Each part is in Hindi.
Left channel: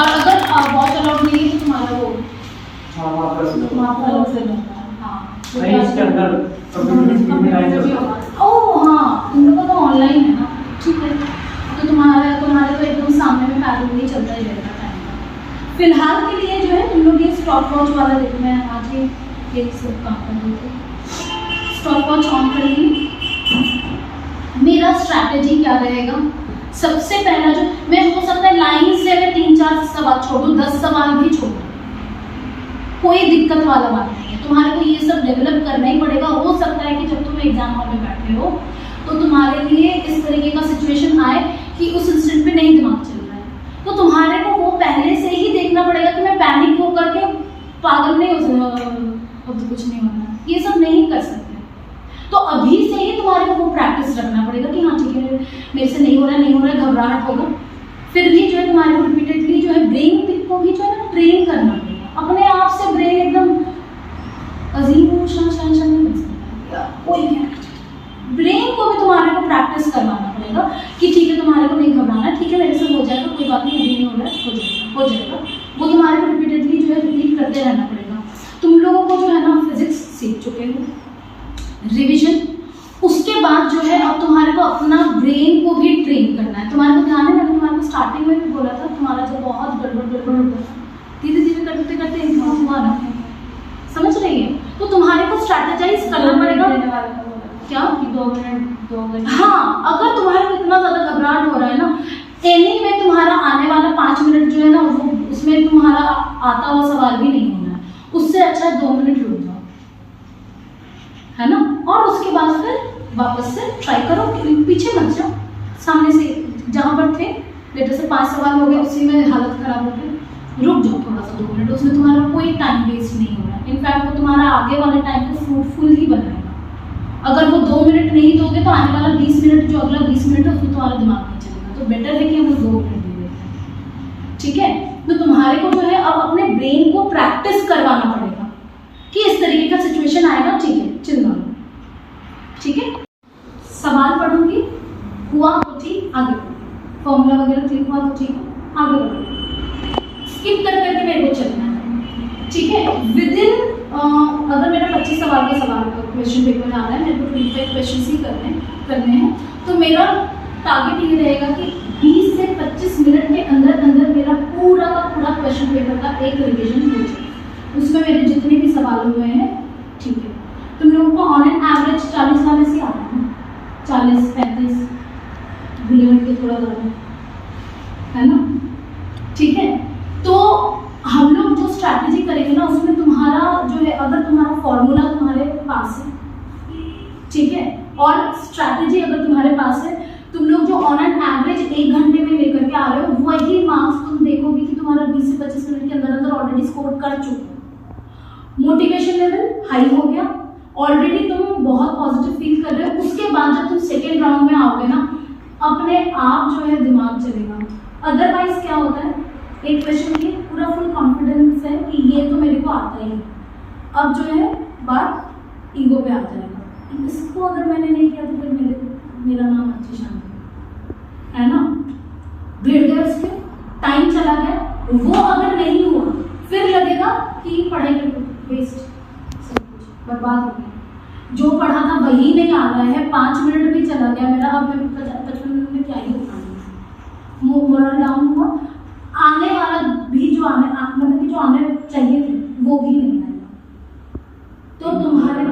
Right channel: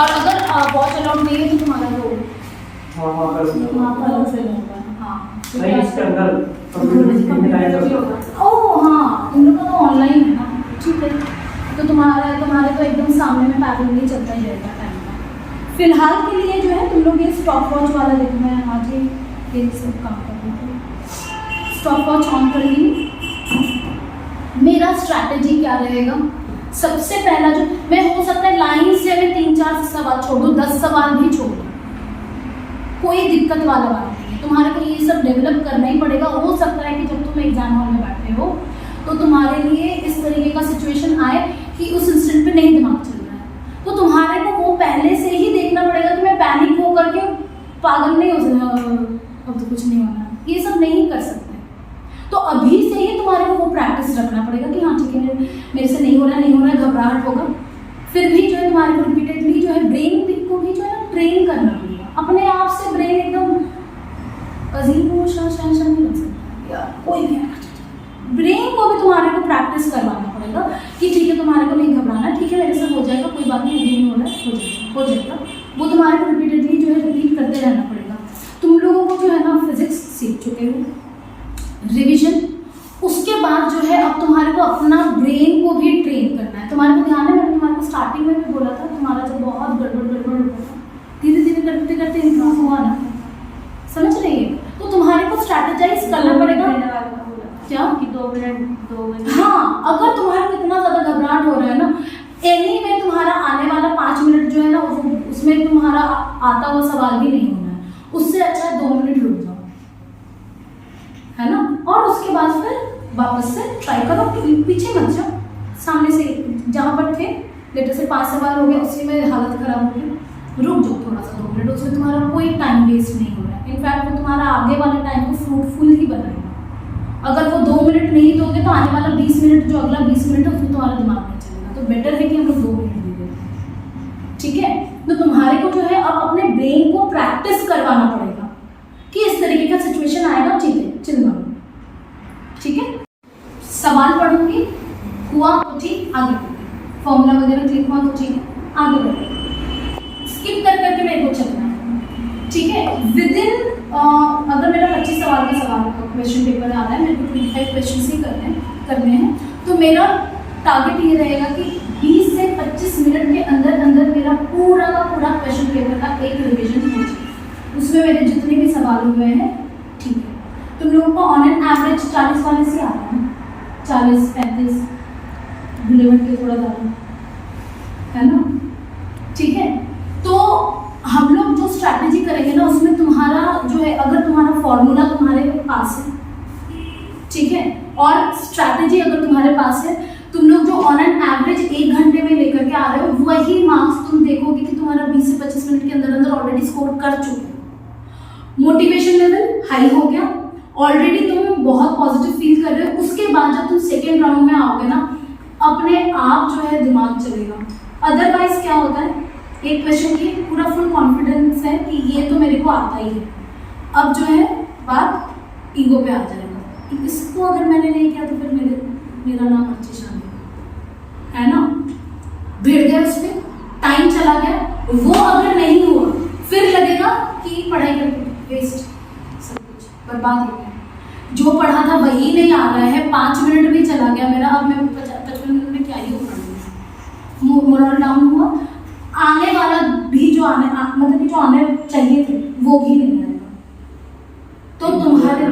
और अगर वॉच अलाउड नहीं है तो तुम्हारा वो वहाँ पर अलग से होगा। हाँ नहीं, इसके अंदर कंप्यूटर में लाइन होगा। ओह हाँ, तुम लोग का तो ऑनलाइन है ना, ठीक है। तो तुम्हारे तो एकदम सामने में पैरेलली चलता ही रहेगा टाइम का। फिलहाल के लिए जो है तुम लोग ये स्टॉप वॉच वाला देखो, मैं आज ये सब काम कर रही थी। स्टॉप वॉच ऑन करेंगी। मेरा स्ट्रैटेजी क्या रहेगा? सबसे पहला जो मैं, हो सकता है लाइन से मैं 3-4 सवाल छोड़ दूँ, 10 सवाल भी छोड़ दूँ, कोई दिक्कत वाला बात नहीं है। तुम्हारे को ये सब डेवलप करना ही पड़ेगा। हो सकता है कि जब तुम एग्जाम हॉल में बैठे हो तो तुम्हारे लिए इस तरीके का सिचुएशन आए कि उस इंस्टेंट पे नहीं दिमाग चल रहा है, तो तुम्हारे को वो पहले से ही देखना पड़ेगा कि मैं पैनिक हो करके पागल नहीं हो अब तो कुछ नहीं होना, ये सब नहीं कर सकते। तो अभी से ही तुम्हारे को वो प्रैक्टिस रखना पड़ेगा कि हाँ ठीक है, मेरे से नहीं हो रहा है, घबराहट होगा। फिर भी जो है तुम्हारे को रिपीटेडली जो है ब्रेन को भी जो है ना ट्रेन करना पड़ेगा। अपने आप से ब्रेन एकदम अजीम शन नहीं बन सकता, कोई भी ब्रेन को भी तुम्हारे को प्रैक्टिस करवाना पड़ेगा कि ठीक है, तुम्हारे को नहीं घबराना, ठीक है मेरे से हो जाएगा, कोई बात नहीं, अभी नहीं हो रहा, हो जाएगा। वो तुम्हारे को रिपीटेडली जो है रिपीट करते रहना पड़ेगा। तुम लोगों को जो है ना फिजिक्स सीख चुके हो, रिवीजन, उसके बाद जो है अब तुम्हारे को अपना ब्रेन को भी ट्रेन करना है। तुम्हारे को ध्यान है, मैंने तुम्हारे को स्टार्टिंग में भी बोला था, तुम्हारा जब बहुत गड़बड़ होता था, धीरे धीरे करते करते इम्प्रूव हुआ ना, समझ रही है? तो तुम्हारे को स्ट्रैटेजाइज करना पड़ेगा। क्या कि 2 मिनट हाँ, अगर तुम्हारे को इतना ज़्यादा घबराहट हो रहा है ना, एनी में तुम्हारा आने वाला 5 मिनट जो है ना, वो उसमें तुम्हारा आता हुआ सवाल भी नहीं होना है, उससे अच्छा 2 मिनट रुक जाओ, है ना? और उसके बाद फिर वापस से ट्राई करो, पीछे मत जाओ, सामने से जहाँ पर थे, लेटर से 5 सवाल हो गया, उसी में हालत खराब हो गई, रुक जाओ थोड़ा सा 2 मिनट, उसमें तुम्हारा कोई टाइम वेस्ट नहीं होगा। इनफैक्ट वो तुम्हारा आगे वाले टाइम को फ्रूटफुल ही बनाएगा। अगर वो 2 मिनट नहीं दोगे तो आने वाला 20 मिनट, जो अगला 20 मिनट है उसमें तुम्हारा दिमाग नहीं चलेगा। तो बेटर है कि हम 2 मिनट दे देते हैं, ठीक है? तो तुम्हारे को जो है अब अपने ब्रेन को प्रैक्टिस करवाना पड़ेगा कि इस तरीके का सिचुएशन आएगा, ठीक है, चिल्ला, ठीक है? सवाल पढ़ूंगी, हुआ तो ठीक, आगे बढ़ो, फॉर्मूला वगैरह क्लिक हुआ तो ठीक है, आगे बढ़ो, स्किप कर करके मेरे को चलना है, ठीक है? विदिन अगर मेरा 25 सवाल का क्वेश्चन पेपर आ रहा है, मेरे को 25 क्वेश्चन ही करने हैं, तो मेरा टारगेट ये रहेगा कि 20 से 25 मिनट के अंदर अंदर मेरा पूरा का पूरा क्वेश्चन पेपर का एक रिविजन हो जाए। उसमें मेरे जितने भी सवाल हुए हैं, ठीक है? तुम लोगों को ऑन एन एवरेज 40 वाले से आ रहा है, 40-35 बुलेट के थोड़ा ज़्यादा, है ना? ठीक है? तो हम लोग जो स्ट्रैटेजी करेंगे ना, उसमें तुम्हारा जो है, अगर तुम्हारा फॉर्मूला तुम्हारे पास है, ठीक है, और स्ट्रैटेजी अगर तुम्हारे पास है, तुम लोग जो ऑन एन एवरेज 1 घंटे में लेकर के आ रहे हो, वही मार्क्स तुम देखोगे कि तुम्हारा 20 से 25 मिनट के अंदर अंदर ऑलरेडी स्कोर कर चुके हो। मोटिवेशन लेवल हाई हो गया, ऑलरेडी तुम बहुत पॉजिटिव फील कर रहे हो। उसके बाद जब तुम सेकेंड राउंड में आओगे ना, अपने आप जो है दिमाग चलेगा। अदरवाइज क्या होता है, एक क्वेश्चन की पूरा फुल कॉन्फिडेंस है कि ये तो मेरे को आता ही है, अब जो है बात ईगो पे आ जाएगा, इसको अगर मैंने नहीं किया तो फिर मेरा नाम अच्छी शान है ना, भिड़ गया उस पर, टाइम चला गया, वो अगर नहीं हुआ फिर लगेगा कि पढ़ाई करके वेस्ट, सब कुछ बर्बाद हो गया, जो पढ़ा था वही नहीं आ रहा है, 5 मिनट भी चला गया मेरा, अब मैं 55 मिनट में क्या ही हो पढ़ूंगी, मोरल डाउन हुआ, आने वाला भी जो मतलब कि जो आने चाहिए थे वो भी नहीं आएगा। तो तुम्हारे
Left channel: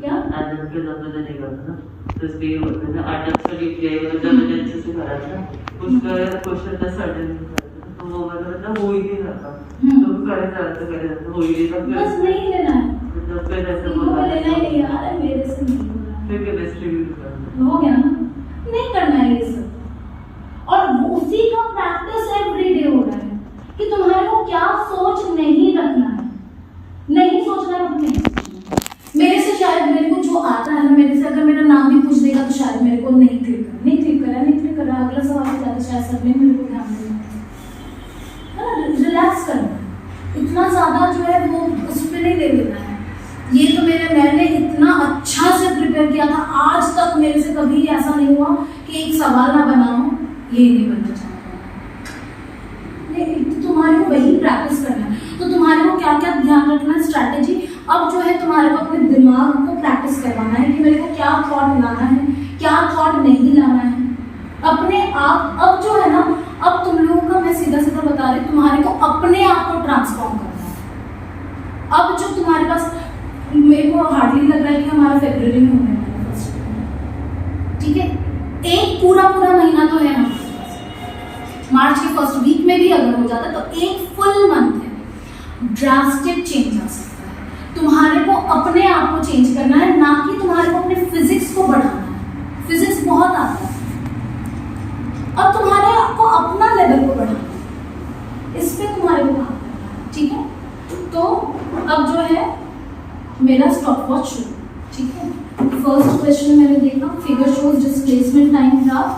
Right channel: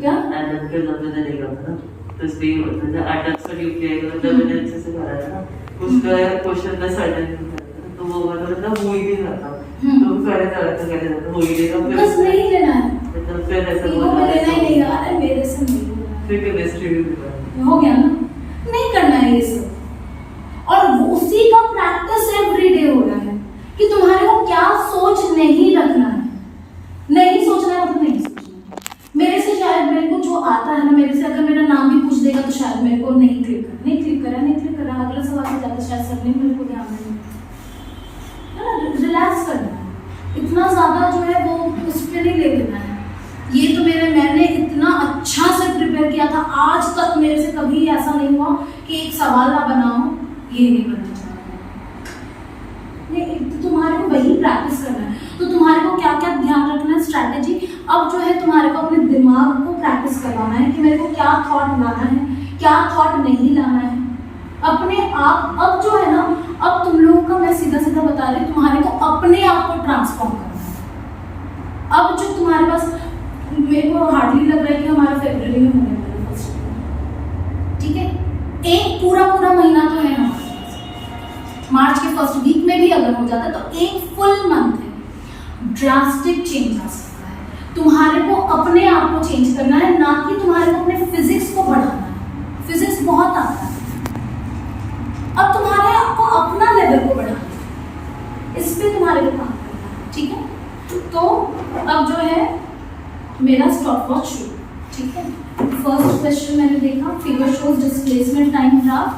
क्या आदत के ज़्यादा नहीं करता ना, तो इसलिए होता है आदत से यूपीआई मतलब मैंने अच्छे से करा था, उसका क्वेश्चन था सर्टेन तो वो मतलब हो ही नहीं जाता, तो पहले जाता हो ही नहीं जाता, बस नहीं लेना है, मतलब फिर ऐसा बोला लेना ही नहीं यार, मेरे से नहीं फिर केमिस्ट्री भी हो गया ना, नहीं करना है ये सब। और उसी का प्रैक्टिस एवरी डे हो रहा है कि तुम्हारे को क्या सोच नहीं रखना है, नहीं सोचना है, तो नहीं सोचना। मेरे से शायद मेरे को जो आता है ना, मेरे से अगर मेरा नाम भी पूछ देगा तो शायद मेरे को नहीं क्लिक करा, अगला सवाल से जाता शायद सब मेरे को ध्यान नहीं है ना, रिलैक्स करना है, इतना ज़्यादा जो है वो उस पर नहीं ले लेना है। ये तो मैंने इतना अच्छा से प्रिपेयर किया था, आज तक मेरे से कभी ऐसा नहीं हुआ कि एक सवाल ना बनाओ, ये नहीं बनना चाहता। तुम्हारे जो है तुम्हारे को अपने दिमाग को प्रैक्टिस करवाना है कि मेरे को क्या थॉट लाना है, क्या थॉट नहीं लाना है अपने आप। अब जो है ना, अब तुम लोगों का मैं सीधा सीधा बता रही हूँ, तुम्हारे को अपने आप को ट्रांसफॉर्म करना है। अब जो तुम्हारे पास, मेरे को हार्डली लग रहा है कि हमारा फरवरी में होने वाला है फर्स्ट, ठीक है, एक पूरा महीना तो है हमारे पास। मार्च के फर्स्ट वीक में भी अगर हो जाता है तो एक फुल मंथ है। ड्रास्टिक चेंज आ सकता है। तुम्हारे को अपने आप को चेंज करना है, ना कि तुम्हारे को अपने फिजिक्स को बढ़ाना है। फिजिक्स बहुत आता है, अब तुम्हारे आपको अपना लेवल को बढ़ाना है, इस पे तुम्हारे को काम करना है, ठीक है। तो अब जो है मेरा स्टॉप वॉच शुरू, ठीक है। फर्स्ट क्वेश्चन मैंने देखा, figure shows displacement time graph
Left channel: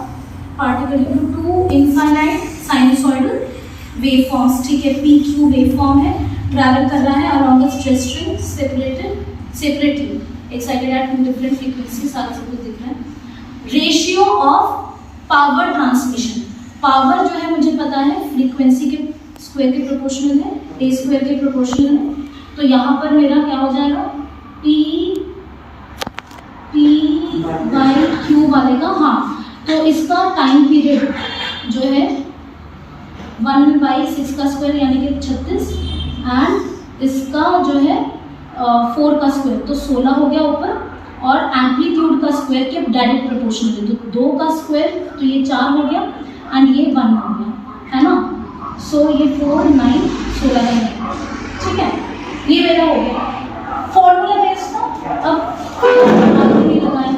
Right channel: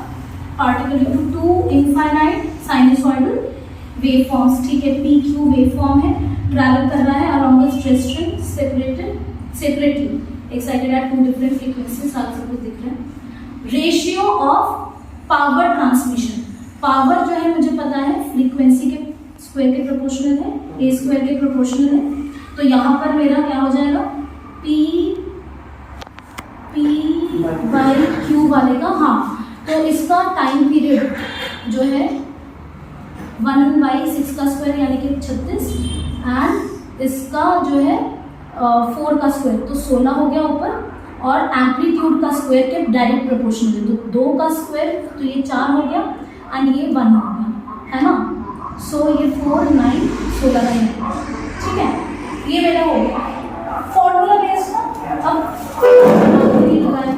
particle to two infinite sinusoidal waveforms, ठीक है। पी क्यू वेवफॉर्म है, ट्रैवल कर रहा है along the stress string separately excited at two different frequency, सारा सब कुछ दिख रहा है। Ratio of power transmission, power जो है मुझे पता है फ्रीक्वेंसी के स्क्वायर के प्रोपोर्शनल है, ए स्क्वायर के प्रोपोर्शनल है, तो यहाँ पर मेरा क्या हो जाएगा, पी बाई क्यू वाले का, हाँ, तो इसका टाइम पीरियड जो है 1/6 का स्क्वायर यानी कि 36, एंड इसका जो है 4 का स्क्वायर तो 16 हो गया ऊपर, और एम्पलीट्यूड का स्क्वायर के डायरेक्ट प्रोपोर्शनल है, तो 2 का स्क्वायर तो ये 4 हो गया, एंड ये 1 हो गया, है ना। सो ये 4 9 16 का 9, ठीक है, ये मेरा हो गया फॉर्मूला बेस्ड ना। अब ये लगाएं,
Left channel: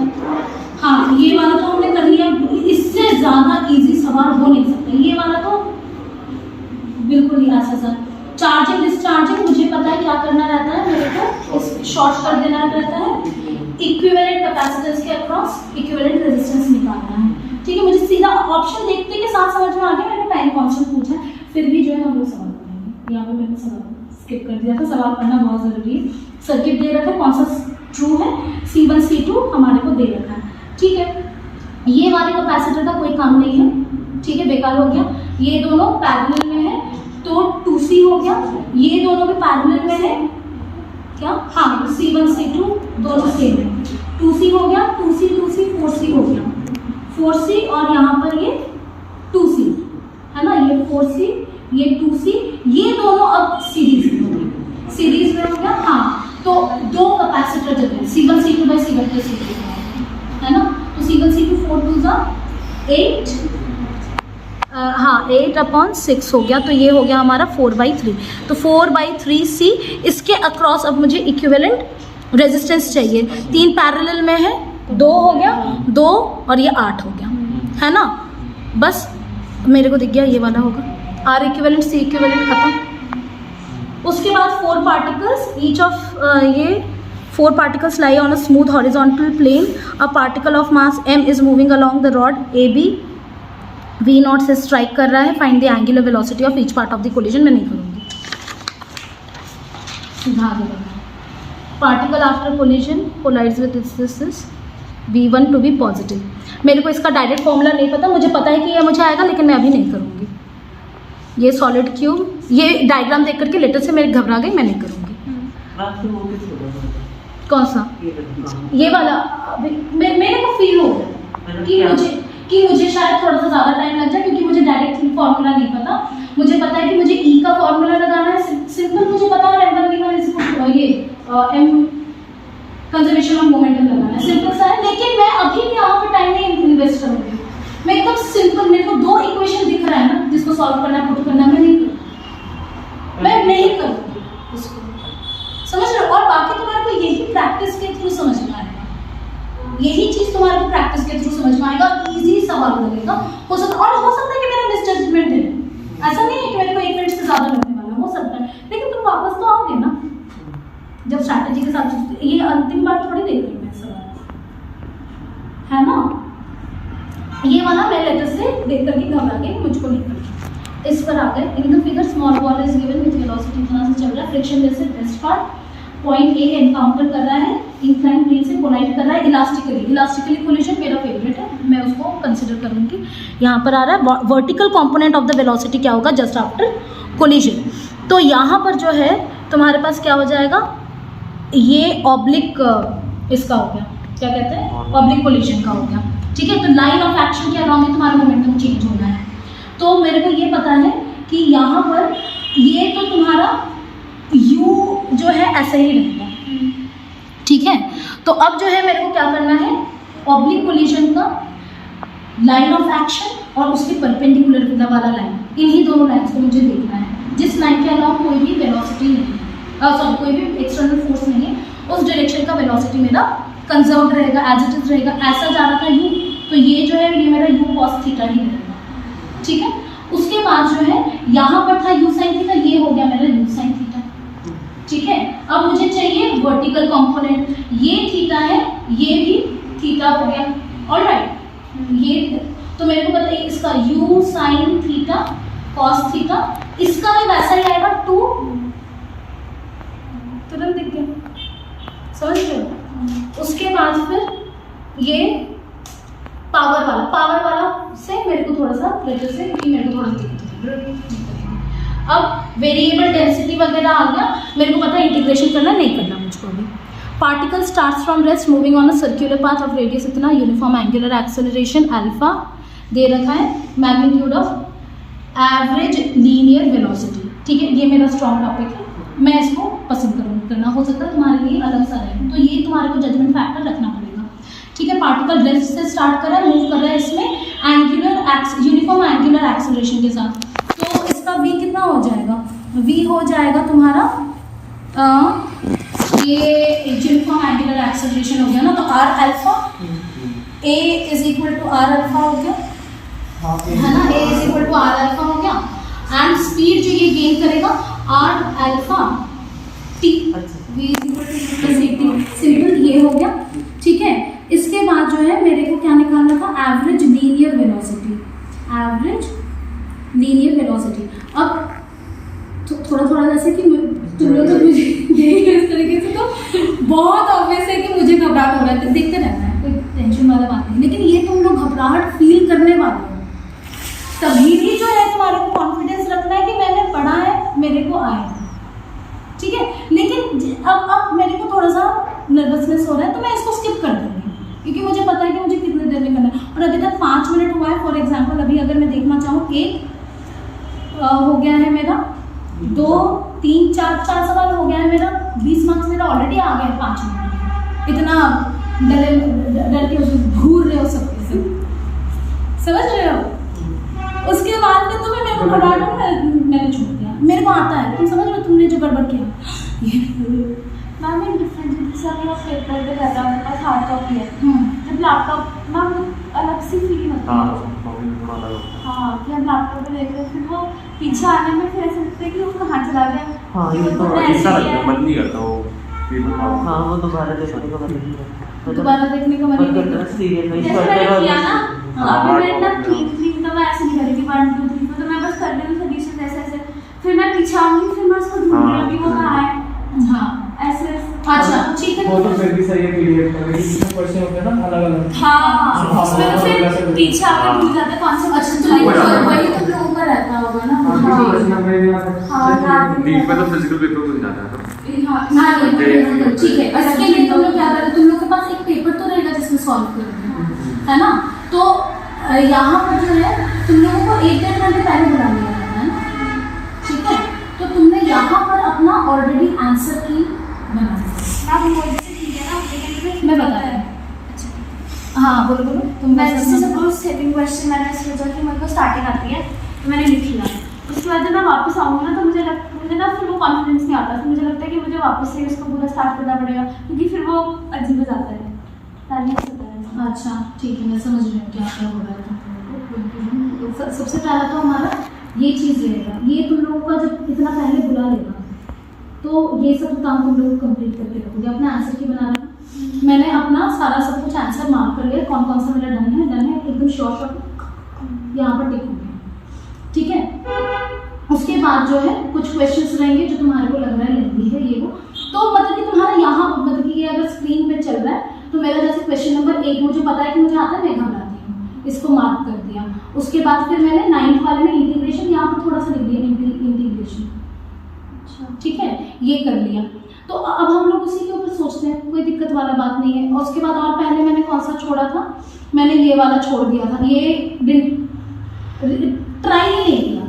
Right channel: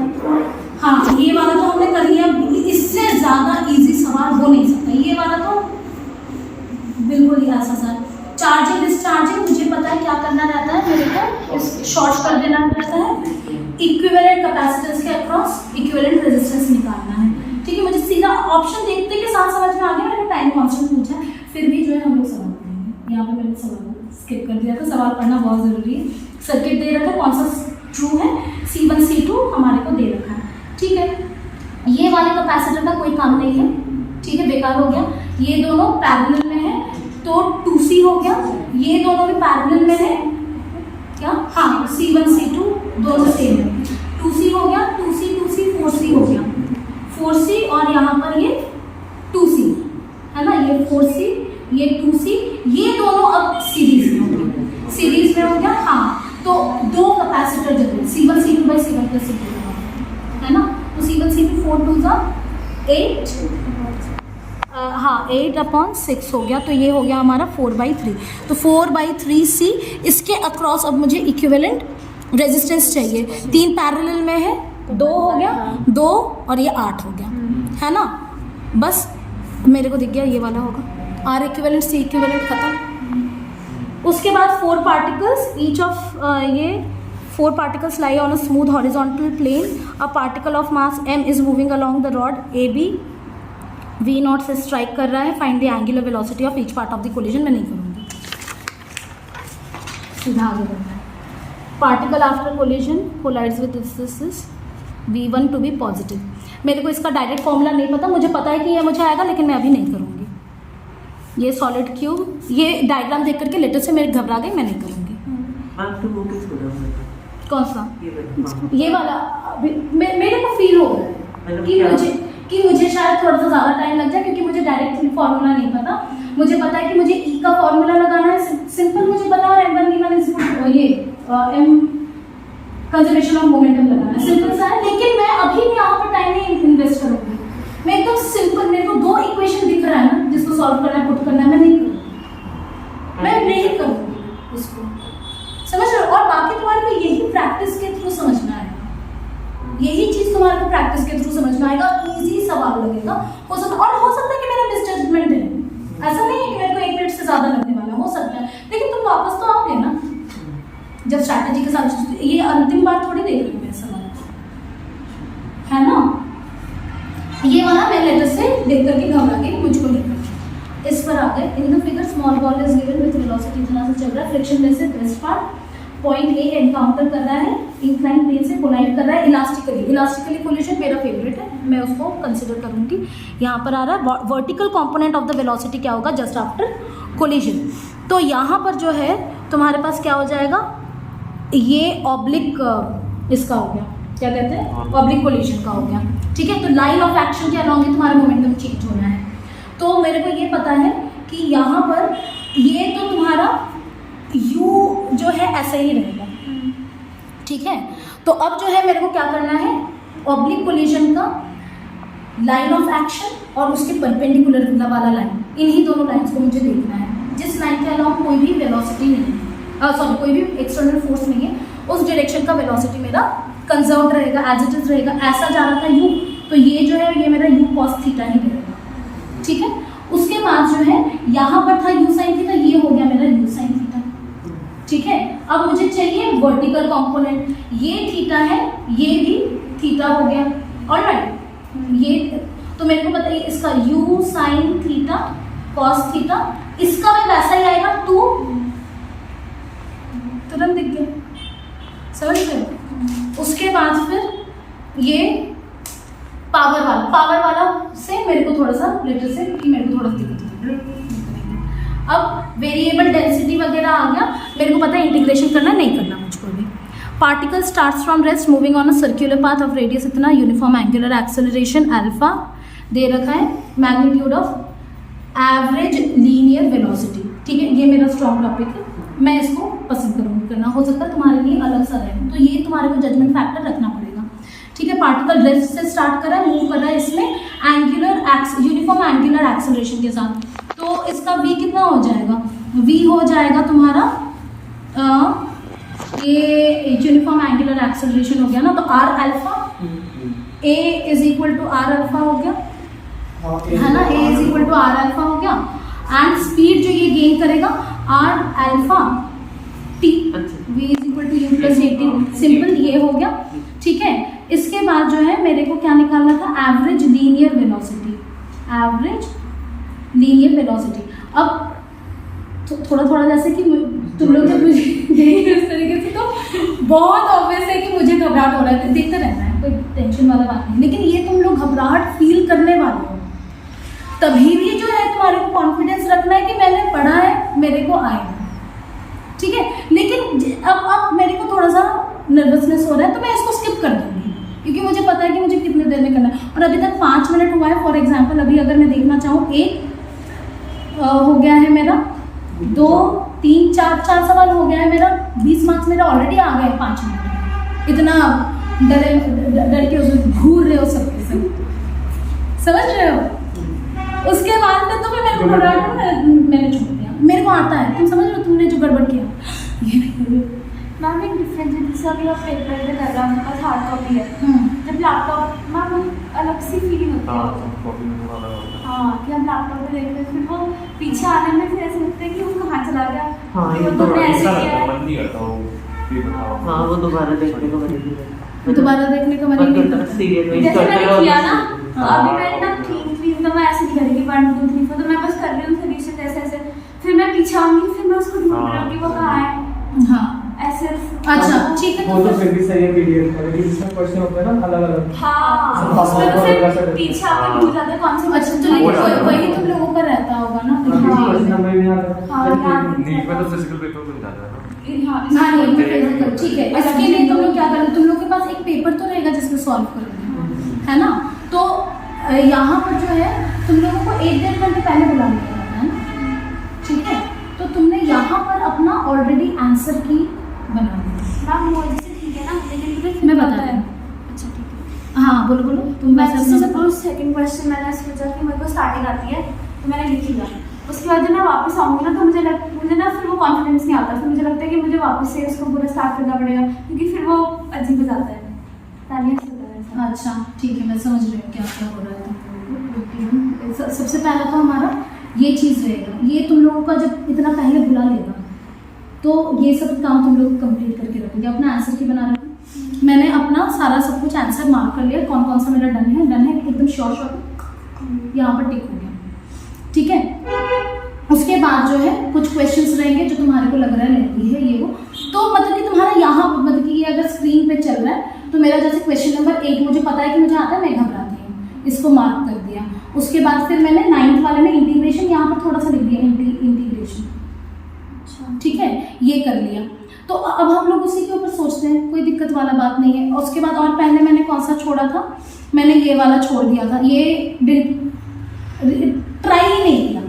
हाँ, ये वाला तो हमने कर लिया, इससे ज़्यादा इजी सवाल हो नहीं सकता। ये वाला तो बिल्कुल ही आसान। चार्जिंग डिस्चार्जिंग मुझे पता है क्या करना रहता है, मेरे को शॉर्ट कर देना रहता है, इक्विवेलेंट कैपेसिटेंस के अक्रॉस इक्विवेलेंट रेजिस्टेंस निकालना है, ठीक है। मुझे सीधा ऑप्शन देखते के साथ समझ में आ गया, मैंने टाइम कांस्टेंट पूछा, फिर भी जो है हम लोग सवाल पढ़ेंगे। यहाँ पे मैंने सवाल स्किप कर दिया था, सवाल पढ़ना बहुत ज़रूरी है। सर्किट दे रखा है, कौन सा ट्रू है, C1 C2 हमारे को दे रखा है, ठीक है। ये वाले कैपेसिटर का कोई काम नहीं है, ठीक है, बेकार हो गया। ये दोनों पैरेलल में है तो 2C हो गया, ये दोनों भी पैरेलल में है क्या, हाँ, C1 C2 दोनों सेम है, 2C हो गया, 2C 4C हो गया, 4C, और यहाँ पर ये 2C है ना, ये 4C ये 2C, ये दोनों अब सीरीज में हो गए, सीरीज में हो गया, हाँ। तो दो कैपेसिटर जब है C1 C2 by C1 plus C2 है ना, तो C1 C2 4 2 8, हाँ 8/6 हो गया, तो ये हो गया हमारा 4/3, तो 4/3C। इसके अक्रॉस अब मुझे इक्विवेलेंट रेजिस्टेंस चाहिए, 3 पैरेलल में है, 2 हो गया, 2 और ये 8 हो गया, है ना। बस मेरे को दिख गया ये वाला होगा, R इक्विवेलेंट C इक्विवेलेंट खत्म। उसके बाद 4 पार्टिकल्स, ईच ऑफ ये 4 particles lie on a smooth horizontal plane. A particle of mass m is moving along the rod AB. V0 से strike कर रहा है. Find the angular velocity of each part of the collision. मैं नहीं करूँगी, सीधा आगे बढ़ना है. Particle after collision collides with this V1 to be positive. मेरे को इसका डायरेक्ट फॉर्मूला नहीं पता, मुझे पता है कि ये मुझे आएगा, लेकिन मैं अभी नहीं करूँगी. ये सॉलिड क्यूब, ये डायग्राम देख करके लेटर से मेरे घबरा गई, मैं नहीं करूँगी. कौन सा? ये वाला मेरे को फील हो रहा है कि मुझे शायद थोड़ा सा ज़्यादा टाइम लग जाए, क्योंकि मुझे डायरेक्ट फॉर्मूला नहीं पता. मुझे पता है कि मुझे ई का फॉर्मूला लगाना है, सिंपल मुझे पता है, और m1 ये m कंजर्वेशन ऑफ मोमेंटम लगाना है, सिंपल सा है. लेकिन मैं अभी भी यहाँ पर टाइम नहीं इन्वेस्ट करूँगी. मैं एकदम सिंपल, मेरे को 2 इक्वेशन दिख रहा है ना जिसको सॉल्व करना है, पुट करना है, मैं नहीं करूँगी उसको, समझ रहे हो. और बाकी तुम्हारे को यही प्रैक्टिस के थ्रू समझ में आएगा, यही चीज तुम्हारे को प्रैक्टिस के थ्रू समझ में आएगा. इजी सवाल लगेगा, हो सकता है कि मेरा मिसजजमेंट है, ऐसा नहीं है कि मेरे को 1 मिनट से ज्यादा लगने वाला, हो सकता है, लेकिन तुम वापस तो आओगे ना जब स्ट्रैटेजी के साथ. ये अंतिम बार थोड़ी देख रही हूँ सवाल, है ना. ये वाला मैं लेटर से देख करके घबरा गई, मुझको नहीं करना. इस पर आ गए. इन the figure small ball is given with velocity इतना से चल रहा है, फ्रिक्शन लेस से best part point A encounter कर रहा है, इंक्लाइन प्लेन से कोलाइड कर रहा है इलास्टिकली कोलिजन मेरा फेवरेट है, मैं उसको कंसिडर करूँगी. यहाँ पर आ रहा है vertical component of the velocity क्या होगा जस्ट आफ्टर कोलिजन. तो यहाँ पर जो है तुम्हारे पास क्या हो जाएगा, ये ऑब्लिक इसका हो गया, क्या कहते हैं, ऑब्लिक कोलिजन का हो गया। ठीक है, तो लाइन ऑफ एक्शन के अलॉन्ग ही तुम्हारा मोमेंटम चेंज होना है। तो मेरे को ये पता है कि यहाँ पर ये तो तुम्हारा यू जो है ऐसे ही रहेगा। ठीक है, तो अब जो है मेरे को क्या करना है, ऑब्लिक कोलिजन का लाइन ऑफ एक्शन और उसके परपेंडिकुलर वाला लाइन, इन्हीं दोनों लाइन्स को मुझे देखना है। जिस लाइन के अलॉन्ग कोई भी वेलोसिटी नहीं है, सॉरी कोई भी एक्सटर्नल फोर्स नहीं है, उस डायरेक्शन का वेलोसिटी मेरा कंजर्व रहेगा, एज इट इज रहेगा। ऐसा जा रहा था यू, तो ये जो है ये मेरा यू कॉस थीटा ही रहेगा। ठीक है, उसके बाद जो है यहाँ पर था यू साइन थीटा, ये हो गया मेरा यू साइन थीटा। ठीक है, अब मुझे चाहिए वर्टिकल कंपोनेंट, ये थीटा है, ये भी थीटा हो गया। ऑलराइट, ये तो मेरे को पता है इसका you sine theta cos theta, इसका भी वैसा ही आएगा 2, तुरंत दिख गया, समझ रहे हो। उसके बाद फिर ये पावर वाला से मेरे को थोड़ा सा लेटर से कि मेरे को थोड़ा दिक्कत है। अब वेरिएबल डेंसिटी वगैरह आ गया, मेरे को पता है इंटीग्रेशन करना नहीं करना मुझको अभी। Particle starts from rest moving on a circular path of radius इतना, यूनिफॉर्म एंगुलर एक्सेलरेशन अल्फा दे रखा है, magnitude of average linear velocity. ठीक है, ये मेरा स्ट्रॉन्ग टॉपिक है, मैं इसको पसंद करूँगी करना, हो सकता है तुम्हारे लिए अलग सा रहे, तो ये तुम्हारे को जजमेंट फैक्टर रखना पड़ेगा। ठीक है, पार्टिकल रेस्ट से स्टार्ट कर रहा है, मूव कर रहा है इसमें यूनिफॉर्म एंगुलर एक्सेलरेशन के साथ, तो इसका v कितना हो जाएगा, v हो जाएगा तुम्हारा ये यूनिफॉर्म एंगुलर एक्सेलरेशन हो गया ना, तो r alpha a is equal to r alpha हो गया, है ना, a is equal to r alpha हो गया, एंड स्पीड जो ये गेन करेगा r alpha t, v is equal to u plus at, simple ये हो गया। ठीक है, इसके बाद जो है मेरे को क्या निकालना था, average linear velocity, average linear velocity. अब तो थोड़ा जैसे कि तुम लोग जब मुझे देख रहे इस तरीके से तो बहुत ऑब्वियस है कि मुझे घबराहट हो रहा है, तो देखते रहना है, कोई टेंशन वाला बात नहीं। लेकिन ये तुम लोग घबराहट फील करने वाले हो, तभी भी जो है तुम्हारे को कॉन्फिडेंस रखना है कि मैंने पढ़ा है, मेरे को आएगा। ठीक है, लेकिन अब मेरे को थोड़ा सा नर्वसनेस हो रहा है, तो मैं इसको स्किप कर दूँगी, क्योंकि मुझे पता है कि मुझे कितने देर में करना है, और अभी तक 5 मिनट हुआ है। फॉर एग्जांपल अभी अगर मैं देखना चाहूँ, एक हो गया है मेरा, 2 3 4 सवाल हो गया है मेरा, 20 मार्क्स मेरा ऑलरेडी आ गए 5 मिनट। इतना डर के उसमें घूर रहे हो सबके सब, समझ रहे हो। उसके बाद में तो मेरे को मैंने छोड़ दिया, मेरे को आता है, तुम समझ रहे हो तुमने जो गड़बड़ किया। मैम एक डिफरेंस है, जैसे अभी आप पेपर पे कर रहा हूँ, मेरे पास हार्ड कॉपी है, जब लैपटॉप मैम अलग सी फीलिंग होती है, हाँ, कि हम लैपटॉप पे देखते हैं, फिर वो पीछे आने में फिर ऐसा लगता है कि वो कहाँ चला गया, हाँ, कि वो तुमने ऐसे किया है। हाँ, वो दोबारा देखने को मन नहीं करता, दोबारा देखने का मन नहीं करता। जैसे मैंने किया ना, तो अभी मैं एकदम क्लीन तो मैं ऐसे नहीं करेगी 1 2 3 4, तो मैं बस कर रही हूँ सोल्यूशन ऐसे, फिर मैं पीछे आऊँगी, फिर मैं उसको ढूंढ रही हूँ कि वो कहाँ है। हाँ, ऐसे। अच्छा ठीक है, वो तो फिर भी सही है पीडीएफ का, लेकिन इसमें क्वेश्चन होते हैं ना अलग अलग। हाँ, उसमें तो फिर पीछे आके भूल जाते कौन से। अच्छा, तो नहीं वही तो लोगों का रहता होगा ना। नीट में तो फिजिकल पेपर को जाना है। हाँ, ठीक है, इसके लिए तुम लोग क्या करो, तुम लोग के पास एक पेपर तो रहेगा जिसमें सॉल्व करोगे, है ना। तो यहाँ पर जो है तुम लोगों को 1-1.5 घंटे पहले बुला लिया जाता है ना, ठीक है। तो तुमने यहाँ पर अपना ऑलरेडी आंसर की बना मैं बता रहा हूँ। अच्छा ठीक है, हाँ बोलो बोलो तुम। मैं जैसे सपोज सेकंड क्वेश्चन मैंने सोचा कि मेरे को स्टार्टिंग आती है, तो मैंने लिख लिया। उसके बाद जब मैं वापस आऊँगी ना, तो मुझे ना फिर वो कॉन्फिडेंस नहीं आता, फिर मुझे लगता है कि मुझे वापस से उसको पूरा स्टार्ट करना पड़ेगा, क्योंकि फिर वो अजीब हो जाता है। अच्छा ठीक है, मैं समझ रही हूँ क्या क्या हो रहा है। सबसे पहला तो हमारा ये चीज़ रहेगा, ये तुम लोगों का जब इतना पहले बुला लेगा तो ये सब काम तुम लोग कंप्लीट करके रखोगे। अपना आंसर की बना रखा, मैंने अपना सारा सब कुछ आंसर मार्क कर लिया, कौन कौन सा मेरा डन है एकदम शॉर्ट यहाँ पर टिक हो गया, ठीक है। उसके बाद जो है कुछ क्वेश्चंस रहेंगे जो तुम्हारे को लग रहा है लेंदी है ये वो, तो मतलब कि तुम्हारा यहाँ मतलब कि ये अगर स्क्रीन पे चल रहा है तो मेरा जैसे क्वेश्चन नंबर 1 मुझे पता है कि मुझे आता है, मैं घबराती हूँ, इसको मार्क कर दिया। उसके बाद फिर मैंने 9th वाले में इंटीग्रेशन यहाँ पर थोड़ा सा लिख दिया, इंटीग्रेशन, ठीक है, ये कर लिया। तो तो अब हम लोग उसी के ऊपर सोचते हैं, कोई दिक्कत वाला बात नहीं है। और उसके बाद और पहले मैंने कौन सा छोड़ा था, मैंने ये वाला छोड़ दिया था, ये ट्राई ही नहीं किया,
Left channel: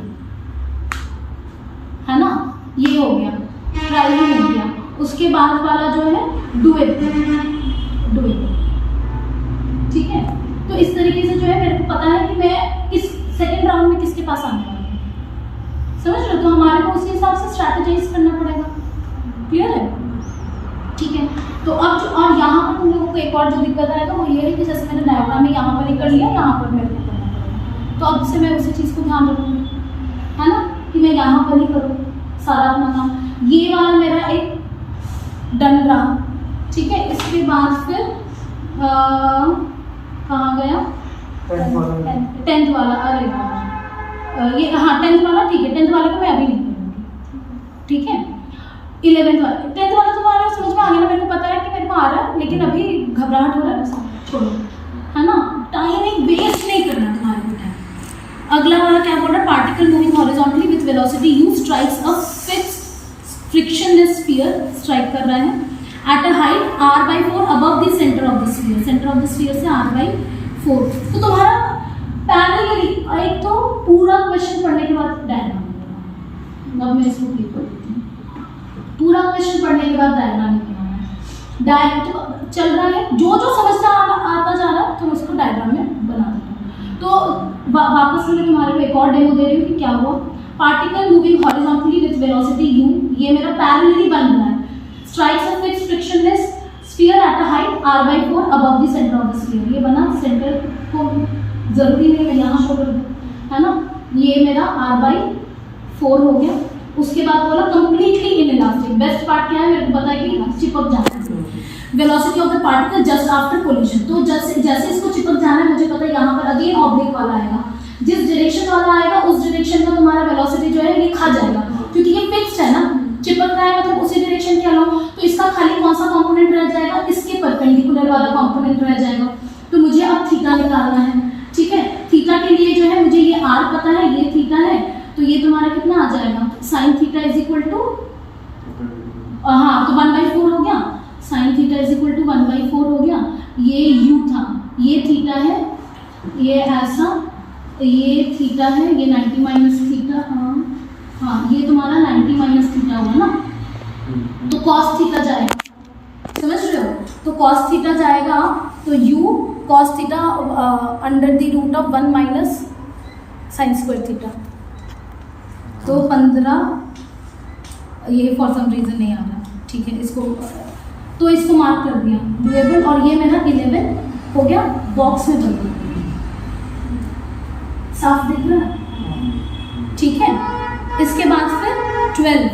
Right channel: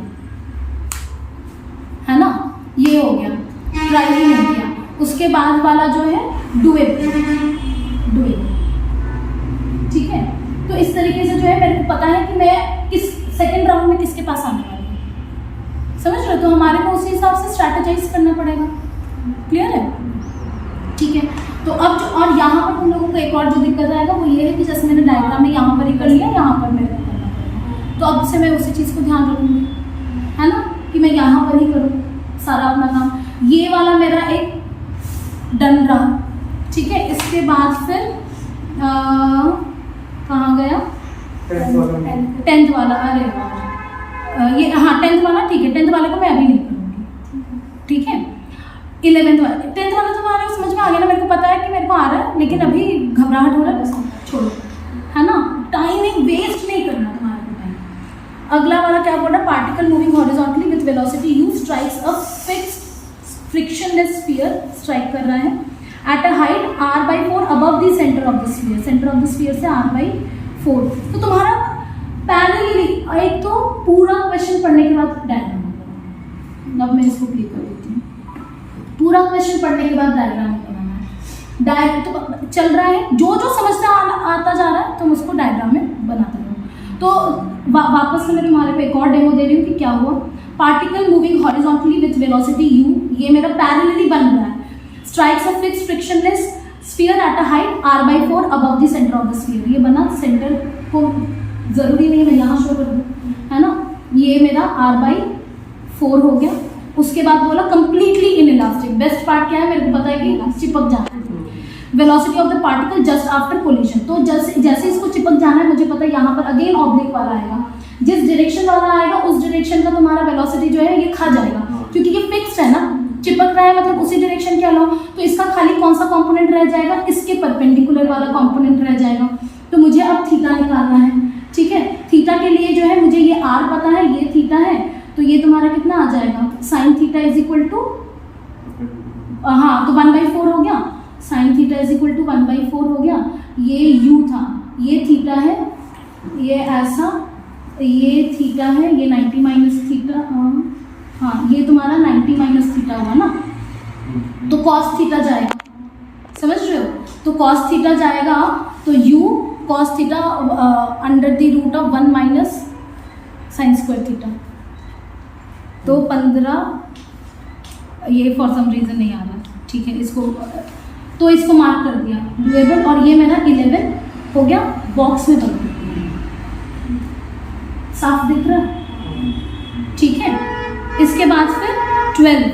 है ना, ये हो गया, ट्राई ही नहीं किया। उसके बाद वाला जो है डुएट, ठीक है। तो इस तरीके से जो है मेरे को पता है कि मैं किस सेकंड राउंड में किसके पास आने वाली हूँ, समझ रहे हो। तो हमारे को उसी हिसाब से स्ट्रैटेजाइज करना पड़ेगा, क्लियर है, ठीक है। तो अब जो और यहाँ पर तुम लोगों को एक और जो दिक्कत आएगा वो ये है कि जैसे मैंने डायग्राम में यहाँ पर ही कर लिया, यहाँ पर मेरे को करना पड़ेगा। तो अब से मैं उसी चीज़ को ध्यान रखूँगी, है ना, कि मैं यहाँ पर ही करूँ सारा अपना काम। ये वाला मेरा एक डन रहा, ठीक है। इसके बाद फिर कहाँ गया, 10th वाला, अरे यार ये हाँ 10th वाला, ठीक है। 10th वाले को मैं अभी नहीं करूँगी, ठीक है। 11th वाला, 10th वाला तुम्हारे समझ में आ गया ना, मेरे को पता है कि मेरे को आ रहा है, लेकिन अभी घबराहट हो रहा है, बस छोड़ो, है ना, टाइमिंग वेस्ट नहीं करना तुम्हारे को टाइम। अगला वाला क्या बोल रहा है, particle moving horizontally with velocity you strikes a fixed frictionless sphere, strike कर रहा है at a height r/4 above the centre of the sphere, centre of the sphere से r/4। तो तुम्हारा पैरेलली, एक तो पूरा क्वेश्चन पढ़ने के बाद डायग्राम, अब मैं इसको क्लिक कर देती हूँ, पूरा क्वेश्चन पढ़ने के बाद डायग्राम बनाना है। डायग्राम तो चल रहा है, जो जो समझना आता जा रहा है तुम उसको डायग्राम में बनाते रहो। तो वापस मैं तुम्हारे को एक और डेमो दे रही हूँ कि क्या हुआ। Particle moving horizontally with velocity u, ये मेरा पैरेलली बन रहा है, strikes a fixed frictionless sphere at a height r/4 above the centre of the sphere. ये बना, सेंटर को जरूरी नहीं मैं यहाँ शो कर दूँ, है ना, ये मेरा r/4 हो गया। उसके बाद बोला कंप्लीटली इनइलास्टिक, बेस्ट पार्ट क्या है, मेरे को पता है कि चिपक जाना है। Velocity of the particle just after collision, तो जैसे इसको चिपक जाना है, मुझे पता है यहाँ पर अगेन ऑब्लिक वाला आएगा, जिस डायरेक्शन वाला आएगा उस डायरेक्शन का तुम्हारा वेलोसिटी जो है ये खा जाएगा, क्योंकि ये फिक्स्ड है ना, चिपक रहा है मतलब उसी डायरेक्शन के अलावा। तो इसका खाली कौन सा कंपोनेंट रह जाएगा, इसके परपेंडिकुलर वाला कंपोनेंट रह जाएगा। तो मुझे अब थीटा निकालना है, ठीक है। थीटा के लिए जो है मुझे ये r पता है, ये थीटा है, तो ये तुम्हारा कितना आ जाएगा, sine theta is equal to, हाँ तो 1/4 हो गया, sine theta is equal to 1/4 हो गया। ये u था, ये थीटा है, ये ऐसा, ये थीटा है, ये 90 माइनस थीटा, हाँ ये तुम्हारा 90 माइनस थीटा हुआ ना, तो कॉस थीटा जाएगा, समझ रहे हो। तो कॉस थीटा जाएगा, तो u cos theta under the root of 1 minus sine square theta, तो 15, ये फॉर सम रीज़न नहीं आ रहा है, ठीक है। इसको तो इसको मार्क कर दिया डुएबल, और ये मेरा 11 हो गया, बॉक्स में बन गया, साफ दिख रहा है, ठीक है। इसके बाद फिर 12,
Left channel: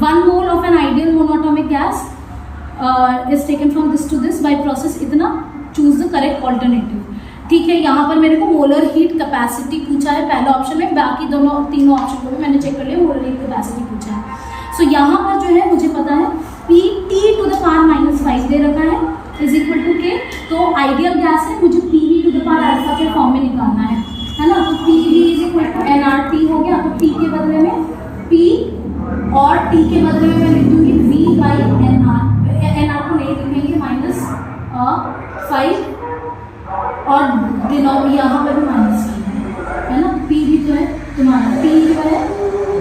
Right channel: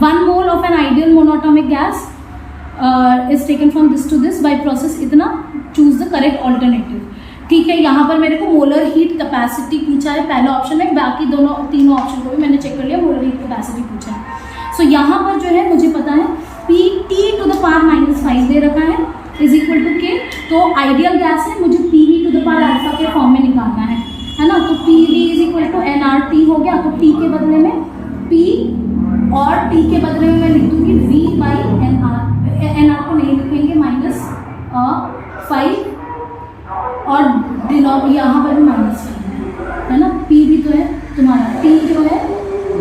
1 mole of an ideal monoatomic gas is taken from this to this by process इतना, चूज द करेक्ट ऑल्टरनेटिव, ठीक है। यहाँ पर मेरे को मोलर हीट कैपेसिटी पूछा है पहले ऑप्शन में, बाकी तीनों ऑप्शन को भी मैंने चेक कर लिया, मोलर हीट कैपेसिटी पूछा है। सो यहाँ पर जो है मुझे पता है Pt⁻⁵ दे रखा है इज इक्वल टू के, तो आइडियल गैस है, मुझे PV⁴ के फॉर्म में निकालना है ना। तो PV is equal to nRT हो गया, तो T के बदले में P और T के बदले में मैं लिख दूंगी V/nR, nR को नहीं लिखेंगे, -5 और यहाँ पर भी -5 है ना। P भी तो है तुम्हारा, P जो है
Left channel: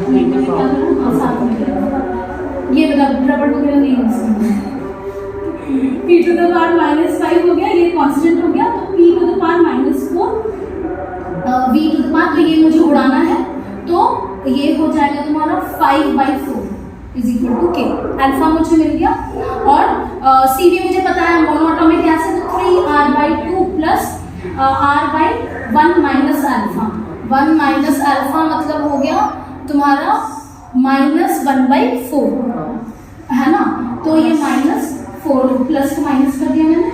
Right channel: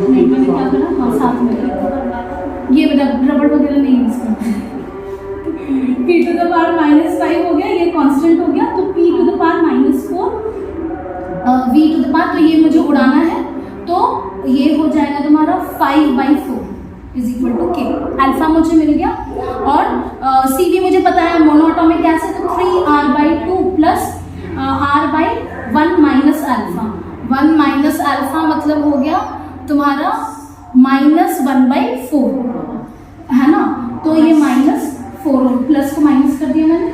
में क्या करना, हाँ साथ में ये रबड़ वगैरह नहीं यूज करना है। P⁻⁻5 हो गया, ये कांस्टेंट हो गया, तो P⁻⁻4 V⁻, तो ये मुझे उड़ाना है, तो ये हो जाएगा तुम्हारा 5/4 इज इक्वल टू के। अल्फा मुझे मिल गया, और सी भी मुझे पता है, मोनोएटॉमिक गैस है, तो 3r/2 plus r/1 minus alpha, 1 minus alpha मतलब हो गया तुम्हारा -1/4, है ना। तो ये -4 प्लस को माइनस कर दिया मैंने,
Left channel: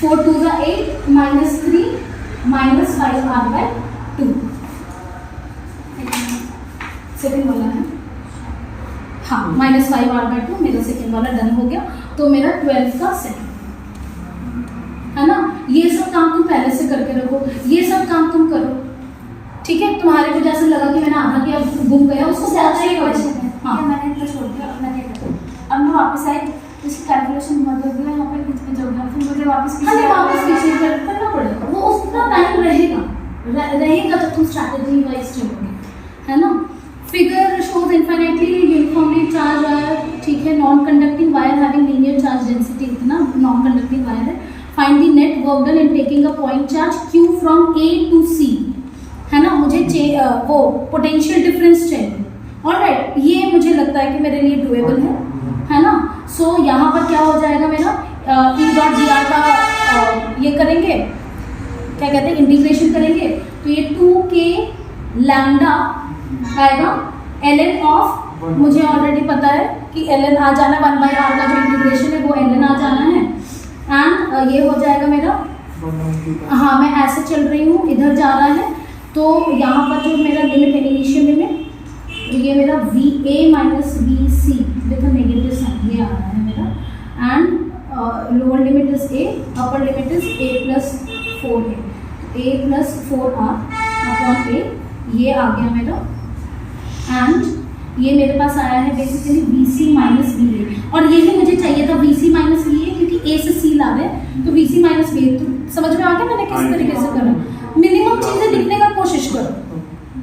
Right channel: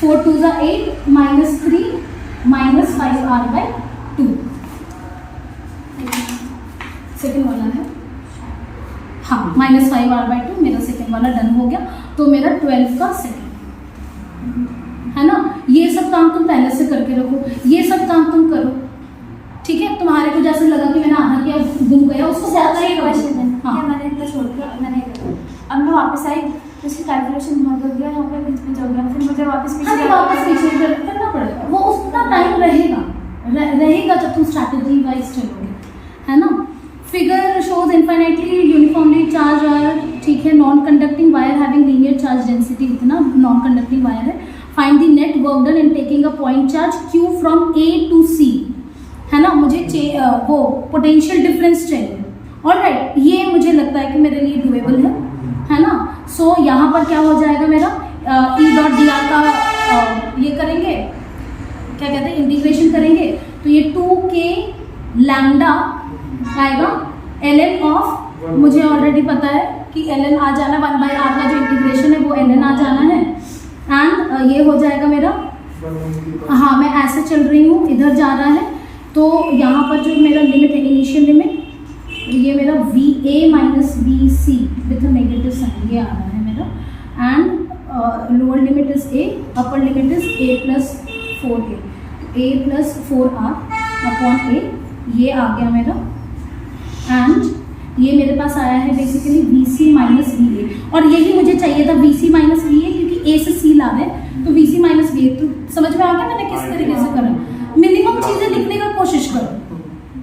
4 2 8 -3 -5r/2, सेकेंड वाला है, हाँ -5r/2 मेरा सेकेंड वाला डन हो गया। तो मेरा 12 का सेकेंड, है ना। ये सब काम तुम पहले से करके रखो, ये सब काम तुम करो, ठीक है। तुम्हारे को जैसे लगा कि मैंने आधा किया, घूम गया, उसको बहुत सही क्वेश्चन है, हाँ मैंने तो छोड़ दिया, मैंने अब मैं वापस आई वापस हाँ नहीं, वापस पीछे करना पड़ेगा, वो उतना टाइम रहेगा रहेगा जब तुम स्ट्रैटेजी वाइज चलोगे, है ना। Figure shows infinitely uniformly charge wire, ठीक है। Non conducting wire having linear charge density, इतना नॉन कंडक्टिंग वायर है। Find the net work done in taking a point charge Q from A to C, है ना। मुझे वो पोटेंशियल डिफरेंस चाहिए। ऑलराइट, ये मुझे लगता है कि मेरे लिए डुएबल है ना। सो यहाँ पर क्या हो जाएगा मेरा E.dr का ये करेंगे, क्या कहते हैं, इंटीग्रेशन करेंगे, तो ये 2k लैम्डा आएगा ln ऑफ, मुझे ऑलरेडी पता है कि ln आ जाना, 1/r का जो इंटीग्रेशन है वो ln आ जाना है। एंड ये हो जाएगा मेरा, हाँ मैं ऐसे चल रही हूँ, इधर जा रहा है, तो यहाँ पर जो मेरा लिमिट है, इनिशियल लिमिट, ये मेरा VA minus VC with negative sign, ये आ रहा है मेरा। And lower limit is A, upper limit is A plus 4A, A plus 4R upon A, ये आ गया मेरा। एंड ये मेरे पास आया है बेसिकली VC माइनस VA, और यही मुझे चाहिए था VC माइनस VA, क्योंकि A से C ला रहे हैं, तो VC माइनस VA, तो समझ में आ गया मैंने किस तरीके से करा। मिनिमम चीज़ें लिखने का कोशिश करो,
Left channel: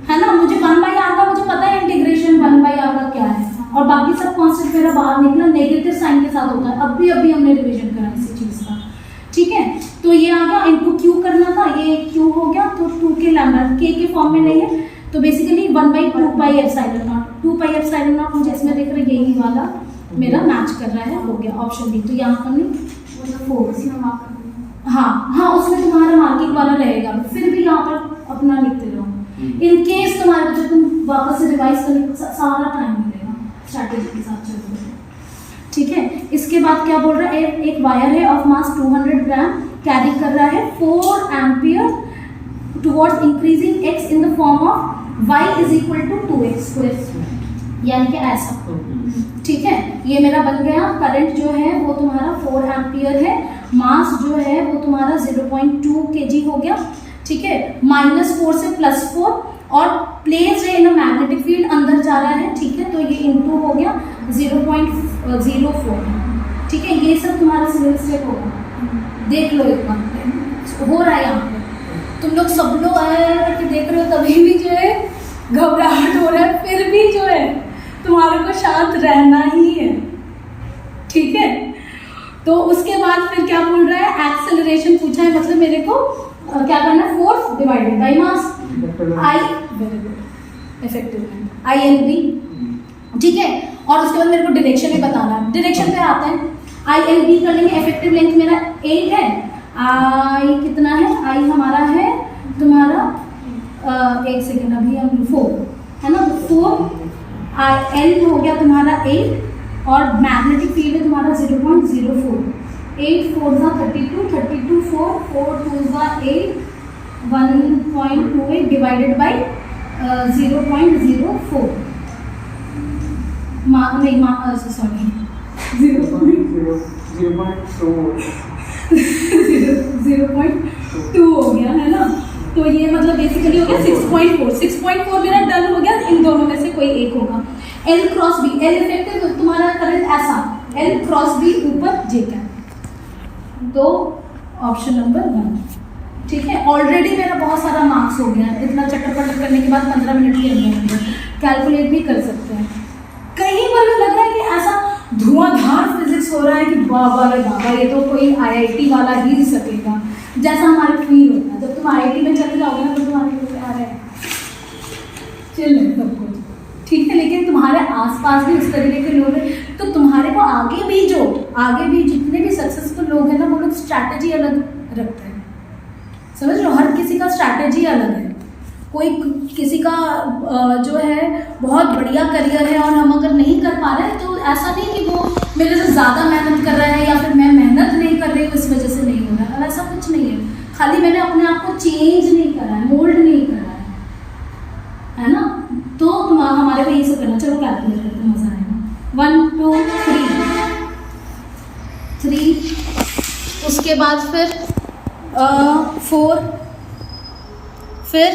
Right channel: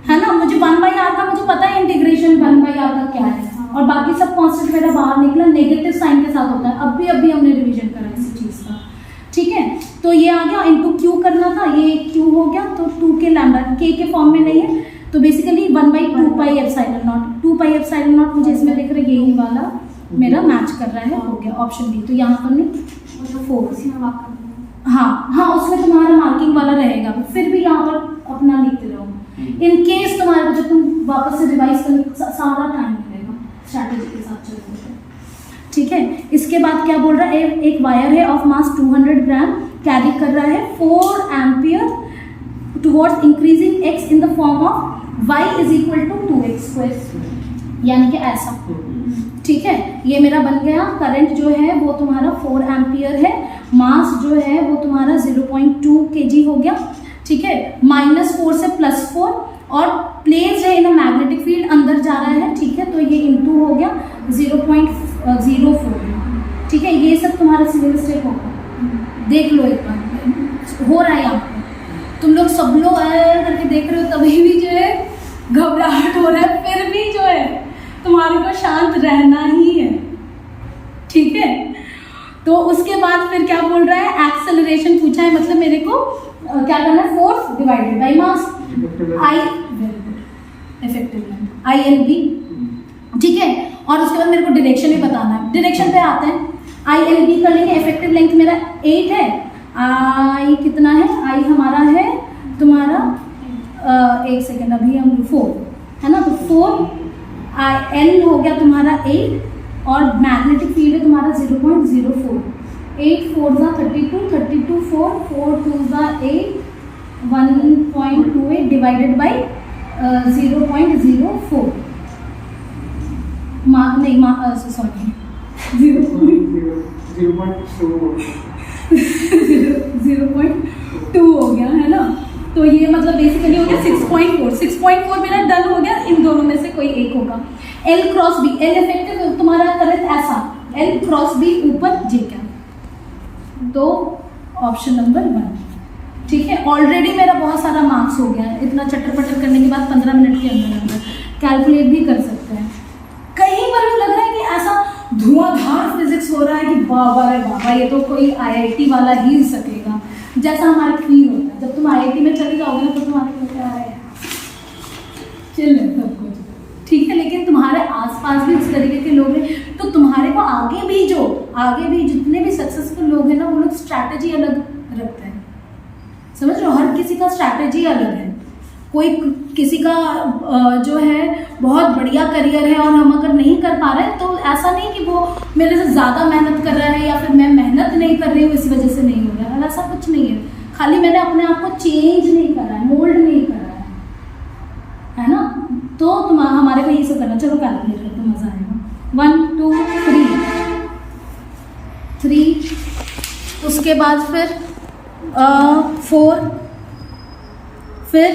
है ना। मुझे 1/r का मुझे पता है इंटीग्रेशन 1/r का क्या है, और बाकी सब कॉन्स्टेंट मेरा बाहर निकला, नेगेटिव साइन के साथ होता है। अभी हमने रिविजन करा किसी चीज़ का, ठीक है। तो ये आ गया, इंटू Q करना था, ये Q हो गया, तो 2k लैम्डा, K के फॉर्म में नहीं है, तो बेसिकली 1/2πε0, 2πε0 मुझे इसमें देख रहे, यही वाला मेरा मैच कर रहा है, हो गया ऑप्शन डी। तो यहाँ पर नहीं 4, हाँ उसमें तुम्हारा मार्किंग वाला रहेगा, फिर भी यहाँ पर अपना लिखते रहो। इन केस तुम्हारे को जब तुम वापस से रिवाइज करने सारा टाइम मिलेगा, स्ट्रैटेजी के साथ चलते हैं, ठीक है। इसके बाद क्या बोल रहा है, एक वायर है ऑफ मास 200 ग्राम, कैरी कर रहा है 4 ampere towards increasing x in the form of y is equal to 2x square, यानी कि ऐसा, ठीक है। ये मेरा बन गया। करंट जो है वो तुम्हारा 4 एम्पियर है, मास जो है वो तुम्हारा 0.2 kg हो गया, ठीक है। -4 से +4, और प्लेस है इन अ मैग्नेटिक फील्ड, अंदर जा रहा है, ठीक है। तो ये इंटू हो गया 0.04, ठीक है। ये सब तुम्हारा सिंगल स्टेप होगा, देख लो एक बार हो रहा है यहाँ पे। तुम लोग सब लोग करके देख रहे हो, तभी भी जो है घबराहट हो रहा है, फिर भी जो है तुम्हारे को शांत रहना ही है, ठीक है। तो उसके बाद फिर क्या बोल रहा है, एक्सेलरेशन पूछा है, मतलब मेरे को क्या करना है, force divided by mass, I, very good, effective length ILB, ठीक है। और उसके बाद मेरे को डायरेक्शन भी बताना है, डायरेक्शन पे आते हैं, ILB कर लेंगे। इफेक्टिव लेंथ मेरा 8 है, आई कितना है, आई हमारा है तुम्हारा एक सेकेंड, अभी हम 4 है ना, तो 4 L हो गया तुम्हारा 8, और मैग्नेटिक फील्ड है तुम्हारा 0.04, 8 4 32, 32 4 2 8, 1.28 डिवाइडेड बाई 0.04, सॉरी 0.2 हो गया, है ना। तो ये मतलब बेसिकली हो गया 6.4 मेरा डन हो गया, इन दोनों में से कोई एक होगा। L cross B, L effective तुम्हारा करंट ऐसा, L क्रॉस B ऊपर J क्या, तो ऑप्शन नंबर 1, ठीक है। ऑलरेडी मेरा बहुत सारा मार्क्स हो गया, इतना चटर पटर करने के बाद 15 मिनट के अंदर कैलकुलेट भी कर सकते हैं। कहीं पर भी लग रहा है कि ऐसा धुआंधार फिजिक्स हो रहा है कि बाबा रे बाबा, ये तो कोई IIT वाला ही सकेगा, जैसा हमारा फील होता है। जब तुम IIT में चले जाओगे ना, तो तुम्हारे को क्या है, चिल है सब कुछ, ठीक है। लेकिन तुम्हारे आसपास भी उस तरीके के लोग हैं, तो तुम्हारे को आगे भी जितने भी सक्सेसफुल लोग हैं ना, वो लोग स्ट्रैटेजी अलग रखते हैं, समझ लो। हर किसी का स्ट्रैटेजी अलग है। कोई किसी का जो है बहुत बढ़िया करियर है, और हम अगर नहीं कर पा रहे हैं, तो ऐसा नहीं कि वो मेरे से ज़्यादा मेहनत कर रहा है, या फिर मैं मेहनत नहीं कर रही हूँ इस वजह से नहीं हो रहा है, ऐसा कुछ नहीं है। खाली मैंने अपने आप को चेंज नहीं करा है, मोल्ड नहीं करा है ना। तो हमारे को ये सब करना, चलो कैलकुलेट करते, मज़ा आएगा। 1 2 3, उसके बाद फिर 4, फिर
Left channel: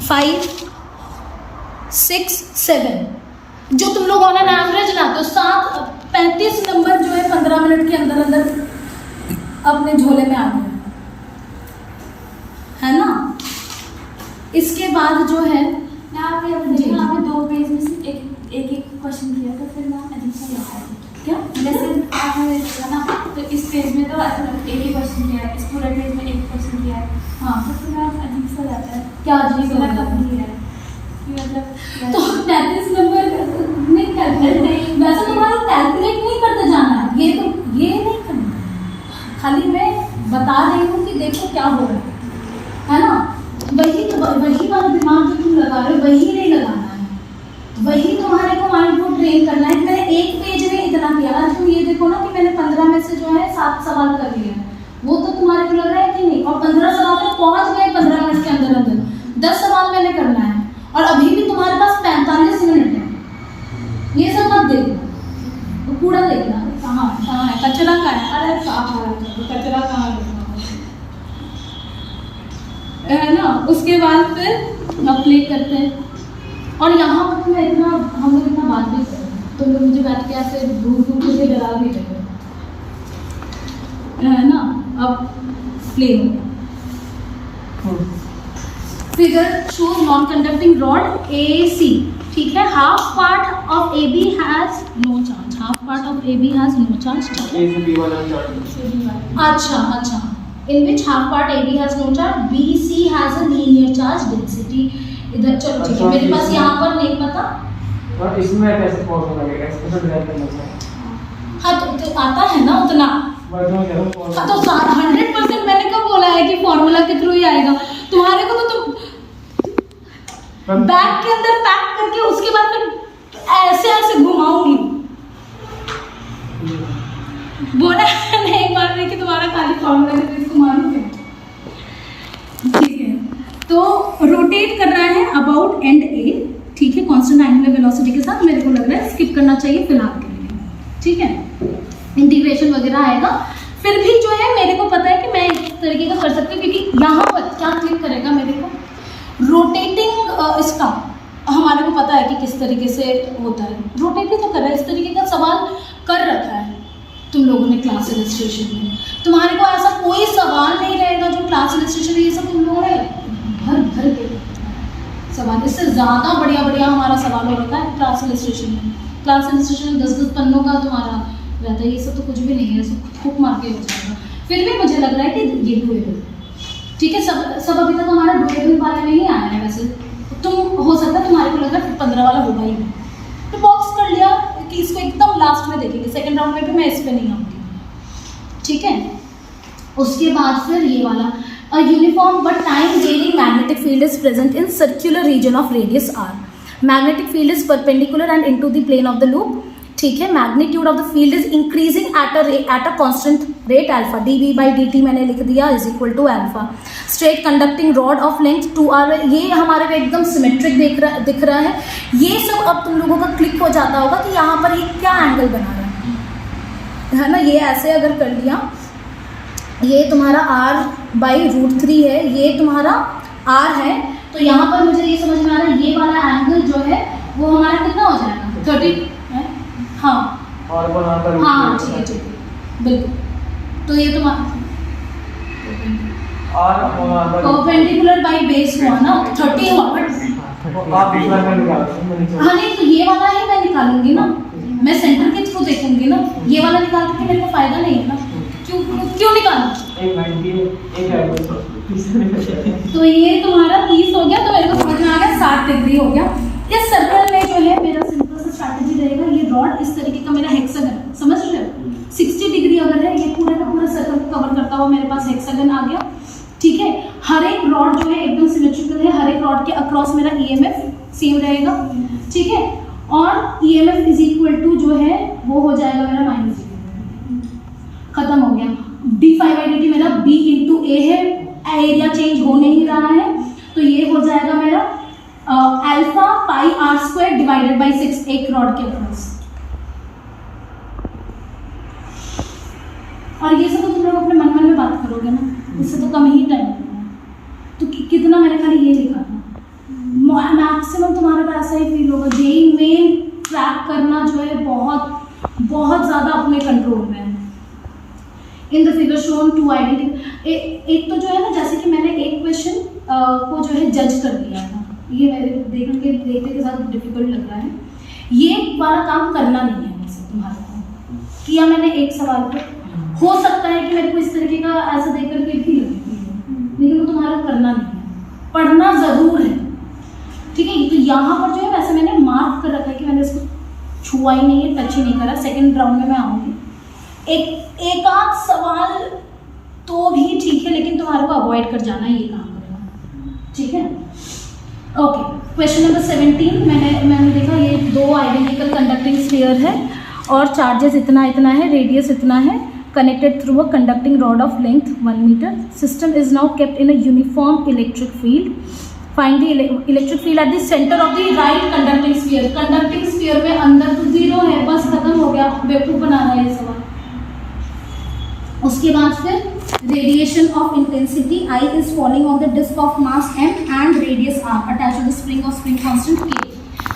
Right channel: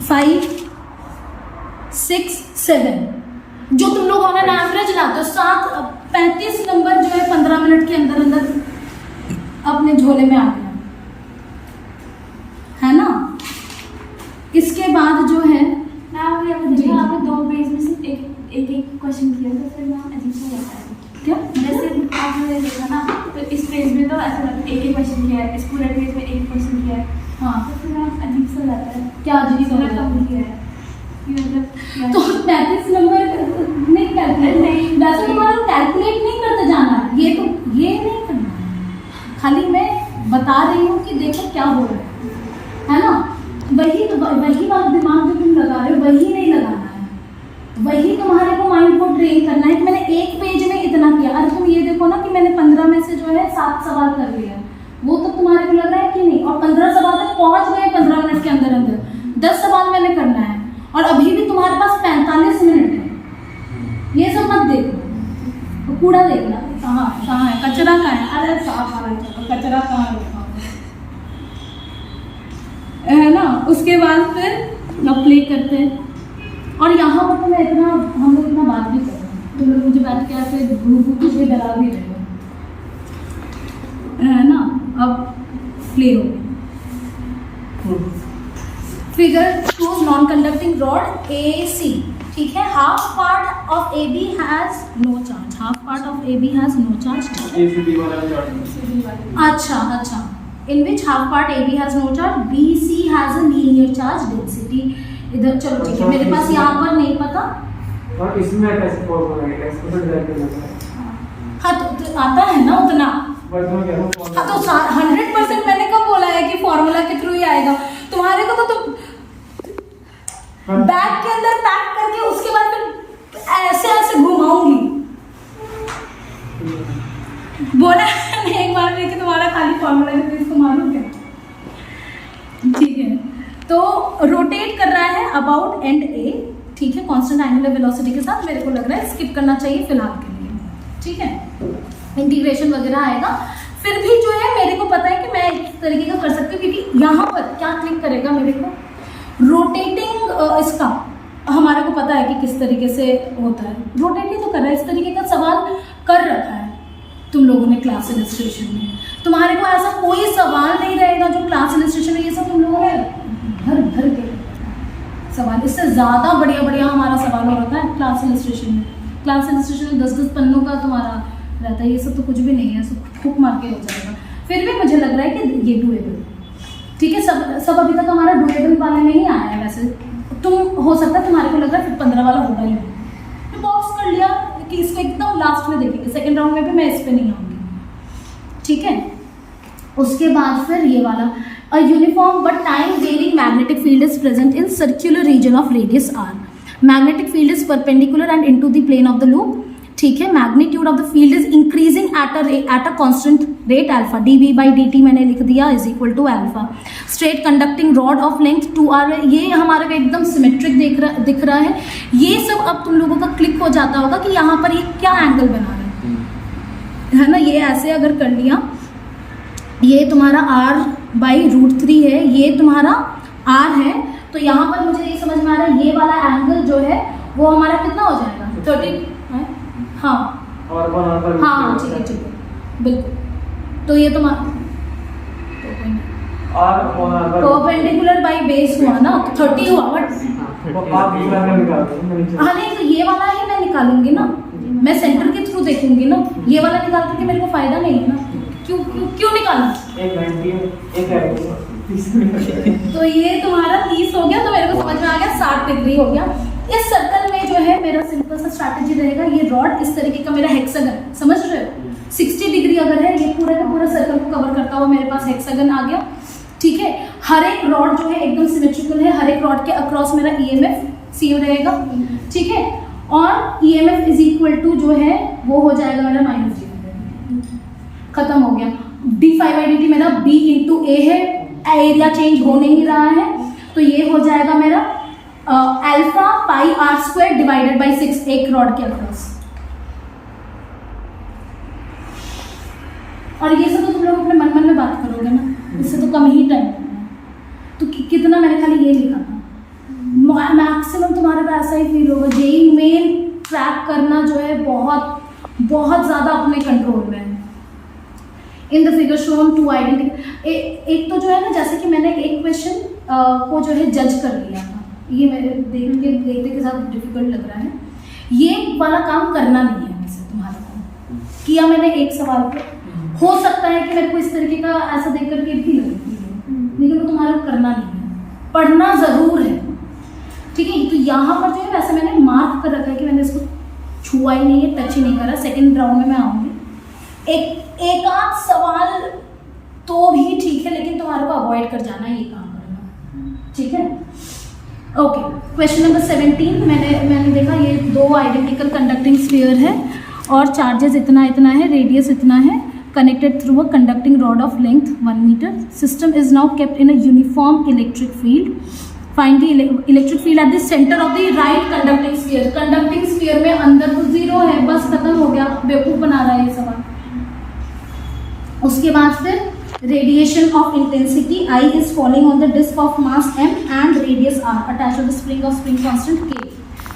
5 6 7, जो तुम लोग ऑन एन एवरेज लाते हो, 35 नंबर जो है 15 मिनट के अंदर अंदर अपने झोले में आ गया, है ना। इसके बाद जो है मैं आपको ये बताइए, आपने 2 पेज में सिर्फ एक क्वेश्चन किया था, फिर मैं अजीब सा लगता है क्या जैसे आपने देखा ना, तो इस पेज में तो ऐसा लगता है एक ही क्वेश्चन किया है, इस पूरे पेज में एक क्वेश्चन किया है, हाँ तो फिर मैं अजीब सा लगता है क्या अजीब सा मतलब लगता है? कम किया है कि मतलब तो 35 नंबर नहीं करते, नहीं। वैसे तुम्हारा कैलकुलेट नहीं करते जाना है, ये नहीं करना है, खाली मैं बता रही हूँ कि देखो क्या हो रहा है ना। वही वाला दिमाग जो तुम लगा रहे हो वही नहीं लगाना है, वही तुम्हारे को माइंड को ट्रेन करना है। मैंने एक पेज में इतना किया, अरे तुम ये देखो ना कि मैंने 15 में से जो है 7 सवाल कर लिया, वो तो तुम्हारे को लग रहा है कि नहीं, और 15 सवाल तक पहुंच गए 15 मिनट के अंदर अंदर। 10 सवाल मैंने करना है और अभी भी तुम्हारे पास 45 मिनट है। ये सब मत देखो, कूड़ा देखना कहाँ है, कचरा कहाँ है, अरे साफ आ रहा है, कचरा कहाँ है ना। उसके बाद फिर आप प्ले करते हैं, और यहाँ पर तो मैं इतना, हम लोग इतना बात भी कर रहे हैं, तुम लोग मुझे बैठ के ऐसे दूर के डरा भी रहे हो, है ना। अब प्ले हो गया। Figure shows non conducting rod AC, ठीक है। Half part of AB has no charge, half part of AB has no charge. A से बी वाला चार्ज। अच्छा, in which half part AB has no charge, BC has a linear charge density। इधर चलो ठीक है, मेरे पास यहाँ पर नहीं पता। और इसमें कैसे फॉर्मूला लगेगा, इसको तो डिराइव करना है। हाँ तो आता है ना उतना, मैं तो कह रहा हूँ हाँ तो 100% मैंने कब बोला है कि फॉर्मूला के थ्रू ही आएगा। तुम्हारे को तो तुम बैग के अंदर पैक करके उसके बाद फिर ऐसे घुमाऊंगी। बोला मैंने एक बार भी कि तुम्हारा खाली फॉर्मूला है, तो इसको मारूं क्या, ठीक है। तो रोटेट कर रहा है अबाउट एंड A, ठीक है, कांस्टेंट एंगुलर वेलोसिटी के साथ। मेरे को लग रहा है स्किप करना चाहिए फिलहाल के लिए, ठीक है। इंटीग्रेशन वगैरह आएगा, फिर भी जो है मेरे को पता है कि मैं इस तरीके का कर सकती हूँ, क्योंकि यहाँ पर क्या क्लिक करेगा मेरे को, रोटेटिंग इसका हमारे को पता है कि किस तरीके से होता है। रोटेट ही तो कर रहा है, इस तरीके का सवाल कर रखा है तुम लोगों ने क्लास इलस्ट्रेशन में। तुम्हारे को ऐसा कोई सवाल नहीं रहेगा जो क्लास इलस्ट्रेशन में, ये सब तुम लोगों ने भर के सवाल, इससे ज़्यादा बढ़िया हमारा सवाल हो रखा है क्लास इलस्ट्रेशन में। क्लास इलस्ट्रेशन में 10-10 पन्नों का तुम्हारा रहता है, ये सब तो कुछ भी नहीं है, सब खुक मार के हो जाएगा। फिर भी मुझे लग रहा है कि ये डुएबल, ठीक है। सब अभी तक हमारा डुएबल वाले में ही आया है। वैसे तुम हो सकता है तुम्हारे को लग रहा है फिर 15 वाला होगा ही नहीं, तो बॉक्स कर लिया कि इसको एकदम लास्ट में देखेंगे, सेकंड राउंड में भी मैं इस पे नहीं आऊँगी, ठीक है। उसके बाद फिर ये वाला, a uniform but time varying magnetic field is present in circular region of radius r। Magnetic field is perpendicular and into the plane of the loop, ठीक है। Magnitude of the field is increasing at a constant rate alpha, dV/dt मैंने लिख दिया is equal to alpha. Straight conducting rod of length 2r, ये हमारे को एकदम सिमेट्रिक दिख रहा है। ये सब अब तुम लोगों का क्लिक हो जाता होगा कि यहाँ पर ये क्या एंगल बना रहा है ना। ये ऐसे अगर कर लिया, ये तुम्हारा r/√3 है, ये तुम्हारा r है, तो यहाँ पर मुझे ये समझ में आ रहा है ये वाला एंगल जो है वो हमारा कितना हो जाएगा, 30 है, हाँ और बनाकर हाँ ठीक है बिल्कुल। तो ये तुम्हारा परपेंडिकुलर बाई बेस हुआ ना, 30 हुआ, बट आप दूसरा में निकाल दो। हाँ नहीं, तो ये वाला ही मैं निकालूंगी ना, मैं सेंटर के थ्रू देखूंगी ना, ये वाला निकाल करके मेरे को फायदा नहीं है ना, क्यों निकालना। तो ये तुम्हारा 30 हो गया, तो मेरे को समझ में आ गया 60 डिग्री हो गया। इस सर्कल में जो है मेरा सिंपल सा स्ट्रैटेजी रहेगा, ये रॉड इस तरीके का मेरा हेक्सागन, समझ रहे हो, 60 डिग्री अगर है, ये पूरा का पूरा सर्कल को कवर करता हुआ मेरे पास हेक्सागन आ गया, ठीक है। हर एक रॉड जो है एकदम सिमेट्रिकल है, हर एक रॉड के अक्रॉस मेरा EMF सेम रहेगा, ठीक है। और EMF इज इक्वल टू जो है वो हो जाएगा मेरा -0, खत्म हो गया। d5/dt मेरा B × A है, एरिया चेंज हो नहीं रहा है, तो ये हो जाएगा मेरा अल्फा πr² डिवाइडेड बाई 6 एक रॉड के अक्रॉस। और ये सब तो तुम लोग अपने मन में बात करोगे ना, इससे तो कम ही टाइम लगना है। तो कितना मैंने खाली ये लिखा था, मैक्सिमम तुम्हारे को ऐसा ही फील होगा। जेई मेन ट्रैक करना जो है बहुत ज़्यादा अपने कंट्रोल में है। In the figure shown to identity. एक तो जो है ना, जैसे कि मैंने एक क्वेश्चन को जो है जज कर लिया था, ये मेरे देखने के साथ डिफिकल्ट लग रहा है, ये वाला काम करना नहीं है वैसे तुम्हारे को। किया मैंने एक सवाल पे, हो सकता है कि मेरे को इस तरीके का ऐसा देख करके भी लगे, लेकिन वो तुम्हारा करना नहीं है, पढ़ना ज़रूर है, ठीक है। तो यहाँ पर जो है वैसे मैंने मार्क कर रखा है कि मैंने इसको छुआ ही नहीं है, टच ही नहीं करा। सेकेंड राउंड में मैं आऊँगी, एक आध सवाल तो भी ठीक है, लेकिन तुम्हारे को अवॉइड कर जाना, ये काम करना, ठीक है। ओके, क्वेश्चन नंबर 17 मैंने देखा, ये 2 आइडेंटिकल कंडक्टिंग स्फीयर है और चार्जेस इतना है, रेडियस इतना है, connected through a conducting rod of length 1 meter. System is now kept in a uniform electric field. Find the electric field at the center of the right conducting sphere. Conducting sphere में अंदर तो 0 है, बस खत्म हो गया, बेवकूफ़ बना रहा है ये सवाल। उसके बाद फिर radiation of intensity I is falling on the disk of mass m and radius r attached to the spring of spring constant k.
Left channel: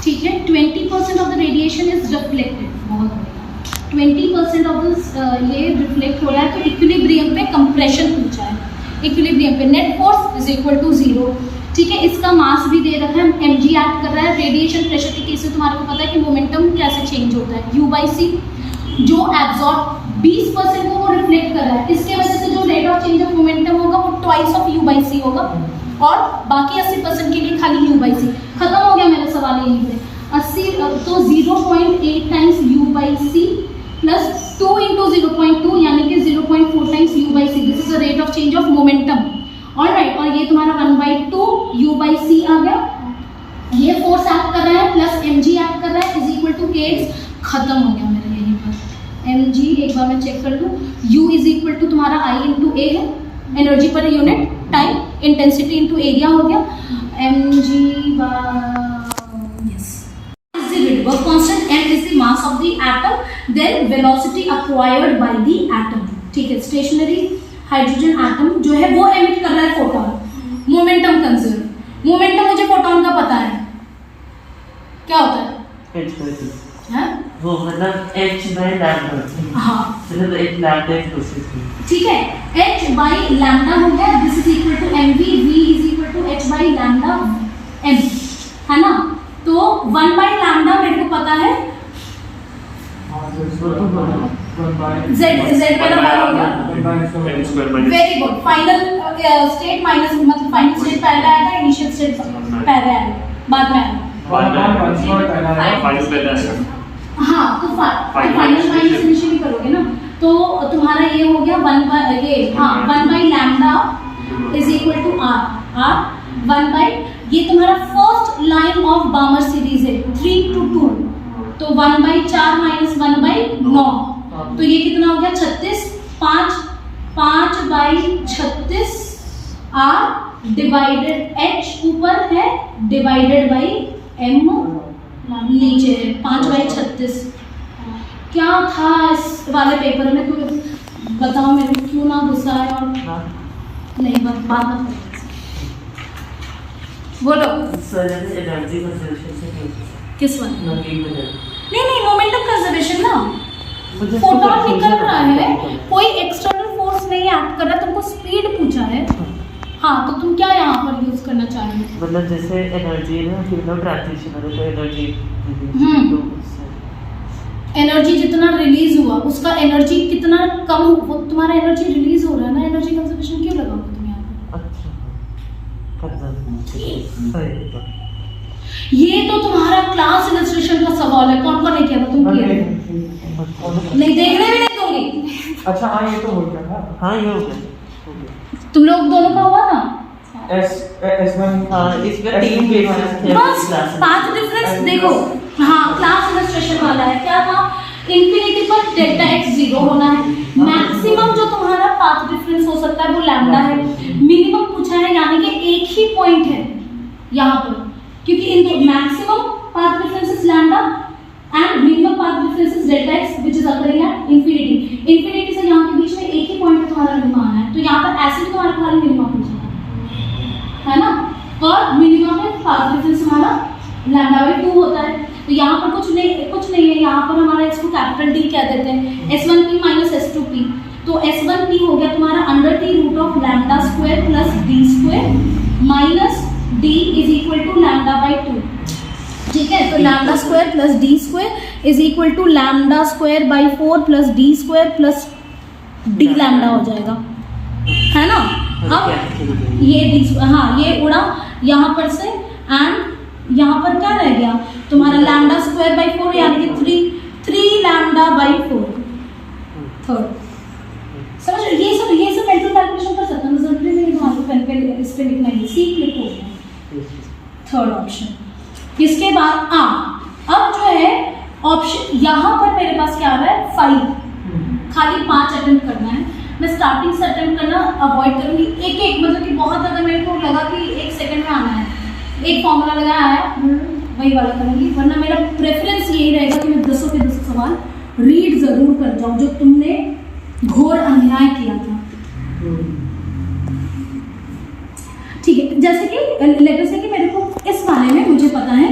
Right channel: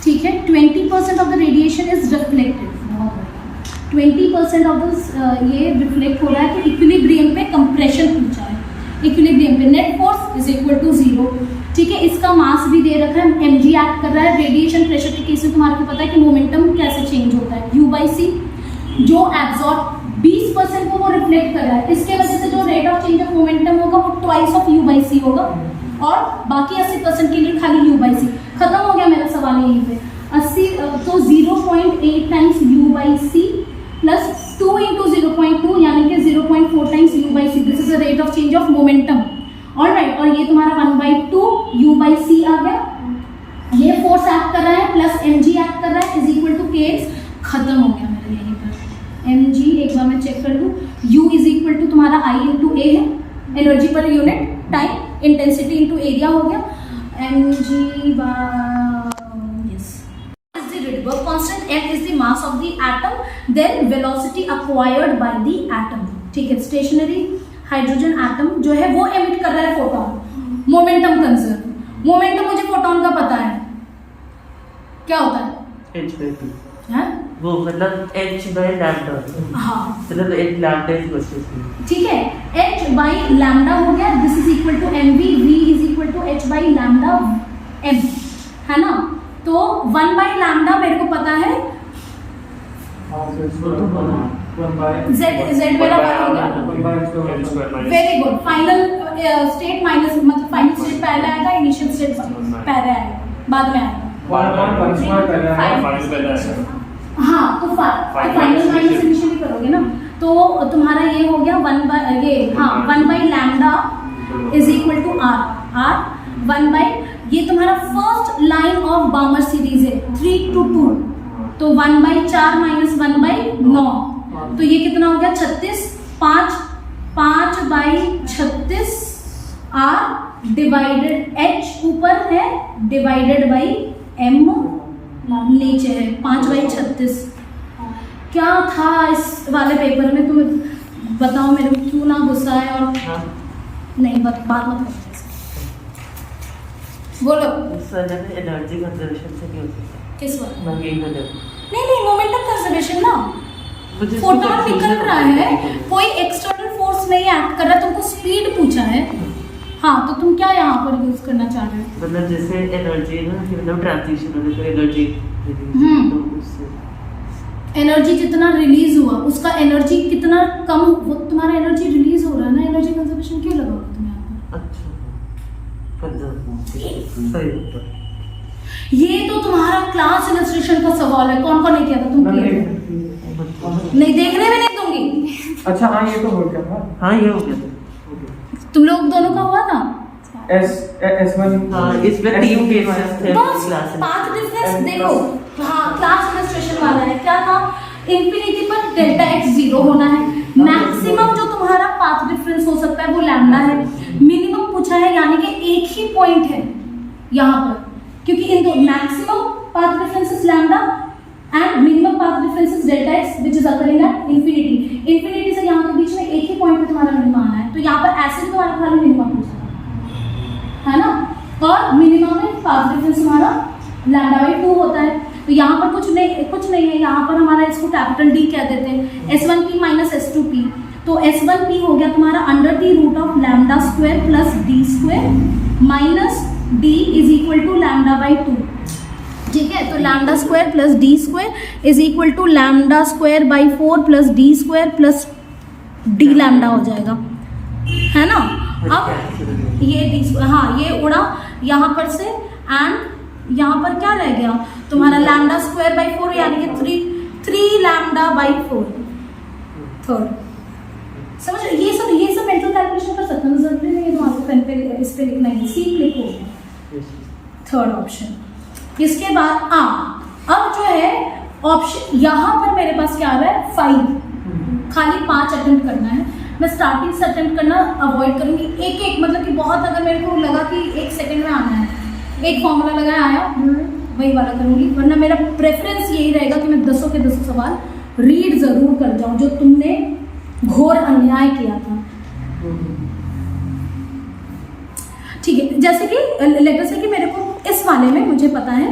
ठीक है, 20% of the radiation is reflected. बहुत बढ़िया। 20% ऑफ दिस ये रिफ्लेक्ट हो रहा है, तो इक्विलिब्रियम पे कंप्रेशन पूछा है, इक्विलिब्रियम पे net force is equal to 0, ठीक है। इसका मास भी दे रखा है, mg एक्ट कर रहा है। रेडिएशन प्रेशर के केस में तुम्हारे को पता है कि मोमेंटम कैसे चेंज होता है, u/c, जो एब्जॉर्ब 20% को वो रिफ्लेक्ट कर रहा है, इसके वजह से जो rate of change of momentum होगा वो ट्वाइस ऑफ u/c होगा, और बाकी 80% के लिए खाली u/c। खत्म हो गया मेरा सवाल यहीं पे। 80 तो 0.8 टाइम्स u/c प्लस 2 इंटू 0.2 यानी कि 0.4 times u/c। This is the rate of change of momentum, alright. और ये तुम्हारा 1/2 u/c आ गया, ये फोर्स एक्ट कर रहा है प्लस mg एक्ट कर रहा है इज इक्वल टू kx। खत्म हो गया मेरे यहीं पर। mg एक बार मैं चेक कर लूँ, u इज इक्वल टू तुम्हारा I इंटू a है, energy per unit time, intensity into area हो गया, mg work constant, m is the mass of the atom, then velocity acquired by the atom, ठीक है। स्टेशनरी हाइड्रोजन एटम जो है वो एमिट कर रहा है फोटॉन, मोमेंटम कंजर्व। मोमेंटम मुझे फोटॉन का पता है क्या होता है, h/p, वो मतलब h/λ, हाँ मतलब एक लैम्डा इज प्रोसेस, ठीक है। h/λ हो गया, this is equal to mv, v is equal to h/λ m, है ना। तो 1/λ मेरे को पता है, z मेरा 1 हो गया, very good. Final state minus, मतलब फाइनल स्टेट पहले आएगा, इनिशियल स्टेट पहले आएगा, बाद में आएगा। हाँ, तो फाइनल माइनस इनिशियली करोगे ना, तो तुम्हारा ये हो गया 1/λ इज इक्वल टू r 1/, ये तुम्हारा फर्स्ट लाइन ऑफ बामर सीरीज है 3 to 2, तो 1/4 माइनस 1/9, तो ये कितना हो गया 36, 5/36 r डिवाइडेड h ऊपर है डिवाइडेड बाई m नीचे है, 5/36। क्या था इस वाले पेपर में, तुम्हें बताओ मेरे को, क्यों ना गुस्सा है। और नहीं बात मत बोलो, एनर्जी कंजर्वेशन से नहीं होता, किस वक्त नहीं मोमेंटम कंजर्वेशन ना, मुझे फोटोन निकल रहा है, कोई एक्सटर्नल फोर्स नहीं एक्ट कर रहा, तुमको स्पीड पूछा है। हाँ, तो तुम क्या यहाँ पर यूज करना चाह रहे हो, मतलब जैसे एनर्जी ना, कितना ट्रांजिशन होता है एनर्जी, एनर्जी जितना रिलीज हुआ उसका एनर्जी कितना कम हो, वो तुम्हारा एनर्जी रिलीज हो रहा है ना, एनर्जी कंजर्वेशन क्यों लगाओगे तुम यहाँ पर। ये तो तुम्हारा क्लास इलस्ट्रेशन का सवाल है, कौन ने किया था, तुम किया नहीं, देखने भी नहीं दूंगी। अच्छा हाँ, ये तो हो गया था, हाँ ये हो गया, तुम लोग दोनों का हुआ था S1, इसमें 3 केसेस थे क्लास, 5 डिफरेंस देखो। हाँ, क्लास इलस्ट्रेशन वाला है, क्या था, इंफिनिटी पर डेल्टा x 0 होना है, मैक्सिमम जो तुम्हारा पाथ डिफरेंस हो सकता है वो लैम्डा है, मिनिमम पूछा है, यानी कि एक ही पॉइंट है यहाँ पर, क्योंकि इन दो maximum path difference is lambda and minimum path difference is delta x which is occurring at infinity. Infinity से यहाँ के बीच में एक ही पॉइंट पे तुम्हारा मिनिमम आना है, तो यहाँ पर ऐसे तुम्हारा खाली मिनिमम पूछा है ना, और मिनिमम में पाथ डिफरेंस हमारा λ/2 होता है। तो यहाँ पर कुछ नहीं है, यहाँ पर हमारा इसको कैपिटल D कह देते हैं, S1p माइनस S2p, तो S1P हो गया तुम्हारा under the root of lambda square plus D square minus D is equal to lambda by 2। ठीक है, तो lambda square plus D square is equal to lambda square by 4 plus D square plus D lambda हो जाएगा, है ना। अब ये डी, हाँ ये उड़ा यहाँ पर से, एंड यहाँ पर क्या रह गया तुम्हारा लैम्डा स्क्वायर बाई 4 यानी कि 3 लैम्डा बाई 4 थर्ड। समझ ये सब मेंटल कैलकुलेशन कर सकते हैं, जरूरी नहीं है तुम्हारे पेन पे इस पे लिखना है, सी क्लिक हो गया थर्ड ऑप्शन। इसके बाद अब जो है ऑप्शन यहाँ पर मेरे पास क्या आ रहा है 5, खाली 5 अटेम्प्ट करना है। मैं स्टार्टिंग से अटेम्प्ट करना अवॉइड करूँगी, एक मतलब कि बहुत अगर मेरे को लगा कि 1 सेकंड में आना है, एक फॉर्मूला लगाया आया वही वाला करूँगी, वरना मेरा प्रेफरेंस यही रहेगा कि मैं 10 के 10 सवाल रीड ज़रूर कर जाऊँ जो तुमने घोर अन्याय किया था। ठीक है, जैसे कि लेटर से कि मेरे को इस वाले में मुझे पता है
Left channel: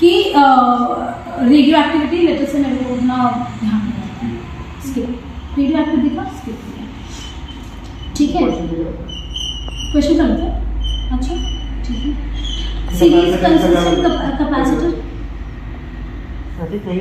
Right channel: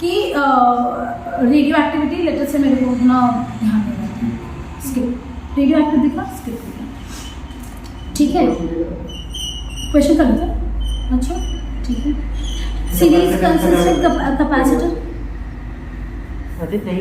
कि रेडियो एक्टिविटी लेटर से मेरे को अपना ध्यान नहीं रहता है, स्किप रेडियो एक्टिविटी का स्किप हो गया। ठीक है, क्वेश्चन कर लेते हैं। अच्छा ठीक है, सीरीज कंसिस्टेंट कैपेसिटर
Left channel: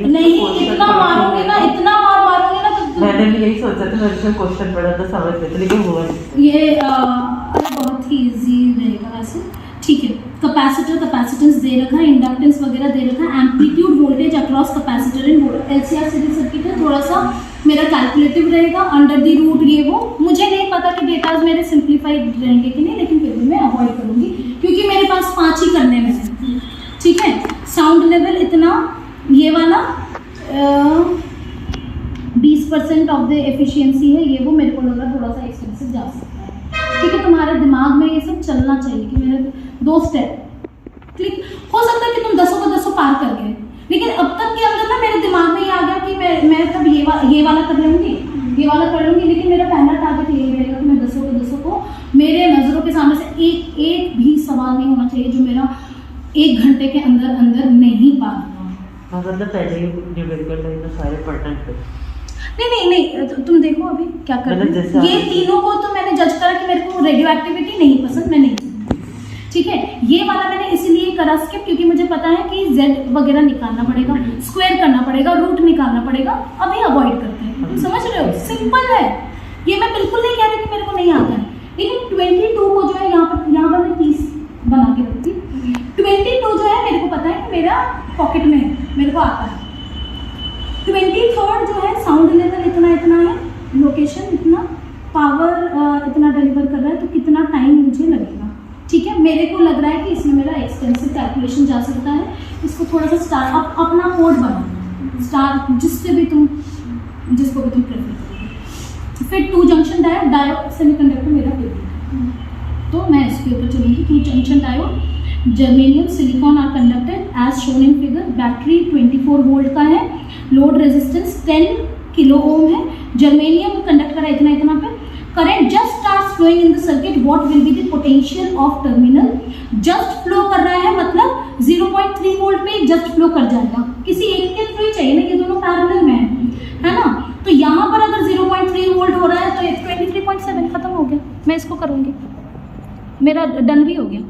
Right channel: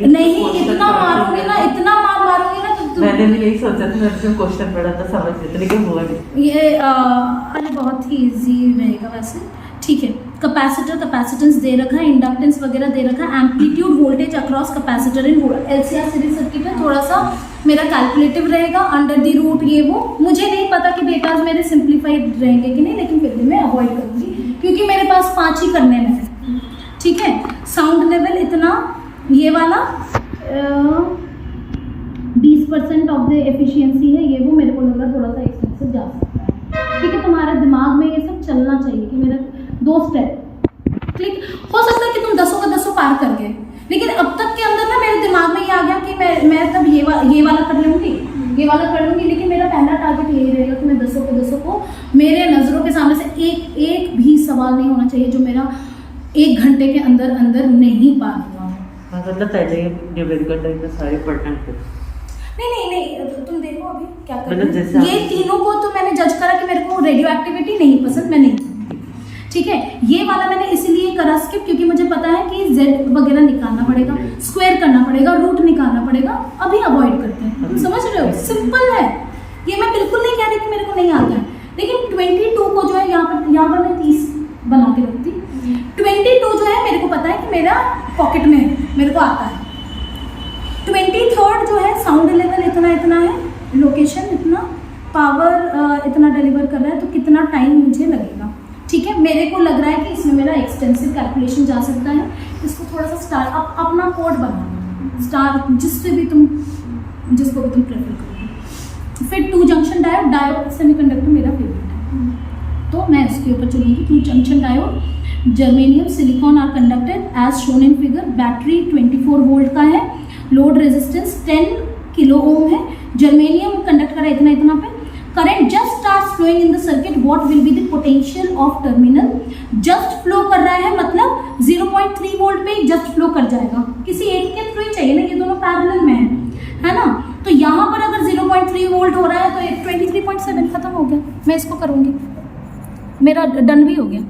नहीं, इतना मारोगे ना, इतना मारोगे ना तो मैंने भी यही सोचा था, मैंने जब क्वेश्चन पढ़ा था समझ में, लेकिन हुआ नहीं। ये अरे बहुत ही इजी रहेगा वैसे। ठीक है, कैपेसिटर कैपेसिटेंस दे रखा है, इंडक्टेंस वगैरह दे रखा है, एम्पलीट्यूड वोल्टेज अक्रॉस कैपेसिटर इन LCR सीरीज सर्किट है, थोड़ा सा मेरा कैलकुलेटिव रहेगा, अंडर द रूट ये वो। मुझे नहीं पता कि डेटाज मेरे सिंप्लीफाइड रहेंगे कि नहीं, लेकिन फिर भी मैं अवॉइड करूँगी क्योंकि मेरे पास 5 ही करने में है। ठीक है, साउंड लेवल इतना, ये वाला 20% ऑफ द एफिशिएंसी है, ये वो मेरे को लग रहा है थोड़ा सा एक्सपेंसिव जा सकता है। ठीक है, तुम्हारे दिमाग में ये सब चलना चाहिए कि मेरे 2 स्टेप क्लिक हो सकता है कि तुम 10 का 10 पार कर गए, लेकिन अब तक के अंदर ना मेरे दिमाग में ये आ गया कि मैं तब ये वाला कर लूँगी, ये वाला कर लूँगी, लेकिन मेरा पहला टारगेट यही रहेगा कि मैं 10 को मेरे नज़रों के सामने से एक भी सवाल नहीं होना चाहिए जो मेरा 1 घंटे के अंदर नहीं पार हुआ। मतलब पहले न्यूमेरिकल टाइम में सारे पढ़ना है। नहीं, तो तुम देखो अभी क्या कर मतलब रहे हैं। ये तीनों को तो मैंने जज करा कि मेरे को रेडियो एक्टिविटी नहीं पसंद, मैं नहीं। ठीक है, ये वाला मैंने इसीलिए करा स्किप क्योंकि मुझे पता है कि Z वगैरह निकालना पड़ेगा, स्क्वायर करना पड़ेगा, रूट निकालना पड़ेगा, अभी अवॉइड करते हैं। तुम समझ रहे हो, सिंपल है ये। मैं बिल्कुल नहीं कह रही कि मेरे को नहीं आता है, लेकिन 22 को जो है यहाँ पर मैं 30 बना के रखती। 22 जो है मेरे को पता है कि मेरा पॉकेट में है, मेरे को आता है। 23rd जो है साउंड लेवल इतना है, लोकेशन इतना, पावर इतना डिलीवर कर रहा है, तो कितना टाइम मुझे लगेगा। ठीक है, मेरे को लग रहा है कि इसमें मेरा एक्सटेंसिव कैलकुलेशन जा सकता है। इसको थोड़ा सा स्टार अपना कोड बनाओ, स्टार जिसको भी तुम प्रेफर करोगे। फिर 2 जंक्शन डायोड सेमीकंडक्टर मेरा फेवरेट है, तो मैं इसके ऊपर चलूँगी। 2 junction diode, germanium silicon are conducted as shown in figure. Battery 24 volt का है, लोड रेजिस्टेंस 10 किलो ओम है, जर्मेनियम कंडक्ट कर रहा है इतना पे। Current just starts flowing in the circuit, what will be the potential of terminal. Just flow कर रहा है मतलब 0.3 वोल्ट पे जस्ट फ्लो कर जाएगा, किसी एक के थ्रू ही चाहिए ना, ये दोनों पैरेलल में है ना। तो यहाँ पर अगर 0.3 वोल्ट हो रहा है तो 23.7 खत्म हो गया। मैं इसको करूँगी, मेरा डन भी हो गया।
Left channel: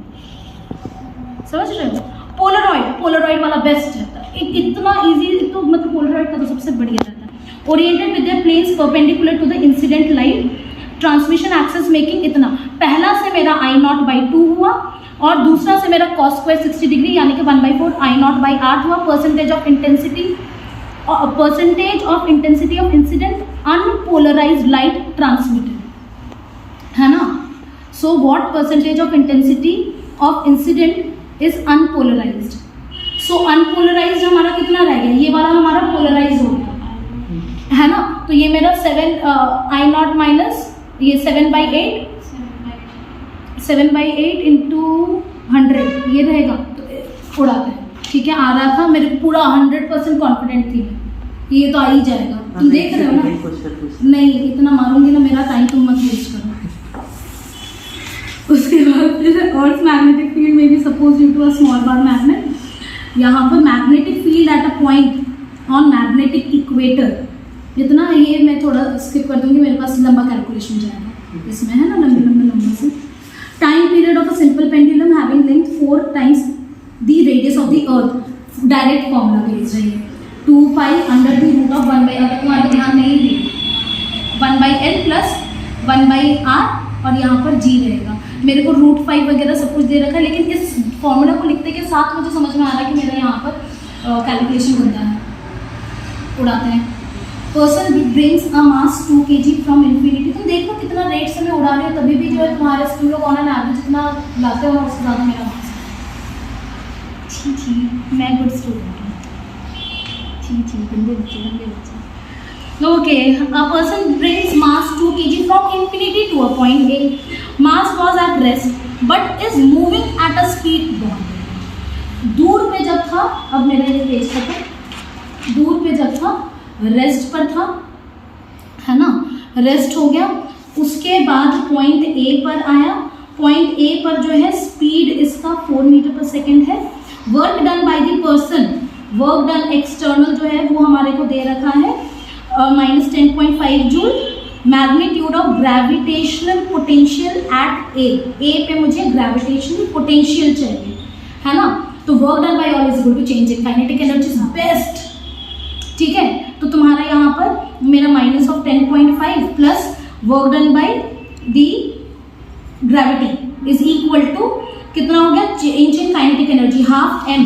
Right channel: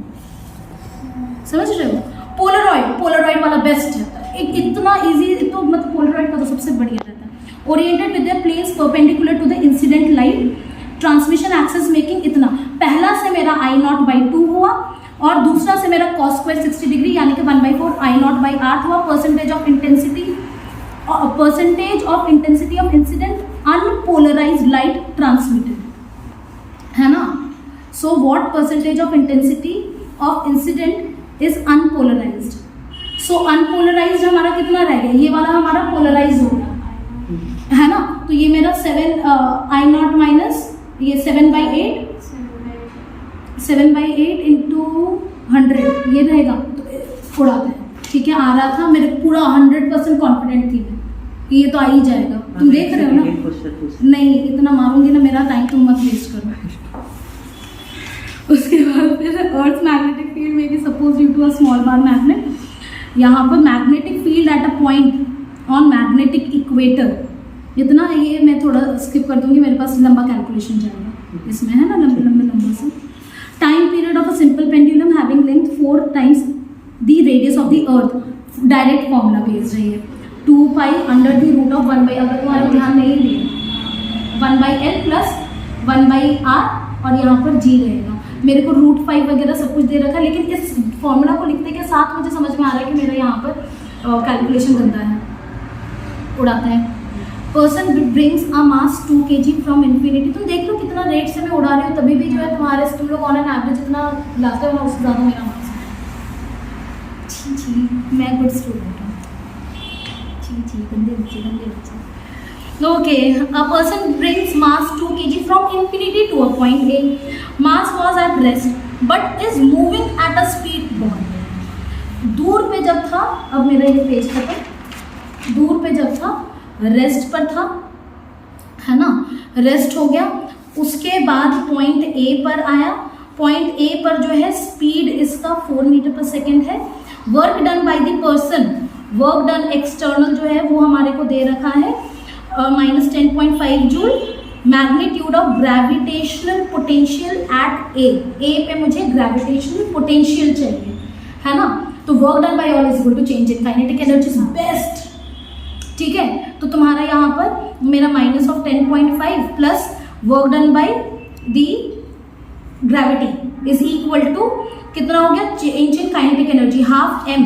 समझ रहे हो, पोलरॉइड वाला बेस्ट रहता है, इतना इजी, तो मतलब पोलरॉइड का तो सबसे बढ़िया रहता है। Oriented with the planes perpendicular to the incident light, transmission axes making इतना। पहला से मेरा I0/2 हुआ और दूसरा से मेरा cos स्क्वायर 60 डिग्री यानी कि 1/4 I0/8 हुआ। Percentage of intensity of incident unpolarised light transmitted, है ना। So what percentage of intensity of incident is unpolarised. So unpolarised हमारा कितना रह गया, ये वाला हमारा पोलराइज हो गया, है ना। तो ये मेरा 7 I0 माइनस ये 7/8 इंटू 100 ये रहेगा, तो उड़ाते हैं। ठीक है, आ रहा था, मेरे पूरा 100% कॉन्फिडेंट थी मैं, ये तो आ ही जाएगा। तुम देख रहे हो ना, नहीं इतना मारूंगी ना, मेरा टाइम तुम मत वेस्ट करो। उसके बाद फिर अर्थ मैग्नेटिक फील्ड में भी suppose due to a small bar magnet, यहाँ पर magnetic field at a point on magnetic equator, इतना ये मैं थोड़ा स्किप कर दूंगी, मेरे पास लंबा कैलकुलेशन जाएगा इसमें, है ना, लंबा से। Time period of a simple pendulum having length 4 times the radius of the earth, direct formula भेज रही है 2 pi under the root of 1 by, अगर तुम्हारे ध्यान नहीं दिए 1 by L plus 1 by R और यहाँ पर जी रहेगा। मेरे को रूट 5 वगैरह सब कुछ दे रखा है, लेकिन इस फॉर्मूला को लिखते के साथ मुझे समझ में आ रहा है कि मेरा यहाँ पर कैलकुलेशन गंदा है, उड़ाते हैं। Person brings a mass 2 kg from infinity. तुम देख लो कितना रेट से मैं उड़ा रही हूँ, तभी भी जो है तुम्हारे तुम लोग ऑन एन एवरेज जितना लाते हो ना उससे ज़्यादा मेरा मास है। छी मैं गुड स्टूडेंट हूँ। छी गंदे बच्चे। Okay, a person brings mass 2 kg from infinity to a point A. Mass was at rest but is moving at a speed bond. दूर पे जब था, अब मेरा ये पेज खत्म, दूर पे जब था रेस्ट पर था, है ना, रेस्ट हो गया, उसके बाद पॉइंट ए पर आया। पॉइंट ए पर जो है स्पीड इसका 4 मीटर पर सेकेंड है। Work done by the person, work done external जो है वो हमारे को दे रखा है -10.5 joule. Magnitude of gravitational potential at A पे मुझे ग्रेविटेशनल पोटेंशियल चाहिए, है ना। तो work done by all is equal to change in kinetic energy is best, ठीक है। तो तुम्हारा यहाँ पर मेरा -10.5 plus work done by the gravity is equal to कितना हो गया, change in kinetic energy half m,